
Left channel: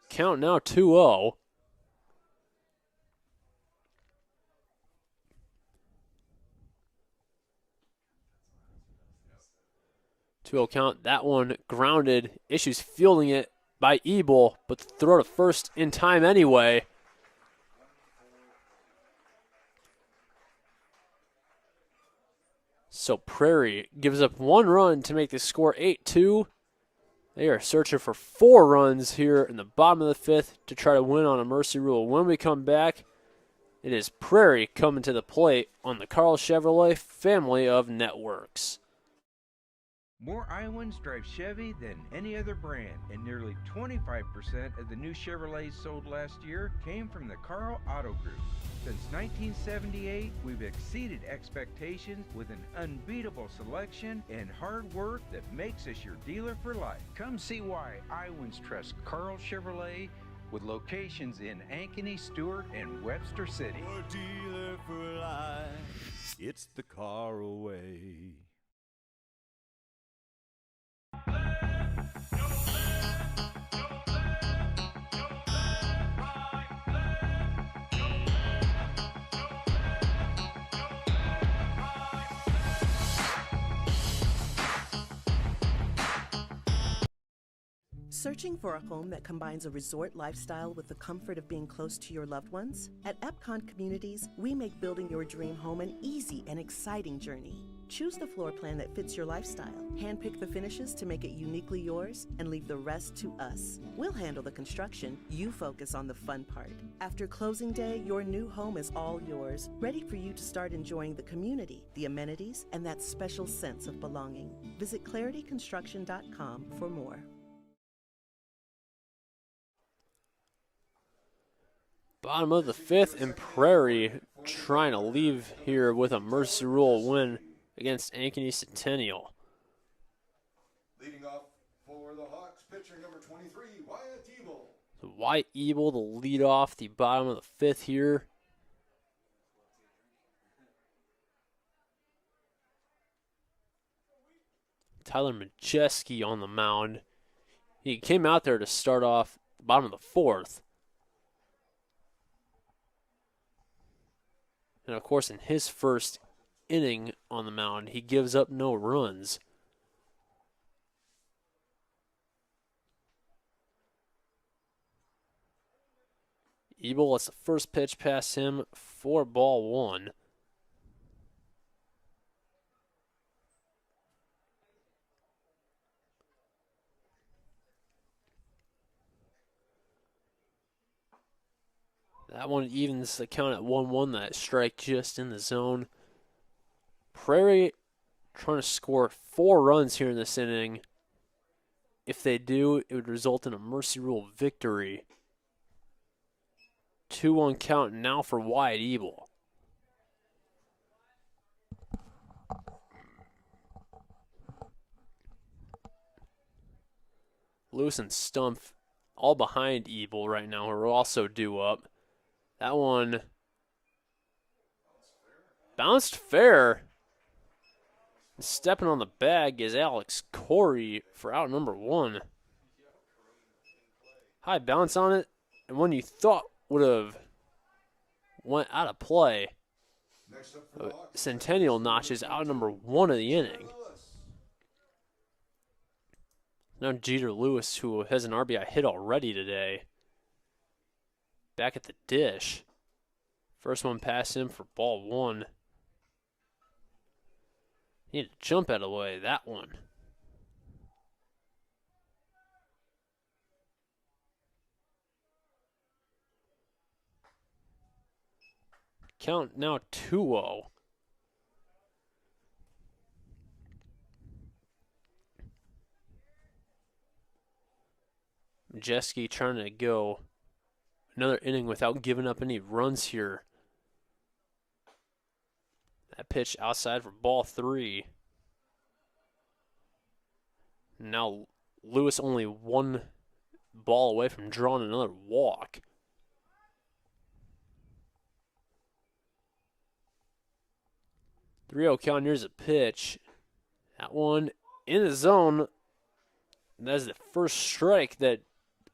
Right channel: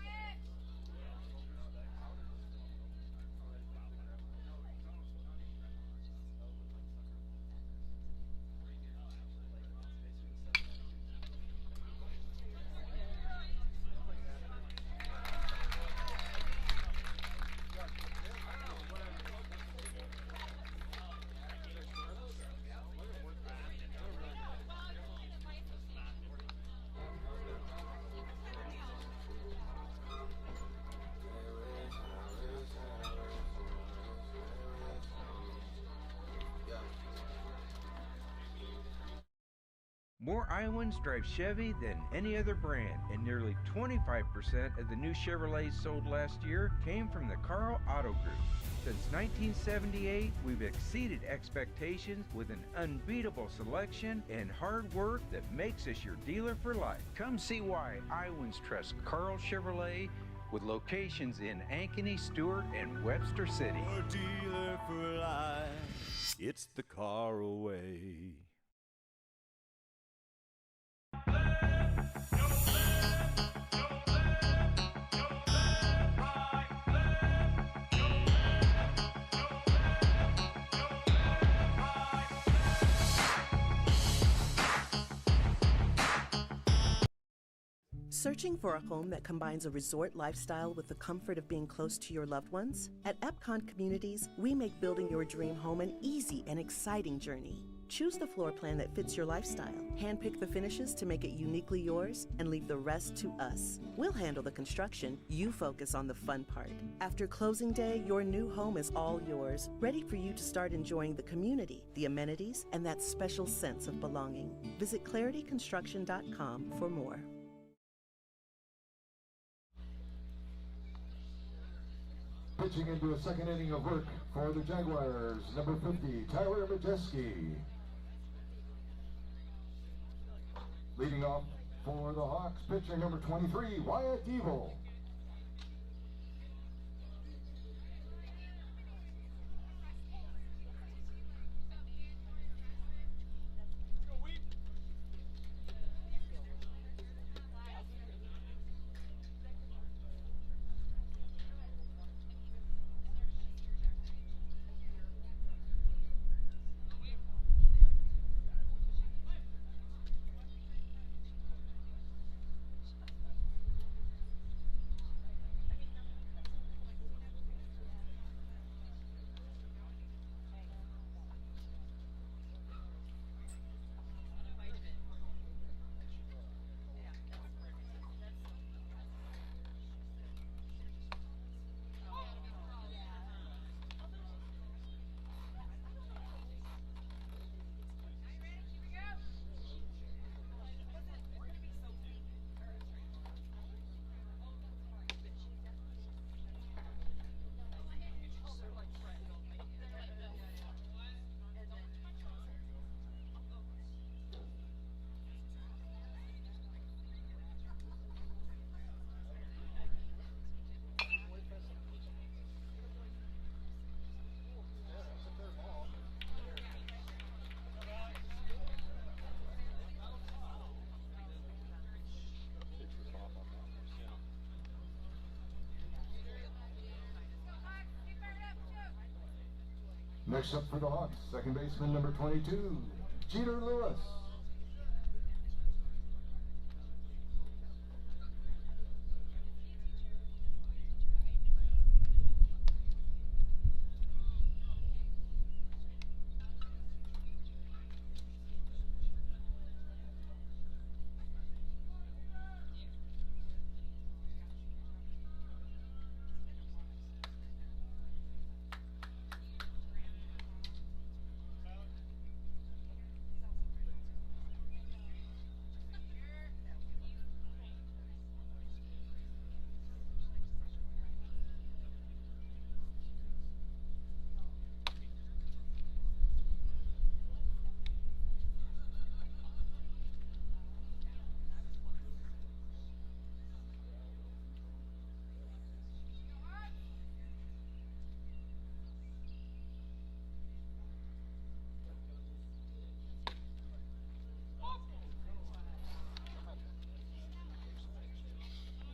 Count now 2-0. Count. That one grounded. Issues fielding it by Ebel, but the throw to first in time anyway. So Prairie gives up 1 run to make the score 8-2. They are searching for 4 runs here in the bottom of the 5th to try to win on a mercy rule. When we come back, it is Prairie coming to the plate on the Carl Chevrolet family of networks. More Iowans drive Chevy than any other brand, and nearly 25% of the new Chevrolets sold last year came from the Carl Auto Group. Since 1978, we've exceeded expectations with an unbeatable selection and hard work that makes us your dealer for life. Come see why Iowans trust Carl Chevrolet with locations in Ankeny, Stewart, and Webster City. Your dealer for life, it's the car away. Searching for a home that combines a resort lifestyle with the comfort of being close to your loved ones? At Epcon Communities, we make building your dream home an easy and exciting journey. Choose the floor plan that fits your lifestyle, handpick the finishes to make it uniquely yours, and leave the rest to us. We'll handle the construction, you focus on the fun part. After closing day, your new home is all yours, ready for you to start enjoying the community, the amenities, and that special sense of belonging. Visit clarityconstruction.com for more. Bottom of the 5th, and Prairie trying to leave here with a mercy rule win against Ankeny Centennial. Leading off for the Hawks, pitcher number 23, Wyatt Ebel. Wyatt Ebel to lead off the bottom of the 5th here. Tyler Majeski on the mound. He came out there to start off the bottom of the 4th. And of course, in his first inning on the mound. He gives up no runs. Ebel lets the first pitch pass him for ball one. That one evens the count at 1-1. That strike just in the zone. Prairie trying to score 4 runs here in this inning. If they do, it would result in a mercy rule victory. 2-1 count now for Wyatt Ebel. Lewis and Stump all behind Ebel right now, who are also due up. That one bounced fair. Stepping on the bag is Alex Corey for out number 1. High bounce on it, and one you thought would have went out of play. Next up for the Hawks, Centennial notches out number 1 of the inning. Now Jeter Lewis, who has an RBI hit already today, back at the dish. First one past him for ball 1. Need to jump out of the way, that one. Count now 2-0. Jeski trying to go another inning without giving up any runs here. That pitch outside for ball 3. Now Lewis only 1 ball away from drawing another walk. Three-0 count. Here's a pitch. That one in the zone. That's the first strike that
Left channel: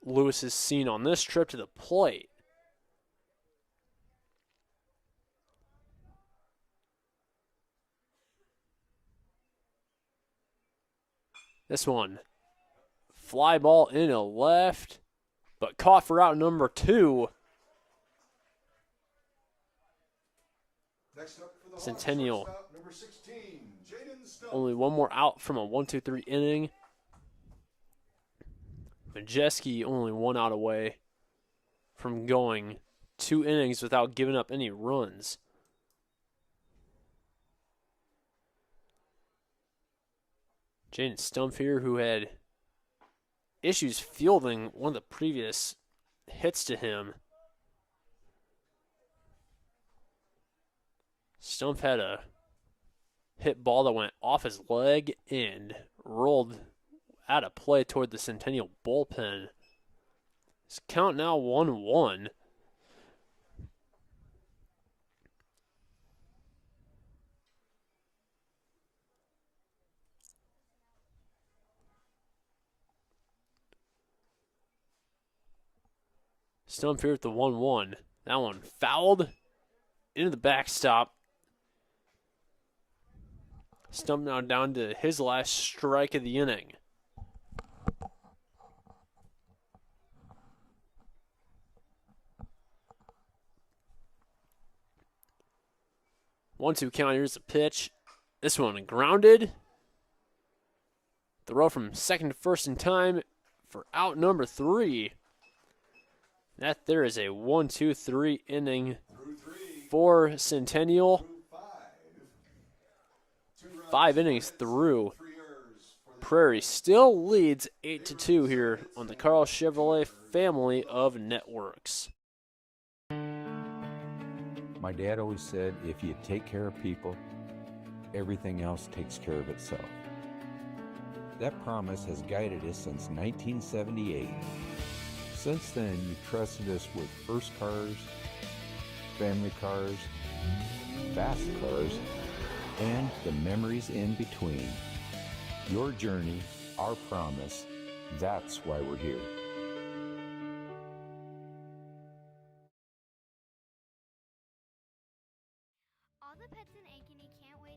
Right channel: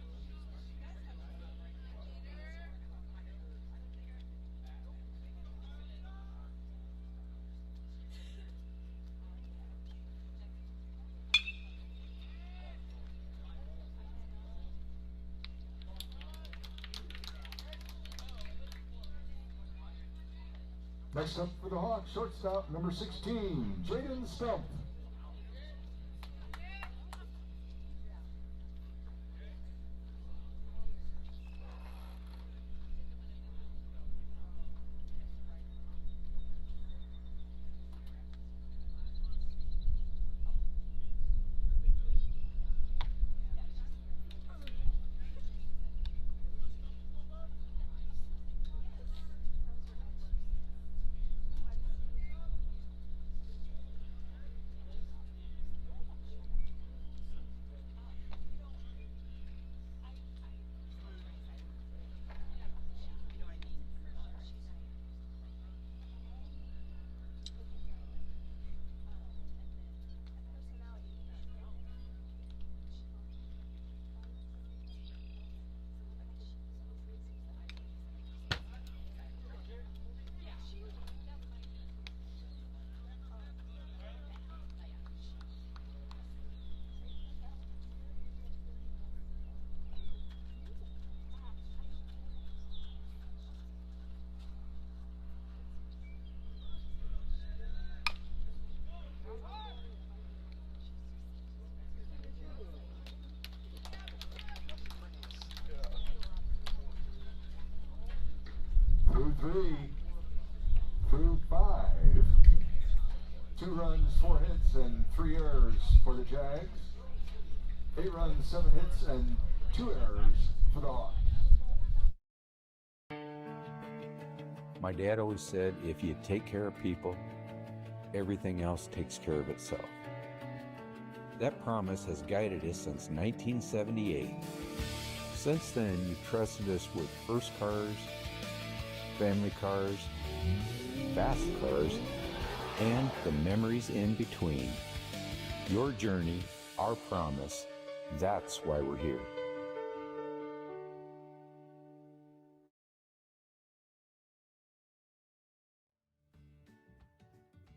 Lewis has seen on this trip to the plate. This one, fly ball into left, but caught for out number 2. Next up for the Hawks, Centennial. shortstop, number 16, Jaden Stump. Only 1 more out from a 1-2-3 inning. Majeski only 1 out away from going 2 innings without giving up any runs. Jaden Stump here, who had issues fielding one of the previous hits to him. Stump had a hit ball that went off his leg and rolled out of play toward the Centennial bullpen. It's count now 1-1. Stump here at the 1-1. That one fouled into the backstop. Stump now down to his last strike of the inning. One-two count. Here's the pitch. This one grounded. Throw from second to first in time for out number 3. That there is a 1-2-3 inning for Centennial. 5 innings through. Prairie still leads 8-2 here on the Carl Chevrolet family of networks. My dad always said, if you take care of people, everything else takes care of itself. That promise has guided us since 1978. Since then, you've trusted us with first cars, family cars, fast cars, and the memories in between. Your journey, our promise, that's why we're here. All the pets in Ankeny can't wait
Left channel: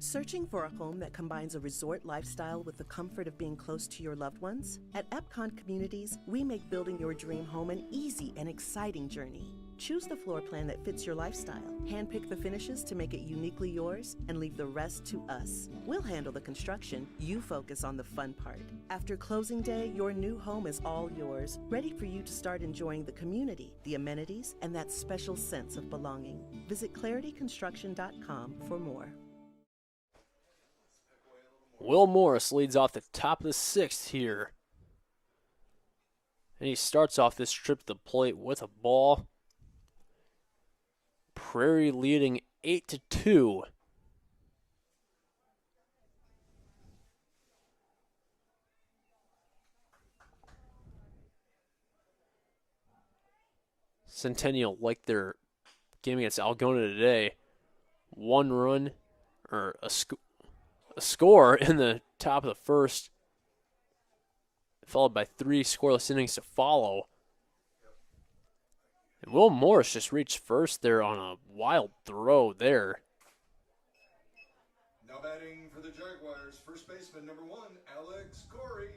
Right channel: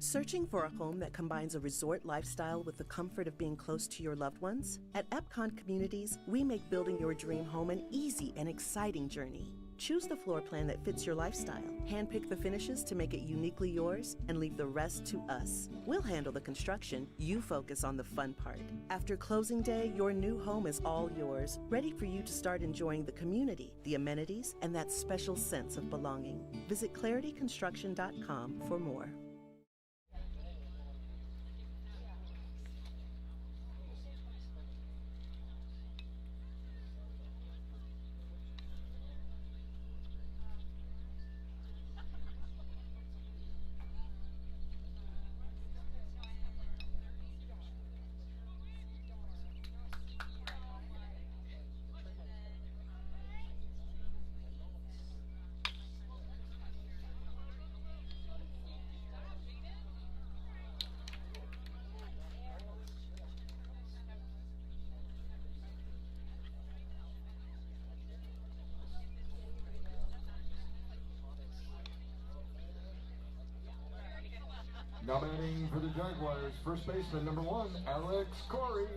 Searching for a home that combines a resort lifestyle with the comfort of being close to your loved ones? At Epcon Communities, we make building your dream home an easy and exciting journey. Choose the floor plan that fits your lifestyle, handpick the finishes to make it uniquely yours, and leave the rest to us. We'll handle the construction, you focus on the fun part. After closing day, your new home is all yours, ready for you to start enjoying the community, the amenities, and that special sense of belonging. Visit clarityconstruction.com for more. Will Morris leads off the top of the sixth here. And he starts off this trip to the plate with a ball. Prairie leading 8-2. Centennial, like their game against Algona today, 1 run or a score in the top of the first, followed by 3 scoreless innings to follow. And Will Morris just reached first there on a wild throw there. Now batting for the Jaguars, first baseman number 1, Alex Corey.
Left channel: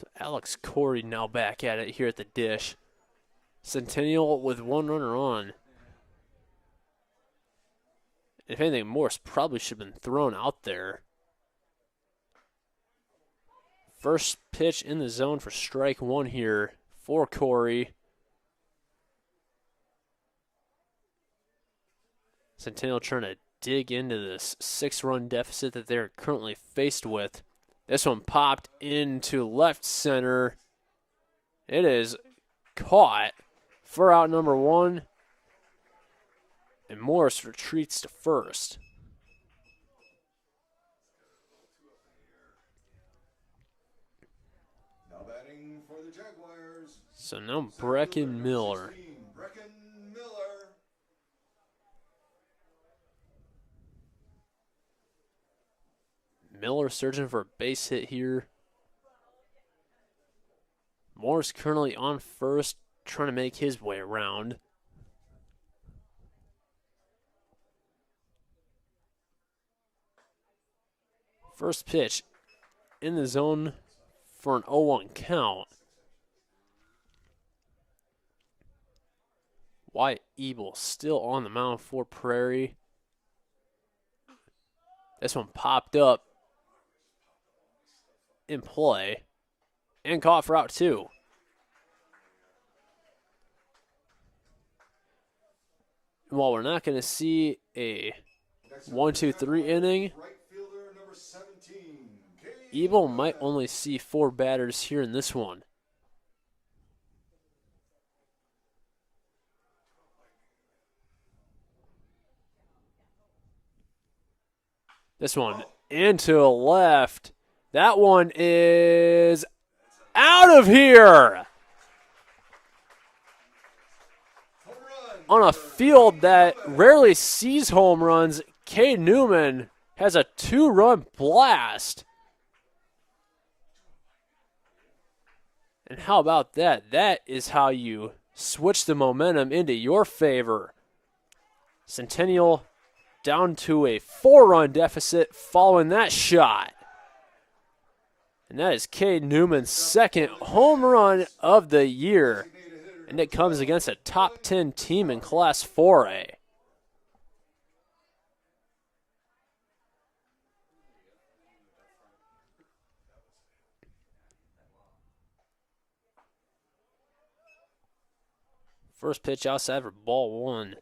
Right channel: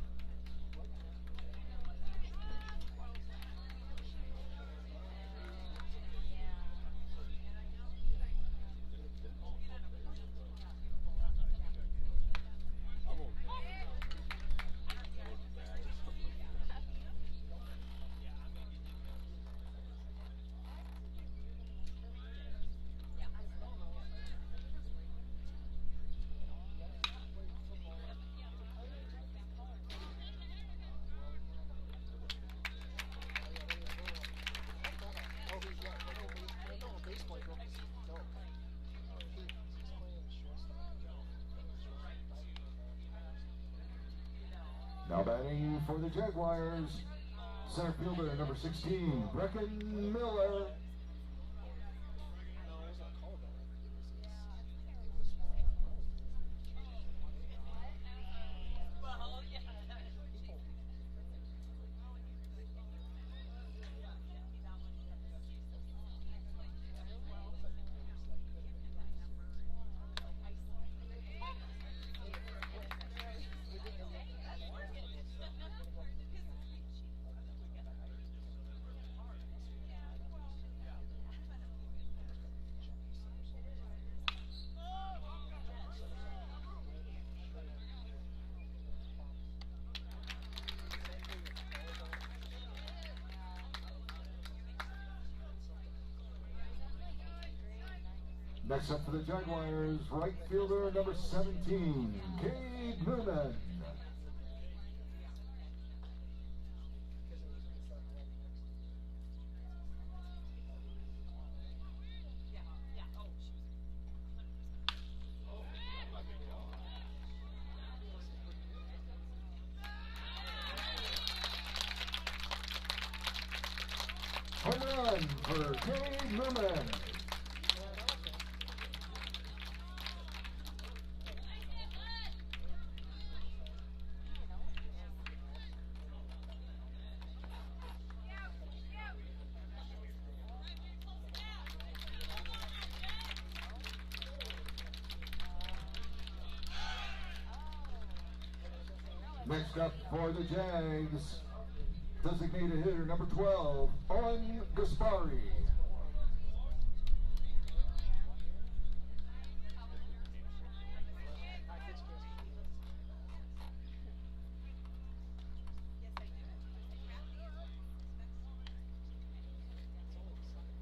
So Alex Corey now back at it here at the dish. Centennial with 1 runner on. If anything, Morris probably should have been thrown out there. First pitch in the zone for strike 1 here for Corey. Centennial trying to dig into this 6-run deficit that they're currently faced with. This one popped into left center. It is caught for out number 1. And Morris retreats to first. Now batting for the Jaguars. So now Brecken Miller. 16, Brecken Miller. Miller searching for a base hit here. Morris currently on first, trying to make his way around. First pitch in the zone for an 0-1 count. Wyatt Ebel still on the mound for Prairie. This one popped up in play and caught for out 2. And while we're not going to see a 1-2-3 inning, Right fielder number 17, Ebel might only see 4 batters here in this one. This one into left. That one is out of here. On a field that rarely sees home runs, Cade Newman has a 2-run blast. And how about that? That is how you switch the momentum into your favor. Centennial down to a 4-run deficit following that shot. And that is Cade Newman's second home run of the year. And it comes against a top 10 team in Class 4A. First pitch outside for ball 1.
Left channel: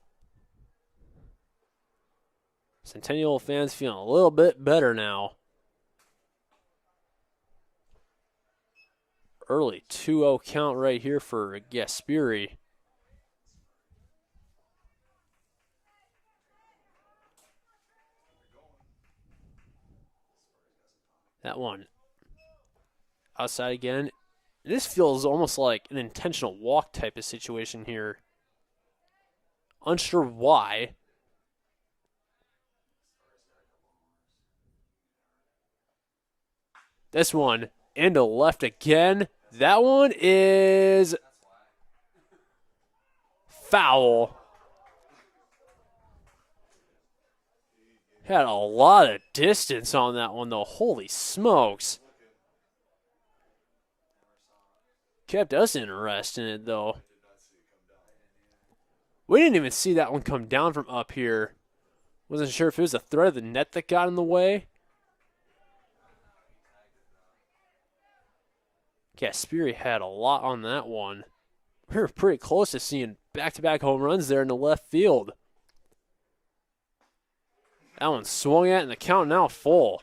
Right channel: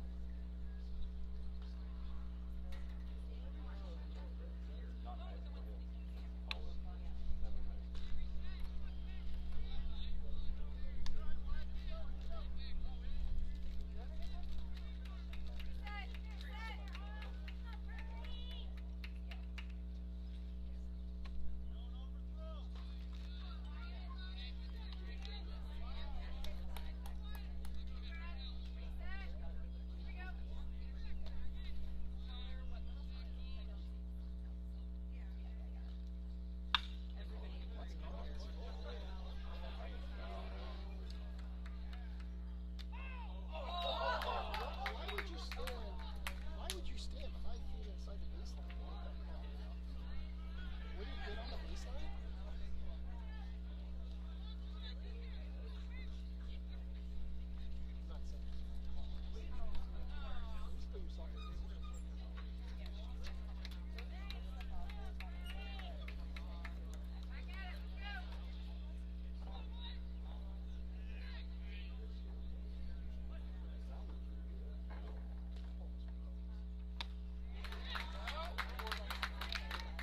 Centennial fans feeling a little bit better now. Early 2-0 count right here for Gasperi. That one outside again. This feels almost like an intentional walk type of situation here. Unsure why. This one into left again. That one is foul. Had a lot of distance on that one, though. Holy smokes. Kept us interested in it, though. We didn't even see that one come down from up here. Wasn't sure if it was the threat of the net that got in the way. Gasperi had a lot on that one. We were pretty close to seeing back-to-back home runs there in the left field. That one swung at, and the count now full.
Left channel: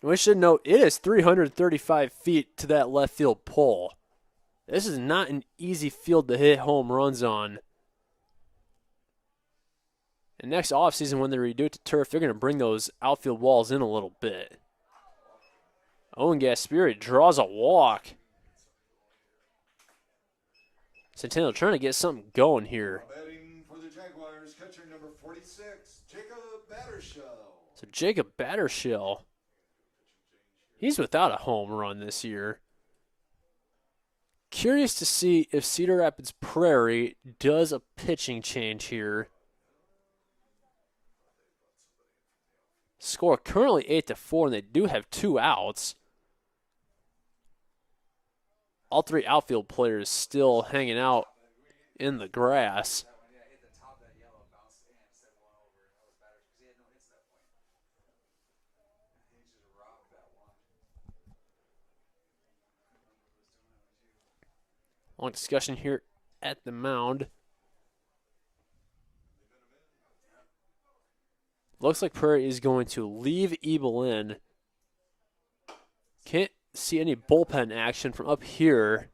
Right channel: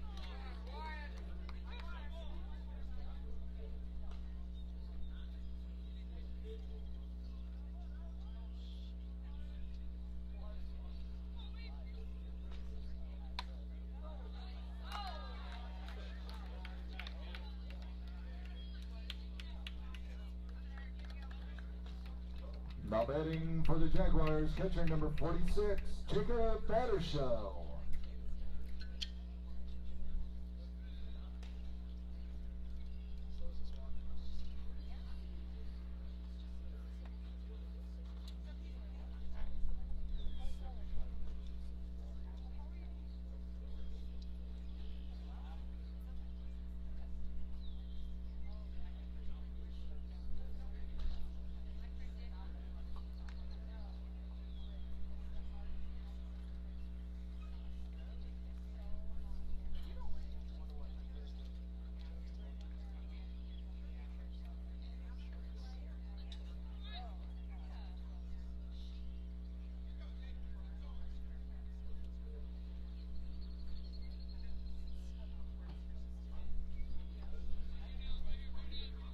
And we should note it is 335 feet to that left field pole. This is not an easy field to hit home runs on. And next offseason, when they redo it to turf, they're going to bring those outfield walls in a little bit. Owen Gasperi draws a walk. Centennial trying to get something going here. Now batting for the Jaguars, catcher number 46, Jacob Battershell. So Jacob Battershell, he's without a home run this year. Curious to see if Cedar Rapids Prairie does a pitching change here. Score currently 8-4, and they do have 2 outs. All 3 outfield players still hanging out in the grass. Long discussion here at the mound. Looks like Prairie is going to leave Ebel in. Can't see any bullpen action from up here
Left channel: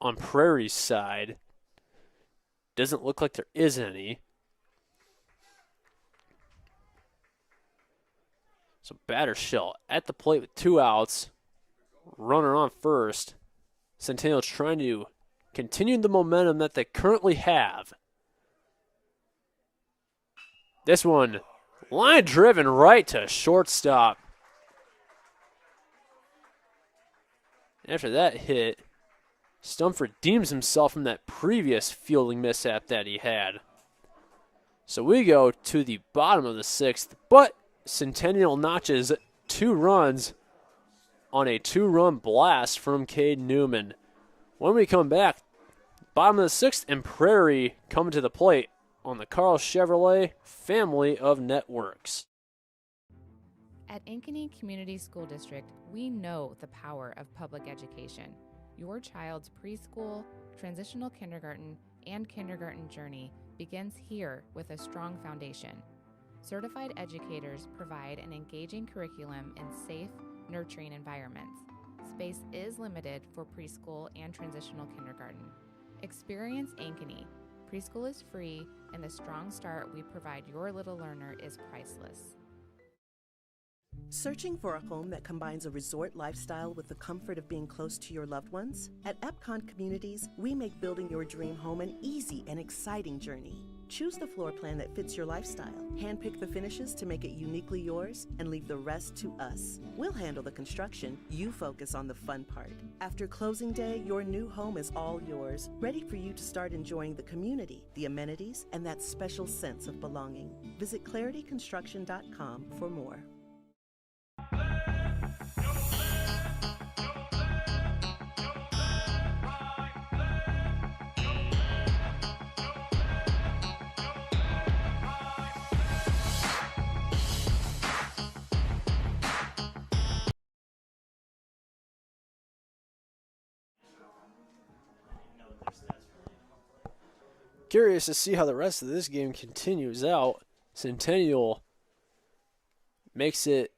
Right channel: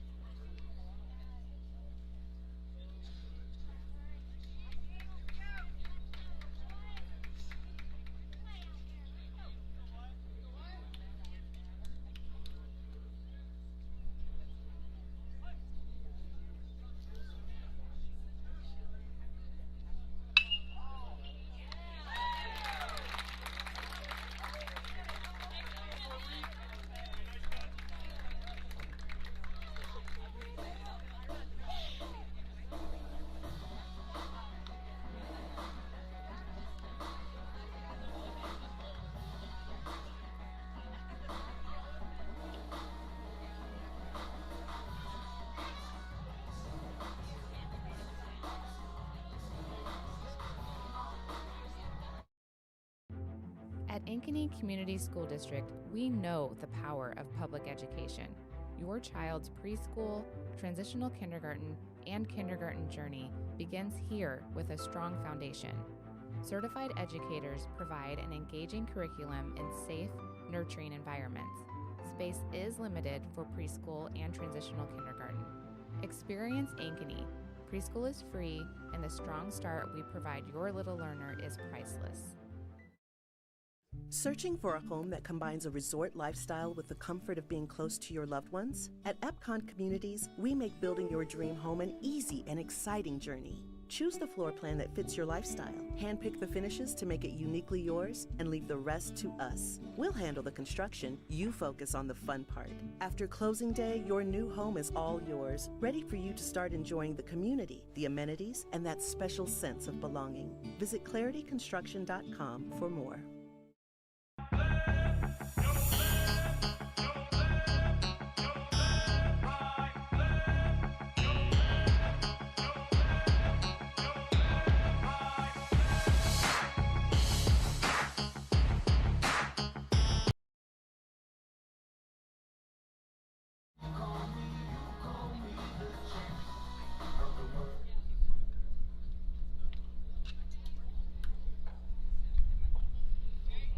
on Prairie's side. Doesn't look like there is any. So Battershell at the plate with 2 outs. Runner on first. Centennial trying to continue the momentum that they currently have. This one, line driven right to shortstop. After that hit, Stump redeems himself from that previous fielding mishap that he had. So we go to the bottom of the 6th, but Centennial notches 2 runs on a 2-run blast from Cade Newman. When we come back, bottom of the 6th, and Prairie coming to the plate on the Carl Chevrolet family of networks. At Ankeny Community School District, we know the power of public education. Your child's preschool, transitional kindergarten, and kindergarten journey begins here with a strong foundation. Certified educators provide an engaging curriculum in safe, nurturing environments. Space is limited for preschool and transitional kindergarten. Experience Ankeny. Preschool is free, and the strong start we provide your little learner is priceless. Searching for a home that combines a resort lifestyle with the comfort of being close to your loved ones? At Epcon Communities, we make building your dream home an easy and exciting journey. Choose the floor plan that fits your lifestyle, handpick the finishes to make it uniquely yours, and leave the rest to us. We'll handle the construction, you focus on the fun part. After closing day, your new home is all yours, ready for you to start enjoying the community, the amenities, and that special sense of belonging. Visit clarityconstruction.com for more. Curious to see how the rest of this game continues out. Centennial makes it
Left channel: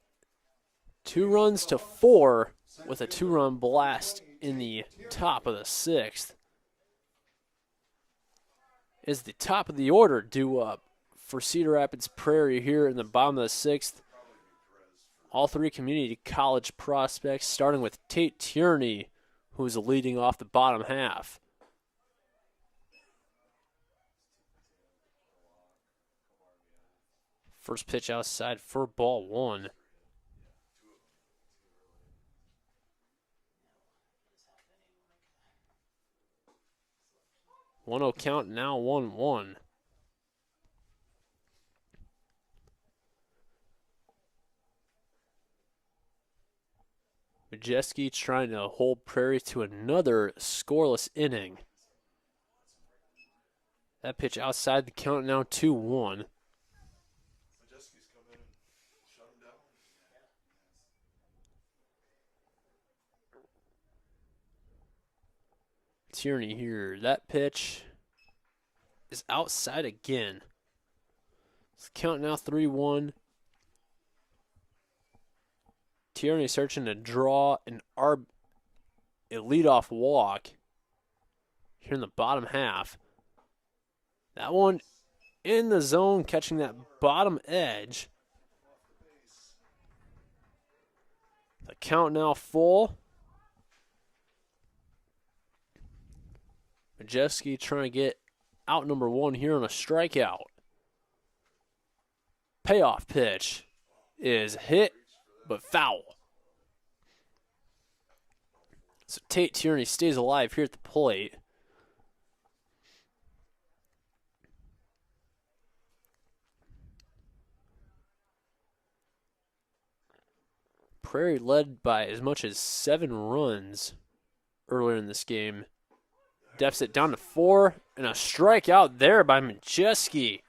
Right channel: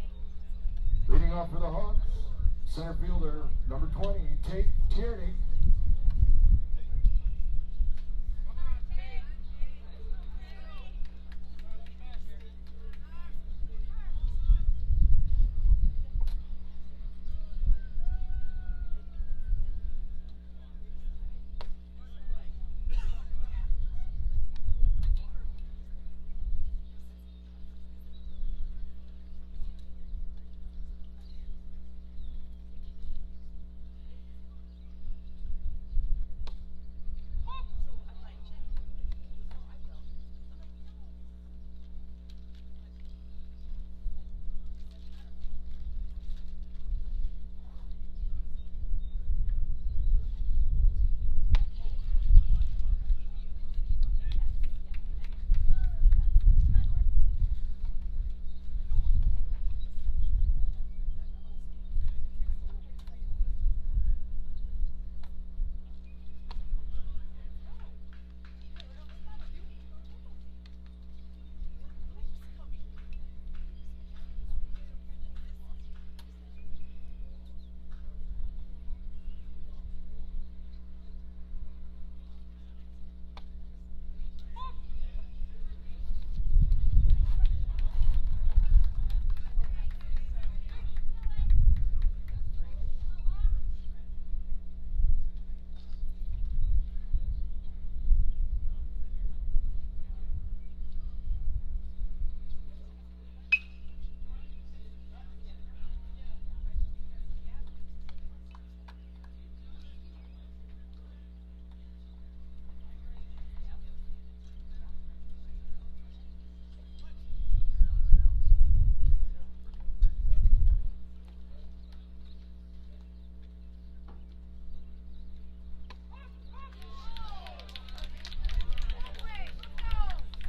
2-4 with a 2-run blast in the top of the 6th. Is the top of the order due up for Cedar Rapids Prairie here in the bottom of the 6th? All 3 community college prospects, starting with Tate Tierney, who's leading off the bottom half. First pitch outside for ball 1. 1-0 count, now 1-1. Majeski trying to hold Prairie to another scoreless inning. That pitch outside the count, now 2-1. Tierney here. That pitch is outside again. It's count now 3-1. Tierney searching to draw a leadoff walk here in the bottom half. That one in the zone, catching that bottom edge. The count now full. Majeski trying to get out number 1 here on a strikeout. Payoff pitch is hit, but foul. So Tate Tierney stays alive here at the plate. Prairie led by as much as 7 runs earlier in this game. Deficit down to 4, and a strikeout there by Majeski.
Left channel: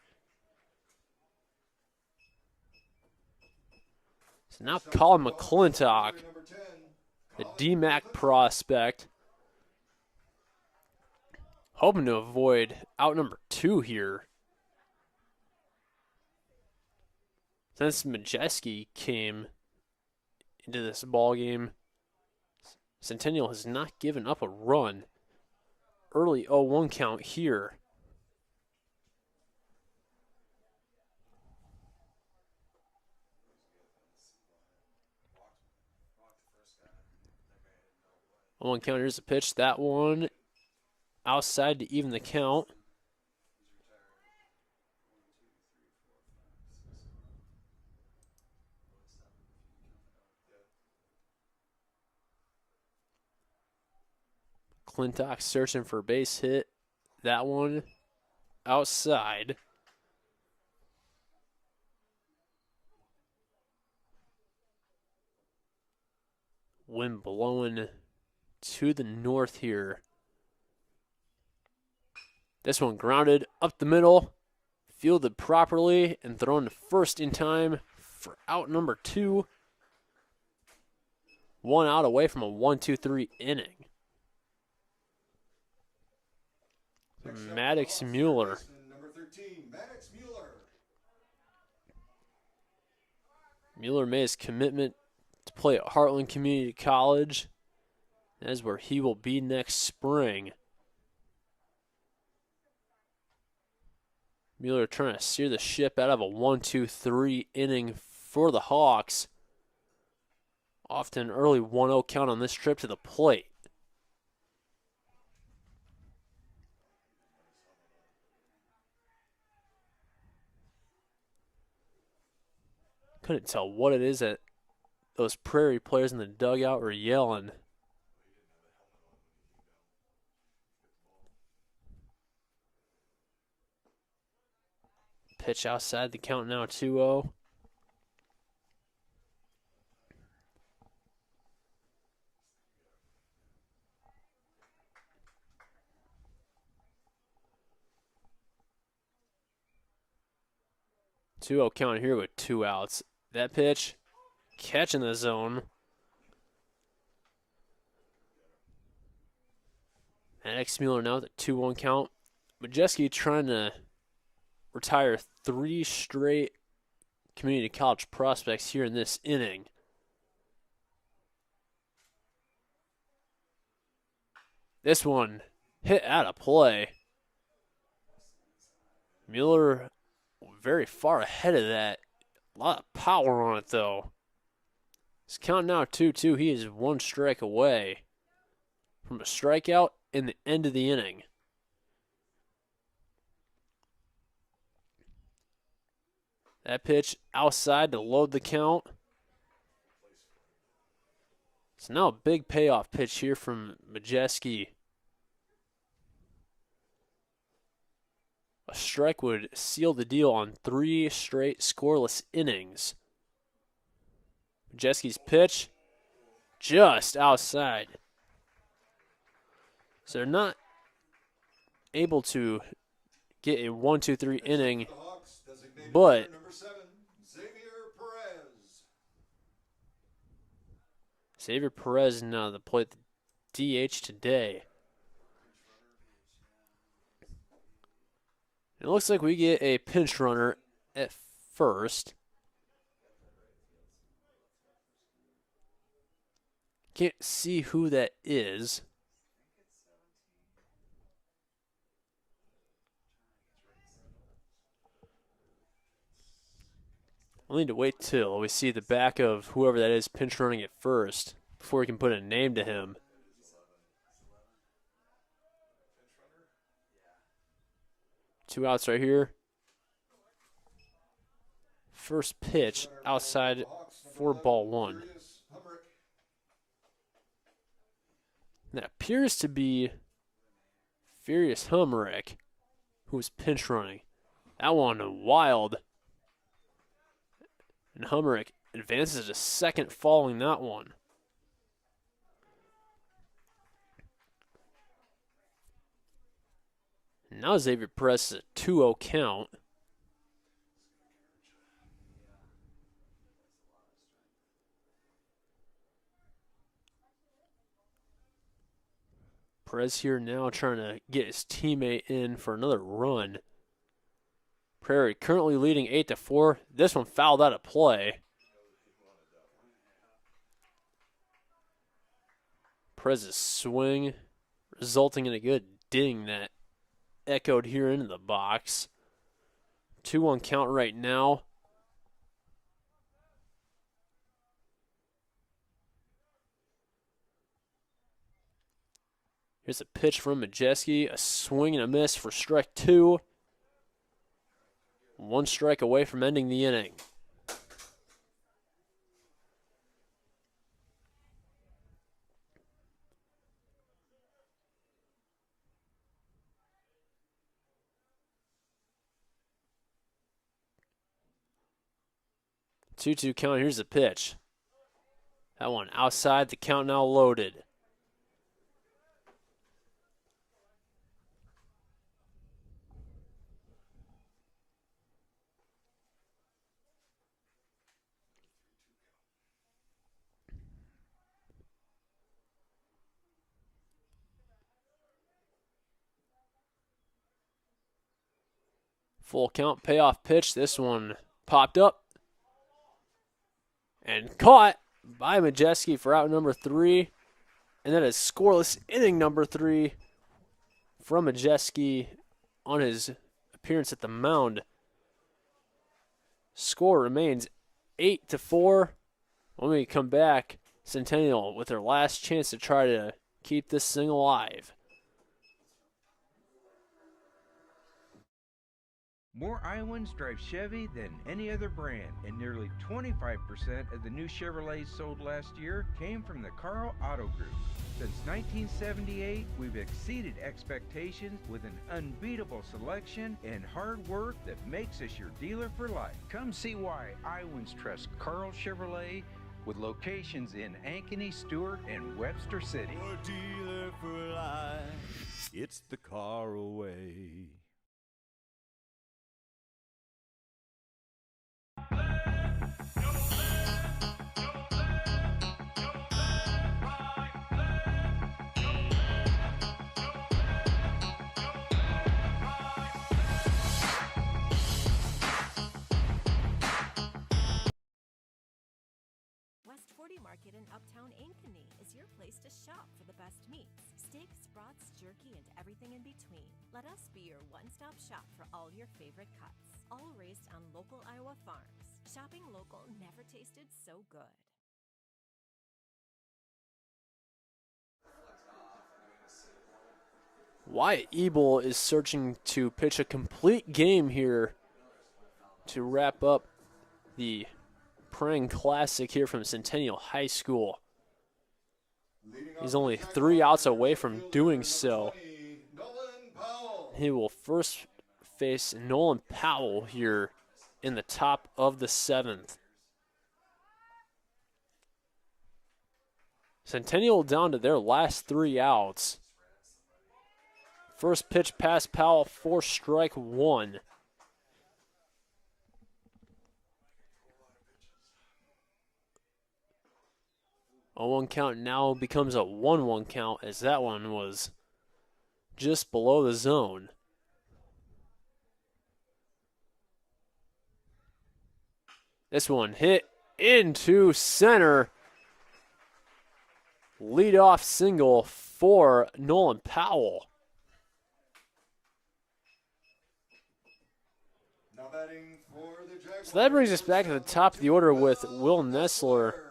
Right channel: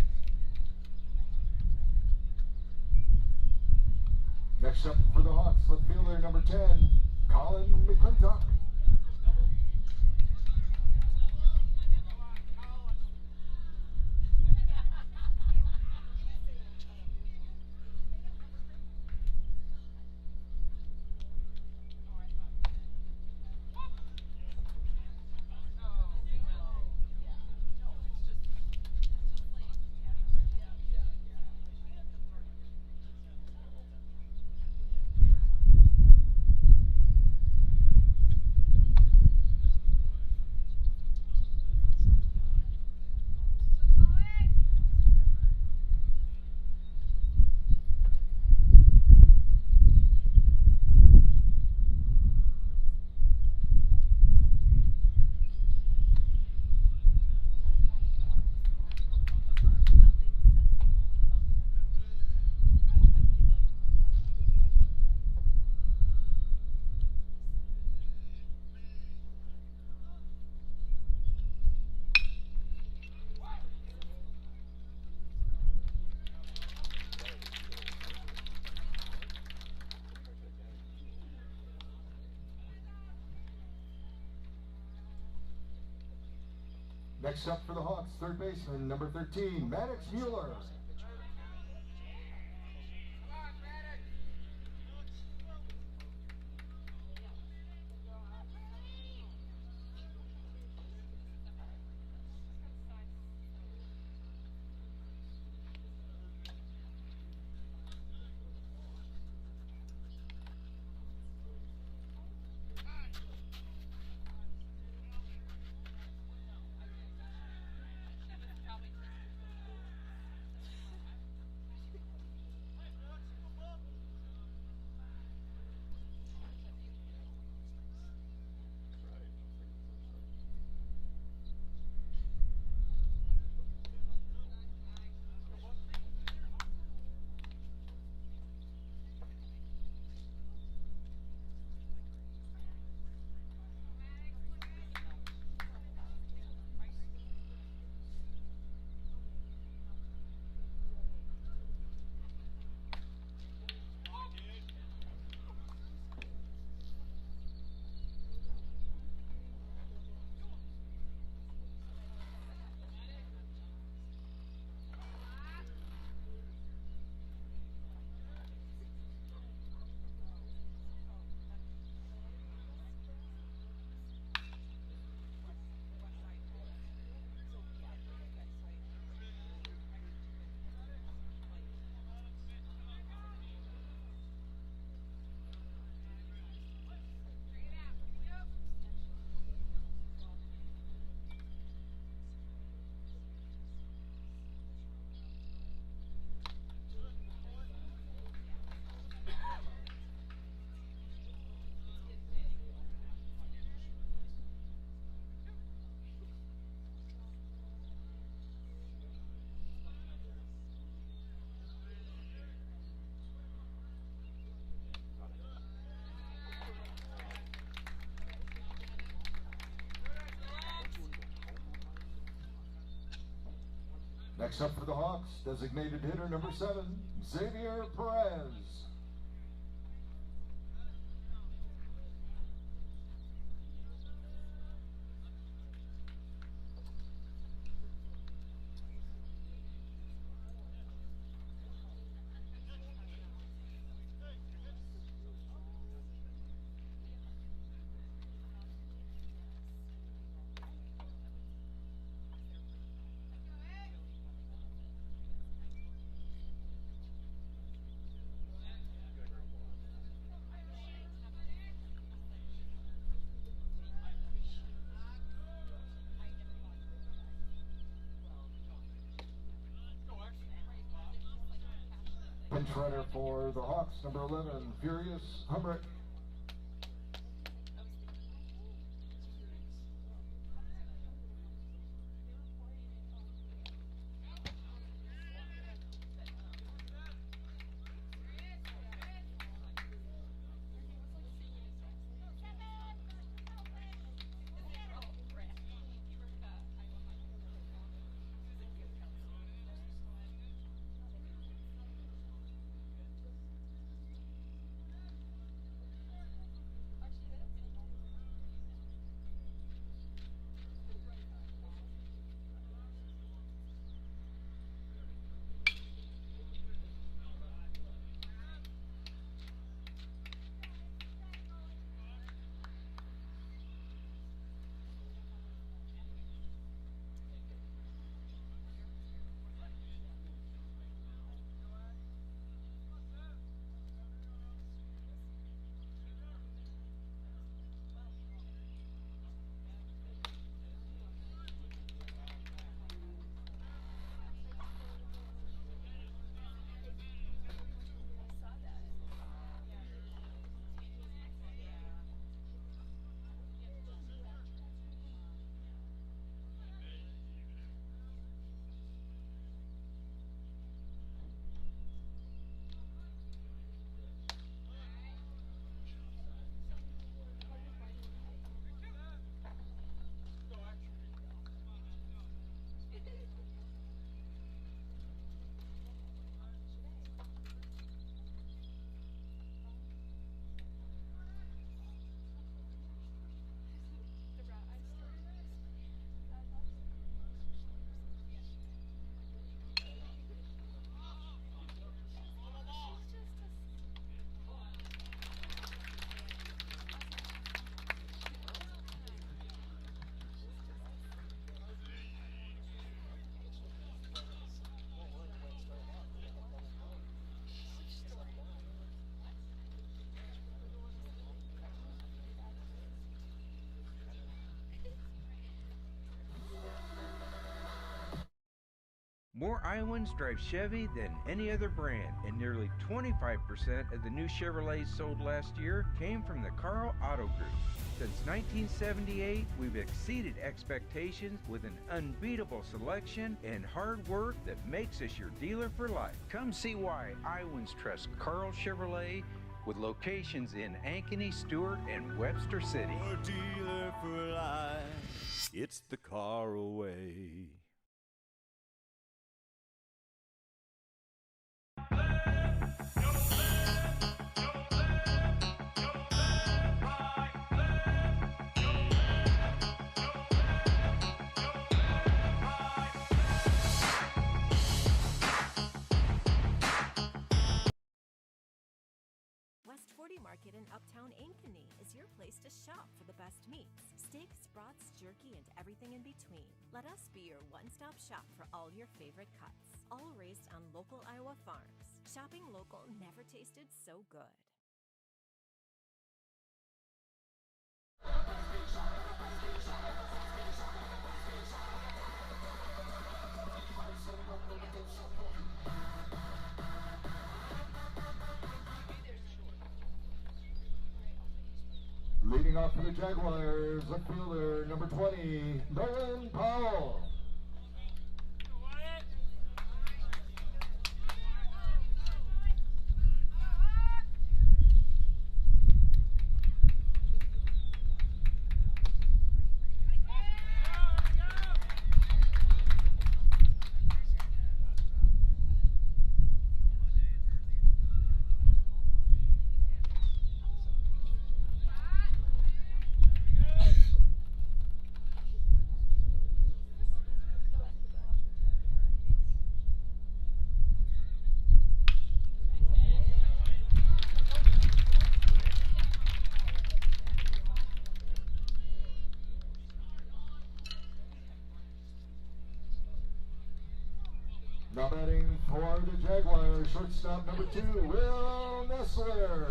So now Colin McClintock, a DMAC prospect, hoping to avoid out number 2 here. Since Majeski came into this ball game, Centennial has not given up a run. Early 0-1 count here. One count, here's the pitch. That one outside to even the count. McClintock searching for a base hit. That one outside. Wind blowing to the north here. This one grounded up the middle, fielded properly, and thrown to first in time for out number 2. 1 out away from a 1-2-3 inning. Maddox Mueller. Number 13, Maddox Mueller. Mueller made his commitment to play at Heartland Community College. That is where he will be next spring. Mueller trying to steer the ship out of a 1-2-3 inning for the Hawks. Off to an early 1-0 count on this trip to the plate. Couldn't tell what it is that those Prairie players in the dugout were yelling. Pitch outside the count, now 2-0. Count here with 2 outs. That pitch, catching the zone. Maddox Mueller now with a 2-1 count. Majeski trying to retire 3 straight community college prospects here in this inning. This one hit out of play. Mueller very far ahead of that. A lot of power on it though. It's count now 2-2. He is 1 strike away from a strikeout in the end of the inning. That pitch outside to load the count. So now a big payoff pitch here from Majeski. A strike would seal the deal on 3 straight scoreless innings. Majeski's pitch, just outside. So they're not able to get a 1-2-3 inning, but number 7, Xavier Perez. Xavier Perez now the plate DH today. It looks like we get a pinch runner at first. Can't see who that is. We'll need to wait till we see the back of whoever that is pinch running at first before we can put a name to him. Two outs right here. First pitch outside for ball 1. That appears to be Furious Humrick, who's pinch running. That one wild. And Humrick advances to second following that one. Now Xavier Perez is a 2-0 count. Perez here now trying to get his teammate in for another run. Prairie currently leading 8-4. This one fouled out of play. Perez's swing resulting in a good ding that echoed here into the box. 2-1 count right now. Here's a pitch from Majeski, a swing and a miss for strike 2. 1 strike away from ending the inning. Two-two count. Here's the pitch. That one outside. The count now loaded. Full count, payoff pitch. This one popped up and caught by Majeski for out number 3. And that is scoreless inning number 3 from Majeski on his appearance at the mound. Score remains 8-4. When we come back, Centennial with their last chance to try to keep this thing alive. More Iowans drive Chevy than any other brand, and nearly 25% of the new Chevrolets sold last year came from the Carl Auto Group. Since 1978, we've exceeded expectations with an unbeatable selection and hard work that makes us your dealer for life. Come see why Iowans trust Carl Chevrolet with locations in Ankeny, Stewart, and Webster City. Your dealer for life, it's the car away. West 40 Market in Uptown Ankeny is your place to shop for the best meats, steaks, brats, jerky, and everything in between. Let us be your one-stop shop for all your favorite cuts, all raised on local Iowa farms. Shopping local never tasted so good. Wyatt Ebel is searching to pitch a complete game here to wrap up the Prange Classic here from Centennial High School. He's only 3 outs away from doing so. He will first face Nolan Powell here in the top of the 7th. Centennial down to their last 3 outs. First pitch past Powell for strike 1. A 1 count now becomes a 1-1 count, as that one was just below the zone. This one hit into center. Leadoff single for Nolan Powell. Now batting for the Jaguars. So that brings us back to the top of the order with Will Nessler.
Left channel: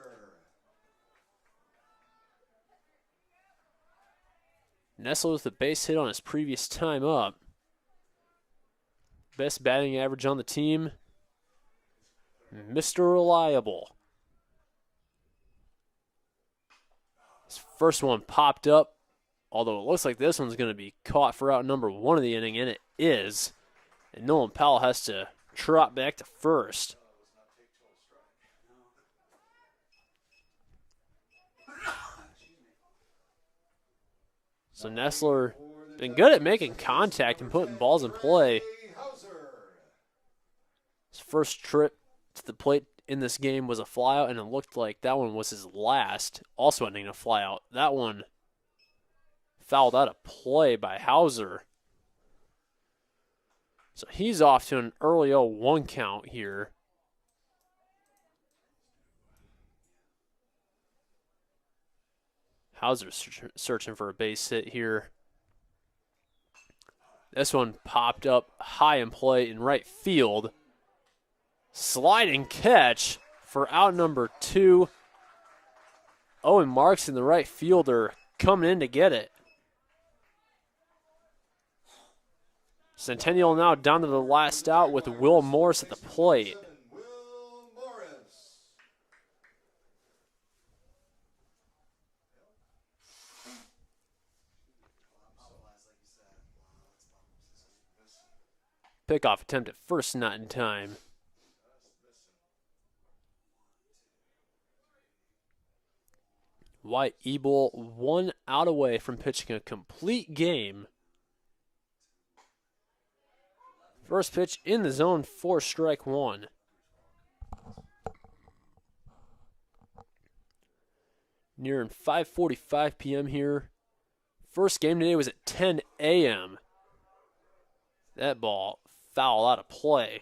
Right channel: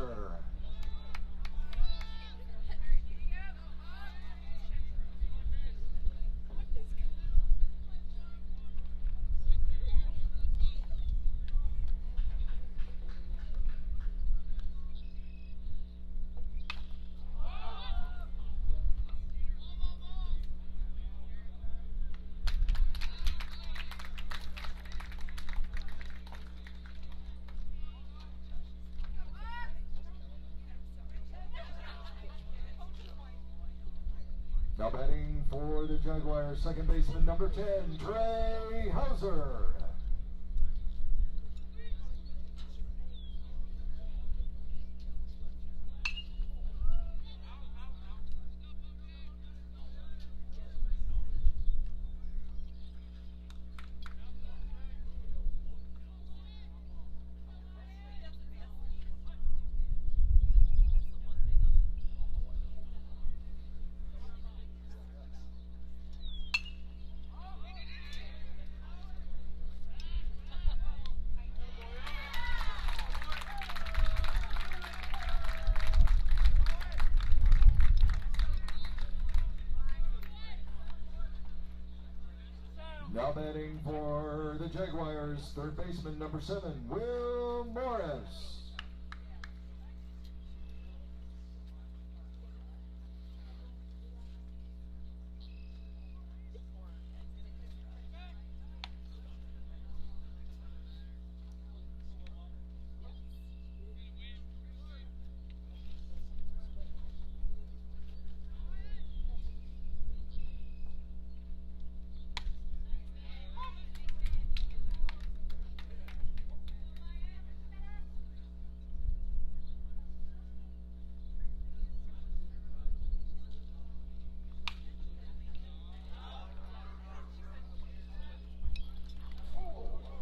Nessler with the base hit on his previous time up. Best batting average on the team, Mr. Reliable. This first one popped up, although it looks like this one's going to be caught for out number 1 of the inning, and it is. And Nolan Powell has to trot back to first. So Nessler been good at making contact and putting balls in play. His first trip to the plate in this game was a flyout, and it looked like that one was his last, also ending in a flyout. That one fouled out of play by Hauser. So he's off to an early 0-1 count here. Hauser's searching for a base hit here. This one popped up high in play in right field. Sliding catch for out number 2. Owen Marks in the right fielder coming in to get it. Centennial now down to the last out with Will Morris at the plate. Will Morris. Pickoff attempt at first, not in time. White Ebel 1 out away from pitching a complete game. First pitch in the zone for strike 1. Nearing 5:45 p.m. here. First game today was at 10 a.m. That ball foul out of play.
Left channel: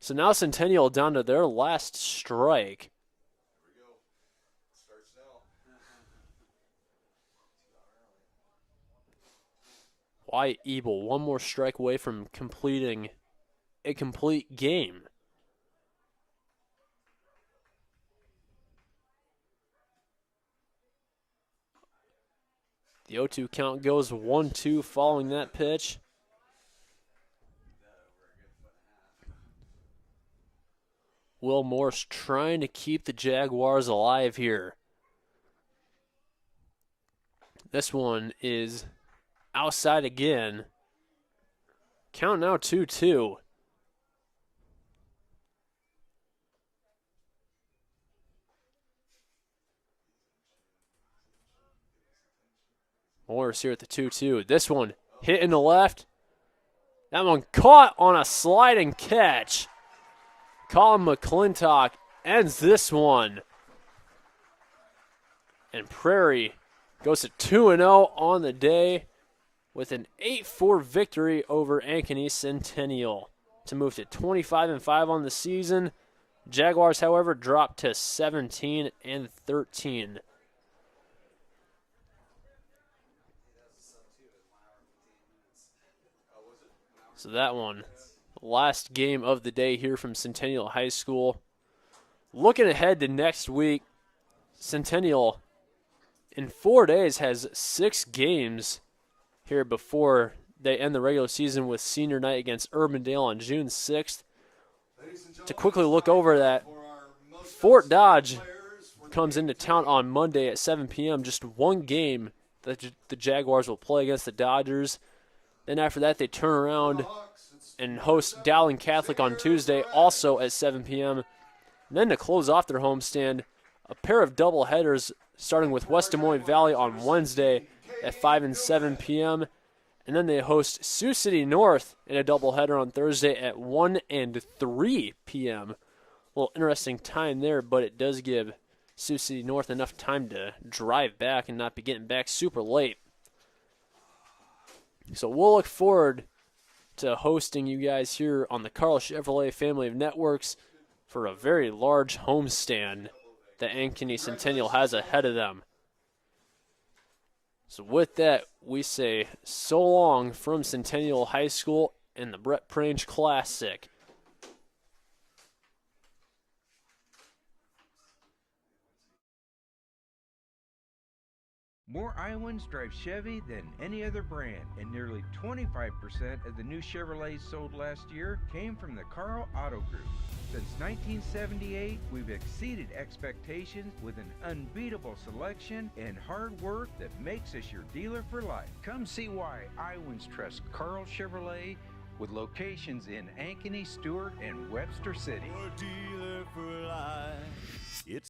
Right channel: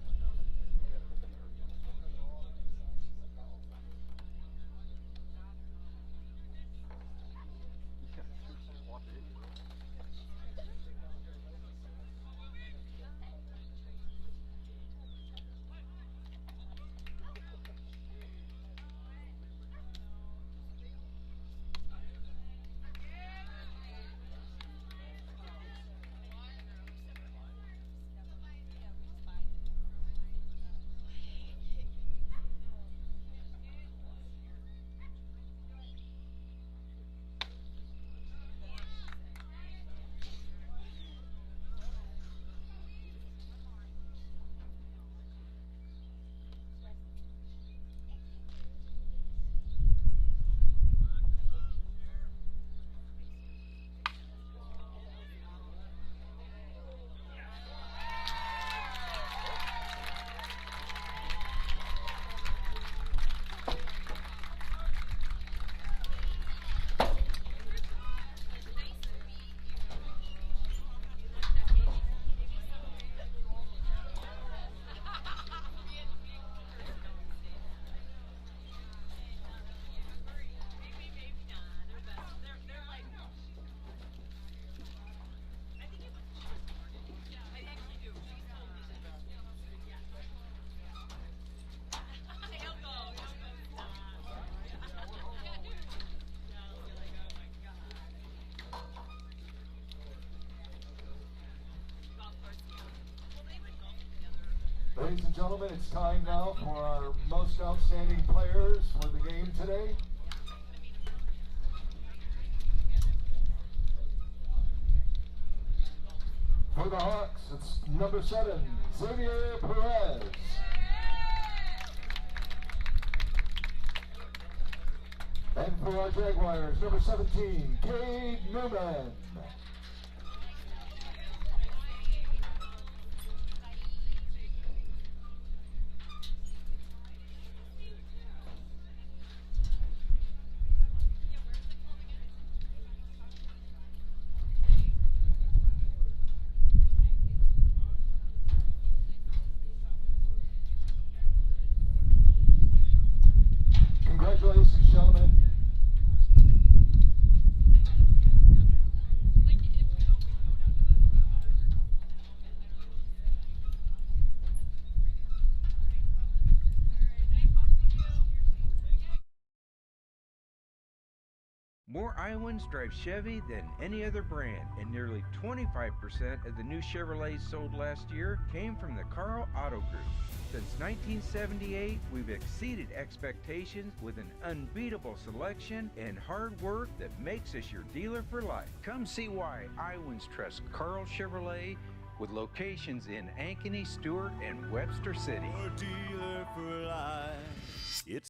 So now Centennial down to their last strike. Wyatt Ebel, one more strike away from completing a complete game. The 0-2 count goes 1-2 following that pitch. Will Morris trying to keep the Jaguars alive here. This one is outside again. Count now 2-2. Morris here at the 2-2. This one hit in the left. That one caught on a sliding catch. Colin McClintock ends this one. And Prairie goes to 2-0 on the day with an 8-4 victory over Ankeny Centennial to move to 25-5 on the season. Jaguars, however, dropped to 17-13. So that one, last game of the day here from Centennial High School. Looking ahead to next week, Centennial in 4 days has 6 games here before they end the regular season with senior night against Urbandale on June 6th. To quickly look over that, Fort Dodge comes into town on Monday at 7 p.m. Just one game that the Jaguars will play against the Dodgers. Then after that, they turn around and host Dowling Catholic on Tuesday, also at 7 p.m. And then to close off their homestand, a pair of double headers starting with West Des Moines Valley on Wednesday at 5 and 7 p.m. And then they host Sioux City North in a doubleheader on Thursday at 1 and 3 p.m. A little interesting time there, but it does give Sioux City North enough time to drive back and not be getting back super late. So we'll look forward to hosting you guys here on the Carl Chevrolet family of networks for a very large homestand that Ankeny Centennial has ahead of them. So with that, we say so long from Centennial High School and the Brett Prange Classic. More Iowans drive Chevy than any other brand, and nearly 25% of the new Chevrolets sold last year came from the Carl Auto Group. Since 1978, we've exceeded expectations with an unbeatable selection and hard work that makes us your dealer for life. Come see why Iowans trust Carl Chevrolet with locations in Ankeny, Stewart, and Webster City. Your dealer for life. It's